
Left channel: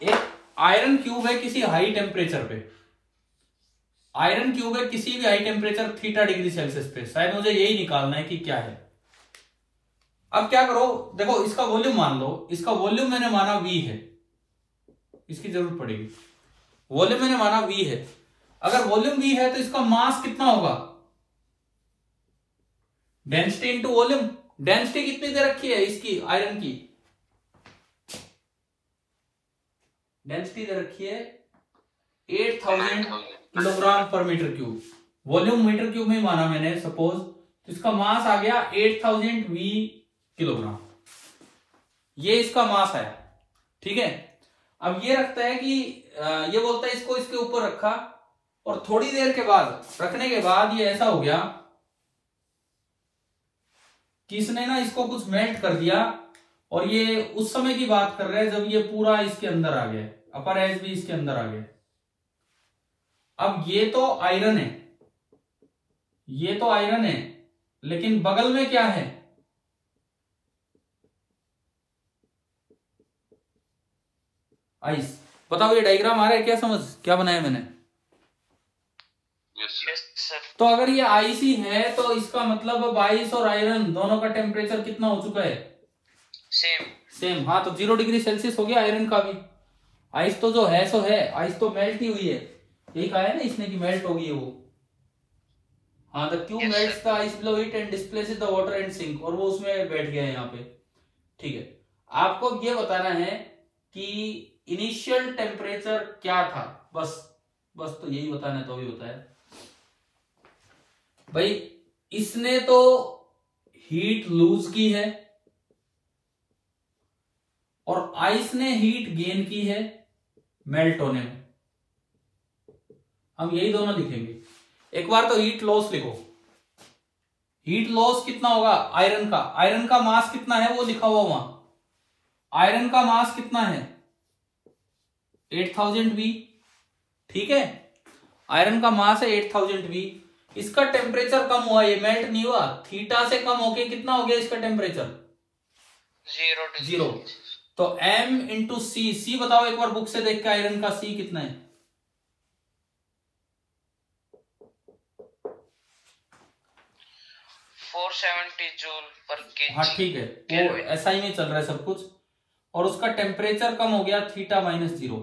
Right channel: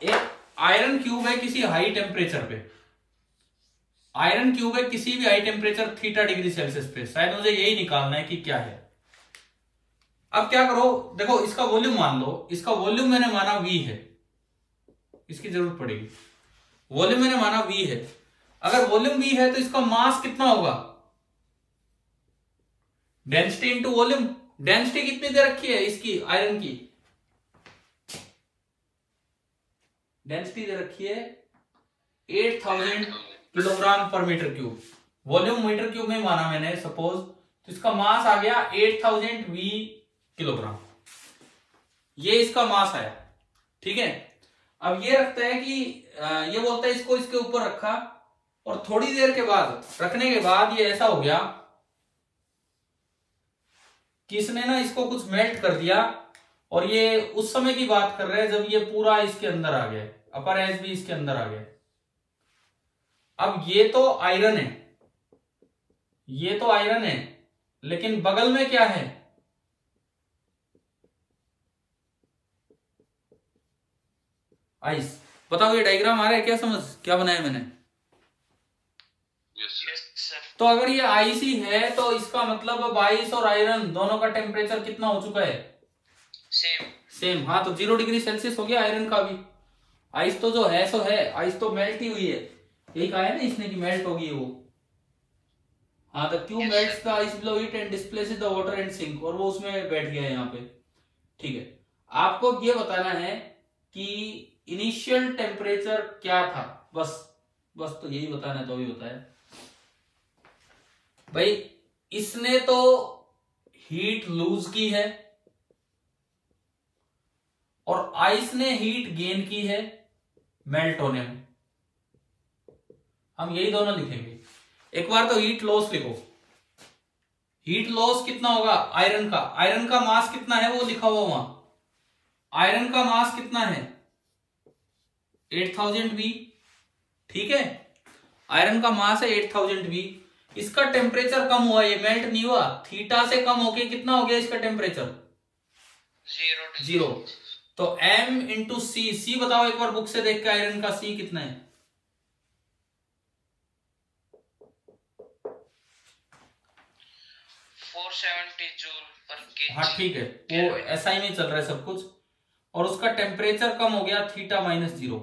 एक आयरन क्यूब है किसी हाई टेम्परेचर पे। आयरन क्यूब है किसी भी high temperature theta degree Celsius पे। शायद मुझे यही निकालना है कि क्या है। अब क्या करो, देखो इसका वॉल्यूम मान लो। इसका वॉल्यूम मैंने माना V है, इसकी जरूरत पड़ेगी। वॉल्यूम मैंने माना V है। अगर वॉल्यूम V है तो इसका मास कितना होगा? Density into volume. डेंसिटी कितनी दे रखी है इसकी, आयरन की? डेंसिटी दे रखी है 8000 kilogram per metre cube. Volume metre cube में माना मैंने सपोज, तो इसका मास आ गया 8000 V किलोग्राम। ये इसका मास आया। ठीक है, अब ये रखता है कि ये बोलता है इसको इसके ऊपर रखा, और थोड़ी देर के बाद, रखने के बाद ये ऐसा हो गया कि इसने ना इसको कुछ मेल्ट कर दिया। और ये उस समय की बात कर रहे हैं जब ये पूरा इसके अंदर आ गया, अपर एज भी इसके अंदर आ गया। अब ये तो आयरन है, ये तो आयरन है, लेकिन बगल में क्या है? आइस। बताओ ये डायग्राम आ रहा है क्या समझ? क्या बनाया मैंने? तो अगर ये आइस ही है तो इसका मतलब अब आइस और आयरन दोनों का टेम्परेचर कितना हो चुका है? सेम। हाँ, तो 0 डिग्री सेल्सियस हो गया आयरन का भी। आइस तो जो है सो है, आइस तो मेल्ट ही हुई है। यही कहा है ना इसने कि मेल्ट होगी वो। हाँ, the cube melts the ice below it and displaces the water and sink, और वो उसमें बैठ गया है यहाँ पे। ठीक है, आपको ये बताना है कि इनिशियल टेम्परेचर क्या था, बस तो यही बताना है। तो भी बताया भाई, इसने तो हीट लूज की है और आइस ने हीट गेन की है मेल्ट होने में। हम यही दोनों लिखेंगे। एक बार तो हीट लॉस लिखो। हीट लॉस कितना होगा आयरन का? आयरन का मास कितना है वो लिखा हुआ वहां। आयरन का मास कितना है? 8000 V, ठीक है। आयरन का मास है 8000 V, इसका टेम्परेचर कम हुआ, ये मेल्ट नहीं हुआ, थीटा से कम होके कितना हो गया इसका टेम्परेचर? 0। तो M इंटू सी बताओ एक बार बुक से देख के, आयरन का सी कितना है? 470 जूल पर केजी। हाँ ठीक है, वो SI में चल रहा है सब कुछ, और उसका टेम्परेचर कम हो गया थीटा -0।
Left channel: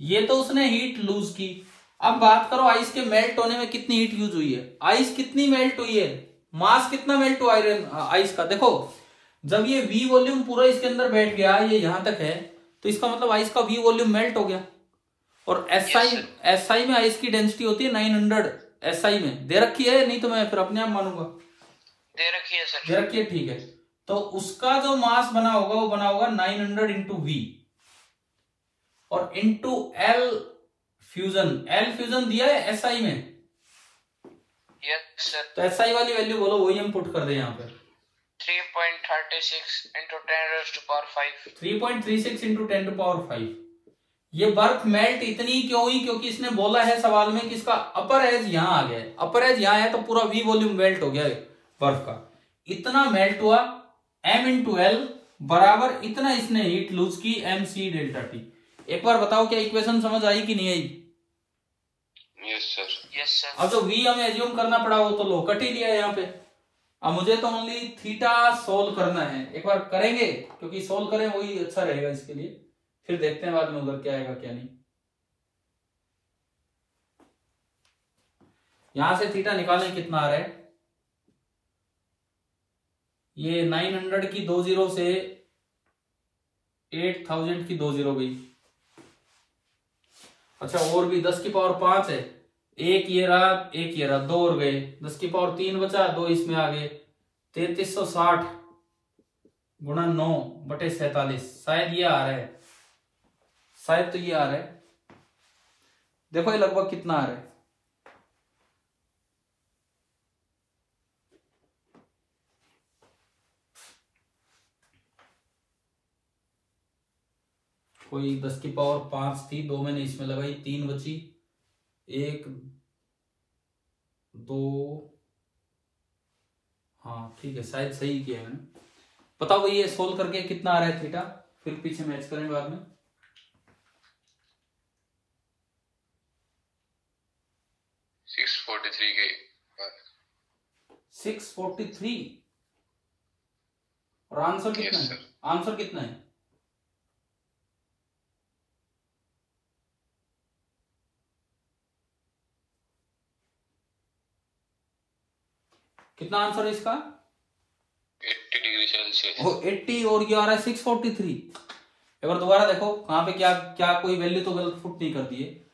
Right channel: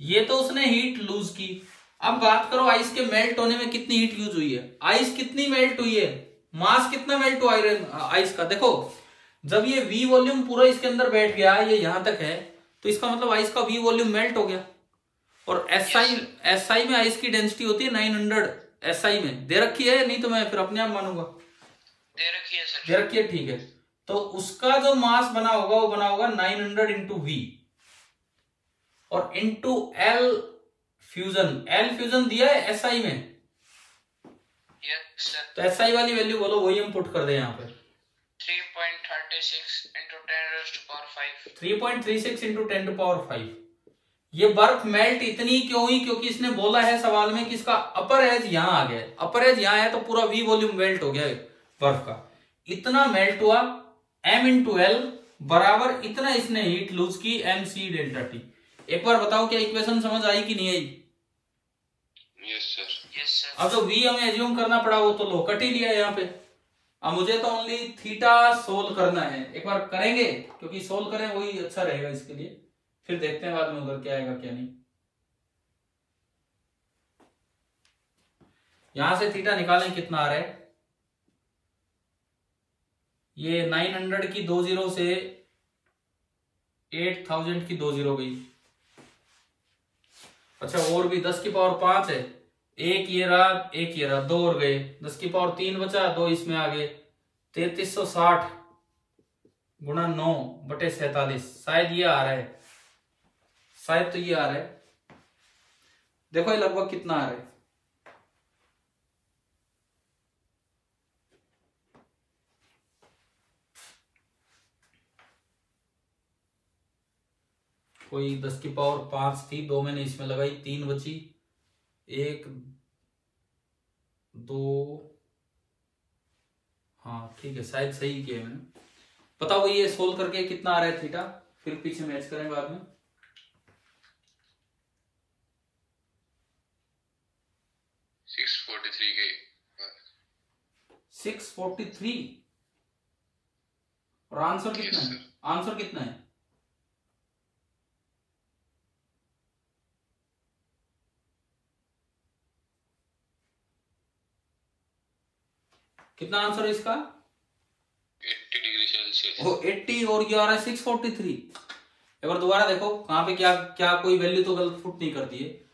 ये तो उसने हीट लूज की। अब बात करो आइस के मेल्ट होने में कितनी हीट यूज हुई है, आइस कितनी मेल्ट हुई है, मास कितना मेल्ट हुआ आयरन आइस का। देखो जब ये V वॉल्यूम पूरा इसके अंदर बैठ गया, ये यहां तक है, तो इसका मतलब आइस का V वॉल्यूम मेल्ट हो गया। और SI में आइस की डेंसिटी होती है 900 SI में, दे रखी है, नहीं तो मैं फिर अपने आप मानूंगा। दे रखी है सर, दे रखी है, ठीक है। तो उसका जो मास बना होगा वो बना होगा 900 इंटू V और इंटू L फ्यूजन दिया है SI में। Yes sir. तो SI वाली वैल्यू बोलो, वही हम पुट कर दे यहाँ पे 3.36 इंटू 10⁵ 3.36 इंटू 10⁵। ये बर्फ मेल्ट इतनी क्यों हुई? क्योंकि इसने बोला है सवाल में कि इसका अपर एज यहां आ गया है, अपर एज यहां है तो पूरा V वॉल्यूम मेल्ट हो गया बर्फ का, इतना मेल्ट हुआ। M इंटू L बराबर इतना इसने हीट लूज की, MC डेल्टा T। एक बार बताओ क्या इक्वेशन समझ आई कि नहीं आई? Yes sir, yes sir. अब जो V हमें एज्यूम करना पड़ा वो तो लो कट ही लिया है यहाँ पे। अब मुझे तो ओनली थीटा सोल्व करना है, एक बार करेंगे, क्योंकि सोल्व करें वही अच्छा रहेगा इसके लिए, फिर देखते हैं बाद में उधर क्या आएगा क्या नहीं। यहां से थीटा निकालें, कितना आ रहा है? ये 900 की 2 0 से 8000 की 2 0 गई। अच्छा और भी 10 की पावर 5 है, एक ये रहा 2 और गए, 10 की पावर 3 बचा, 2 इसमें आ गए, 3360 गुणा 9/47। शायद ये आ रहा है, शायद तो ये आ रहा है। देखो ये लगभग कितना आ रहा है, कोई 10 की पावर 5 थी, 2 मैंने इसमें लगाई, 3 बची, 1 2, हाँ ठीक है, शायद सही किया मैंने। बताओ ये सोल्व करके कितना आ रहा है थीटा, फिर पीछे मैच करेंगे बाद में। 643 के 643 और आंसर कितना है? आंसर कितना है? कितना आंसर है इसका? 80 डिग्री सेल्सियस। वो 80 और ये आ रहा है 643। एक बार दोबारा देखो कहां पे क्या क्या कोई वैल्यू तो गलत फुट नहीं करती है।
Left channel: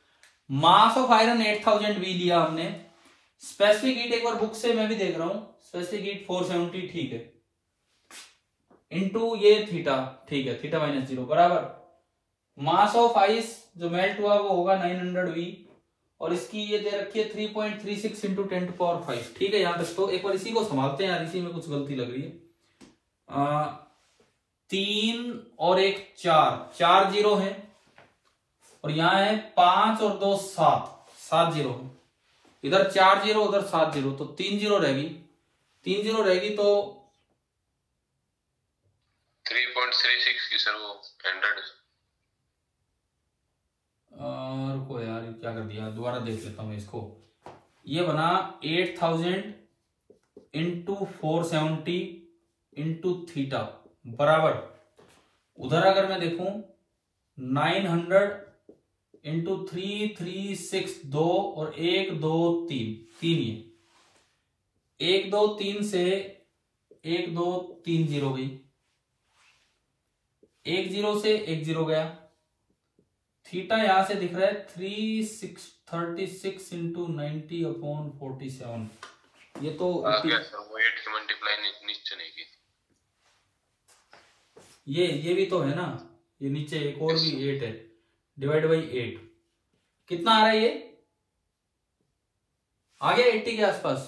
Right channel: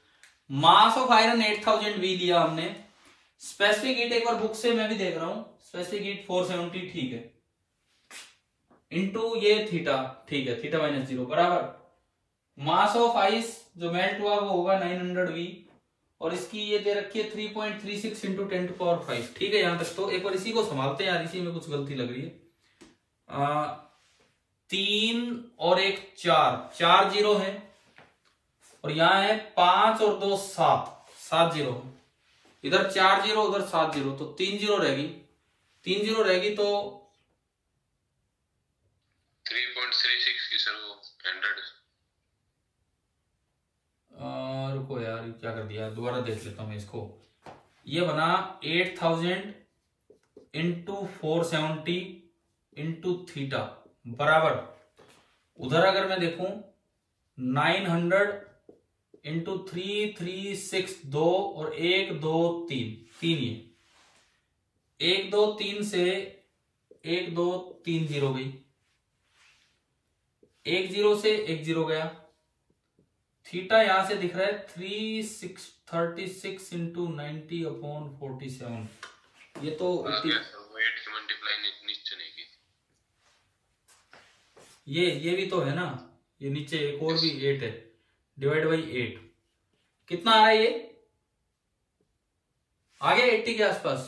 मास ऑफ आयरन 8000 V लिया हमने, स्पेसिफिक हीट एक बार बुक से मैं भी देख रहा हूं, स्पेसिफिक हीट 470, ठीक है, इनटू ये थीटा, ठीक है, थीटा -0 बराबर मास ऑफ आइस जो मेल्ट हुआ वो होगा 900 V और इसकी ये दे रखी है 3.36 इंटू 10⁵, ठीक है। यहां तक तो एक बार इसी को संभालते हैं यार, इसी में कुछ गलती लग रही है। 3 और 1 4 0 है और यहाँ है 5 और 2 7 0, इधर 4 0 उधर 7 0, तो 3 0 रहेगी, 3 0 रहेगी तो 3.36 की सर वो 100। रुको यार क्या कर दिया, दोबारा देख लेता हूं इसको। ये बना 8000 इंटू 470 इंटू थीटा बराबर, उधर अगर मैं देखूं 900 इंटू 3 3 6 2 और 1 2 3 3, ये 1 2 3 से 1 2 3 0 गई, 1 0 से 1 0 गया, थीटा यहां से दिख रहा है 36 इंटू 90/47। ये तो ये भी तो है ना, ये नीचे एक और भी 8 है, डिवाइड बाई 8 कितना आ रहा है? ये आ गया 80 के आसपास,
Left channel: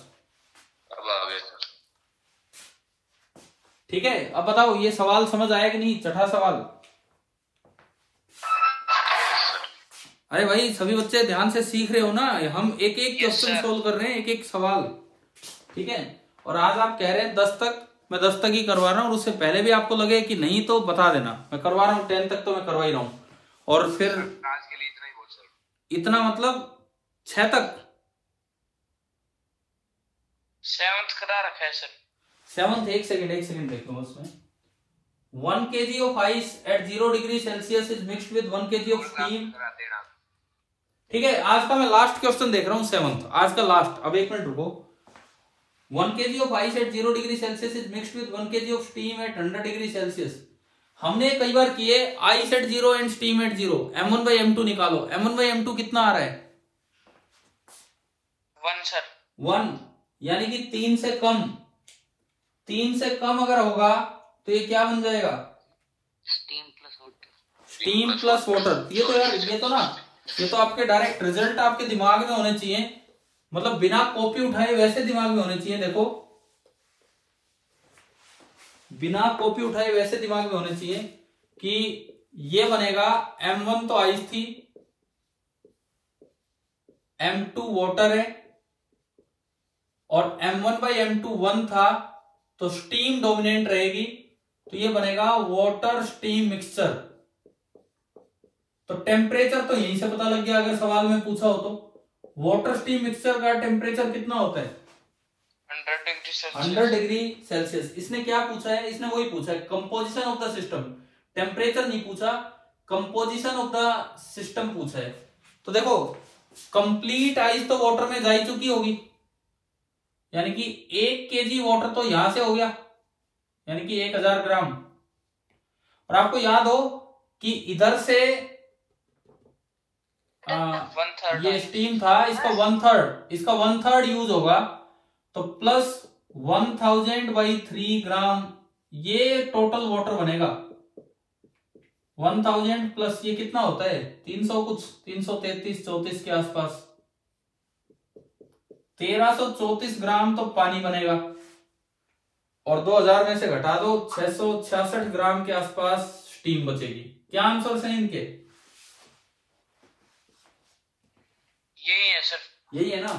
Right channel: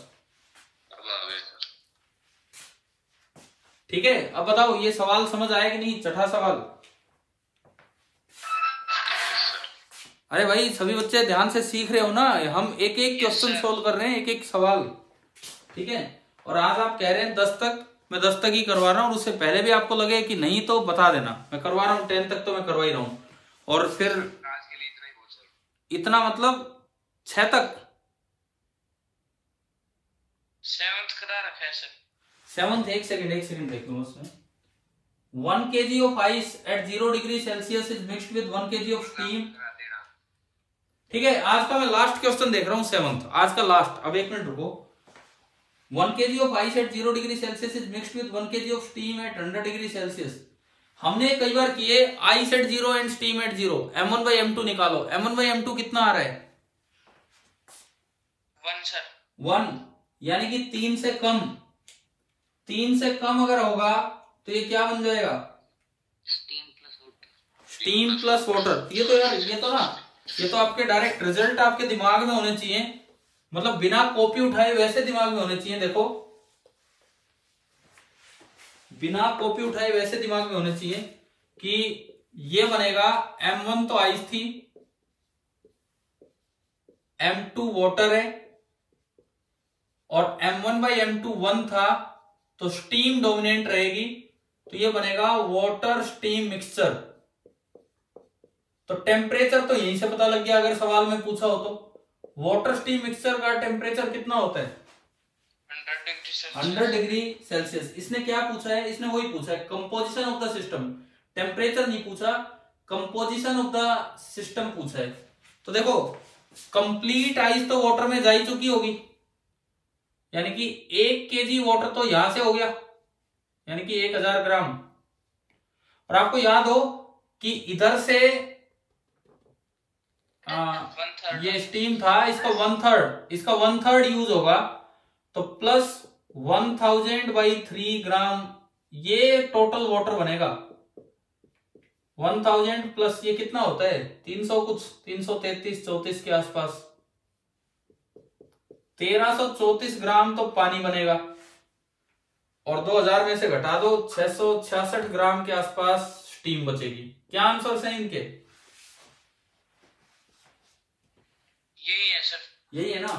ठीक है। अब बताओ ये सवाल समझ आया कि नहीं, छठा सवाल। अरे भाई सभी बच्चे ध्यान से सीख रहे हो ना, हम एक एक क्वेश्चन सोल्व कर रहे हैं, एक एक सवाल, ठीक है। और आज आप कह रहे हैं 10 तक, मैं 10 तक ही करवा रहा हूँ, और उससे पहले भी आपको लगे कि नहीं तो बता देना, मैं करवा रहा हूँ 10 तक तो मैं करवा ही रहा हूँ। और फिर आज के लिए इतना ही बहुत सर। इतना मतलब 6 तक 7th करा रखा है सर। 7th, एक सेकंड देख लो उसमें। 1 kg of ice at 0 degree Celsius is mixed with 1 kg of steam। ठीक है, आज का मैं लास्ट क्वेश्चन देख रहा हूँ 7th, आज का लास्ट। अब एक मिनट रुको। 1 kg of ice at 0 degree Celsius is mixed with 1 kg of steam at 100 degree Celsius। हमने कई बार किए ice at 0 and steam at 0, m1 by m2 निकालो। m1 by m2 कितना आ रहा है? 1 सर। 1, यानी कि 3 से कम। 3 से कम अगर होगा तो ये क्या बन जाएगा? Steam plus water. ये तो यार, ये तो आपके डायरेक्ट रिजल्ट आपके दिमाग में होने चाहिए, मतलब बिना कॉपी उठाए वैसे दिमाग में होने चाहिए। देखो, बिना कॉपी उठाए वैसे दिमाग में होने चाहिए कि ये बनेगा m1 तो आइस थी, m2 वाटर है, और m1 by m2 1 था, तो स्टीम डोमिनेंट रहेगी, तो ये बनेगा वाटर स्टीम मिक्सचर। तो टेम्परेचर तो यहीं से पता लग गया अगर सवाल में पूछा हो तो। वाटर स्टीम मिक्सचर का टेम्परेचर कितना होता है? 100 डिग्री सेल्सियस। इसने क्या पूछा है? इसने वही पूछा है, composition of the system. Temperature नहीं पूछा, कंपोजिशन ऑफ द सिस्टम पूछा है। तो देखो, कंप्लीट आइस तो वाटर में जा ही चुकी होगी, यानी कि 1 kg वाटर तो यहां से हो गया, यानी कि 1000 ग्राम। और आपको याद हो कि इधर से ये स्टीम था, इसका 1/3 यूज होगा, तो प्लस 1000/3 ग्राम ये टोटल वाटर बनेगा। 1000 प्लस ये कितना होता है? 300 कुछ, 333-34 के आसपास, 1334 ग्राम तो पानी बनेगा। और 2000 में से घटा दो, 666 ग्राम के आसपास स्टीम बचेगी। क्या आंसर है इनके? यही है सर। यही है ना?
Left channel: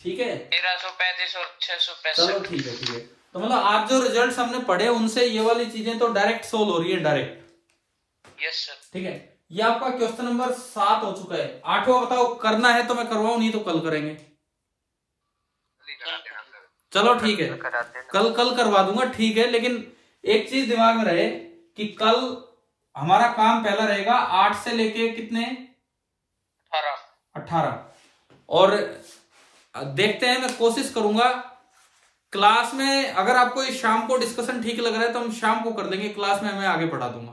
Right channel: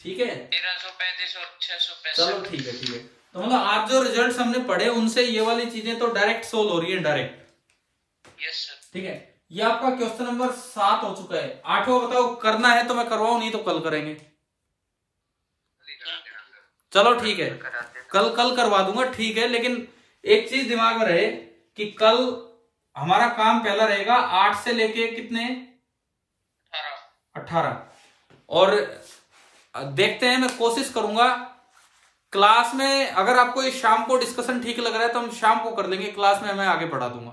ठीक है, 1335 और 665। चलो ठीक है। तो मतलब आज जो रिजल्ट्स हमने पढ़े उनसे ये वाली चीजें तो डायरेक्ट सोल्व हो रही है, डायरेक्ट। Yes sir. ठीक है, ये आपका क्वेश्चन नंबर 7 हो चुका है। 8वां बताओ, करना है तो मैं करवाऊं, नहीं तो कल करेंगे। चलो ठीक है, कल करवा दूंगा, ठीक है। लेकिन एक चीज दिमाग में रहे कि कल हमारा काम पहला रहेगा 8 से लेके कितने? 18। और देखते हैं, मैं कोशिश करूंगा क्लास में, अगर आपको ये शाम को डिस्कशन ठीक लग रहा है तो हम शाम को कर लेंगे, क्लास में मैं आगे पढ़ा दूंगा।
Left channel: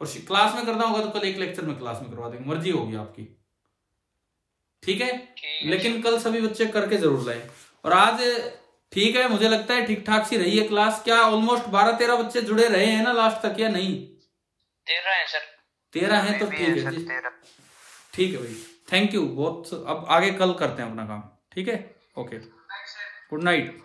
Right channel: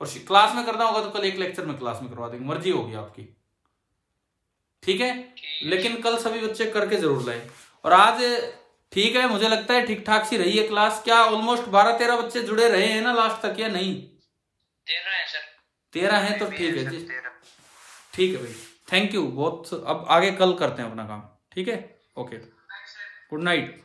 और क्लास में करना होगा तो कल एक लेक्चर में क्लास में करवा देंगे, मर्जी होगी आपकी, ठीक है। लेकिन कल सभी बच्चे करके जरूर लाए। और आज ठीक है, मुझे लगता है ठीक ठाक सी रही है क्लास। क्या ऑलमोस्ट 12-13 बच्चे जुड़े रहे हैं ना लास्ट तक, या नहीं? 13 है सर। 13 है तो ठीक है, ठीक है भाई, थैंक यू बहुत। अब आगे कल करते हैं अपना काम, ठीक है, ओके, गुड नाइट।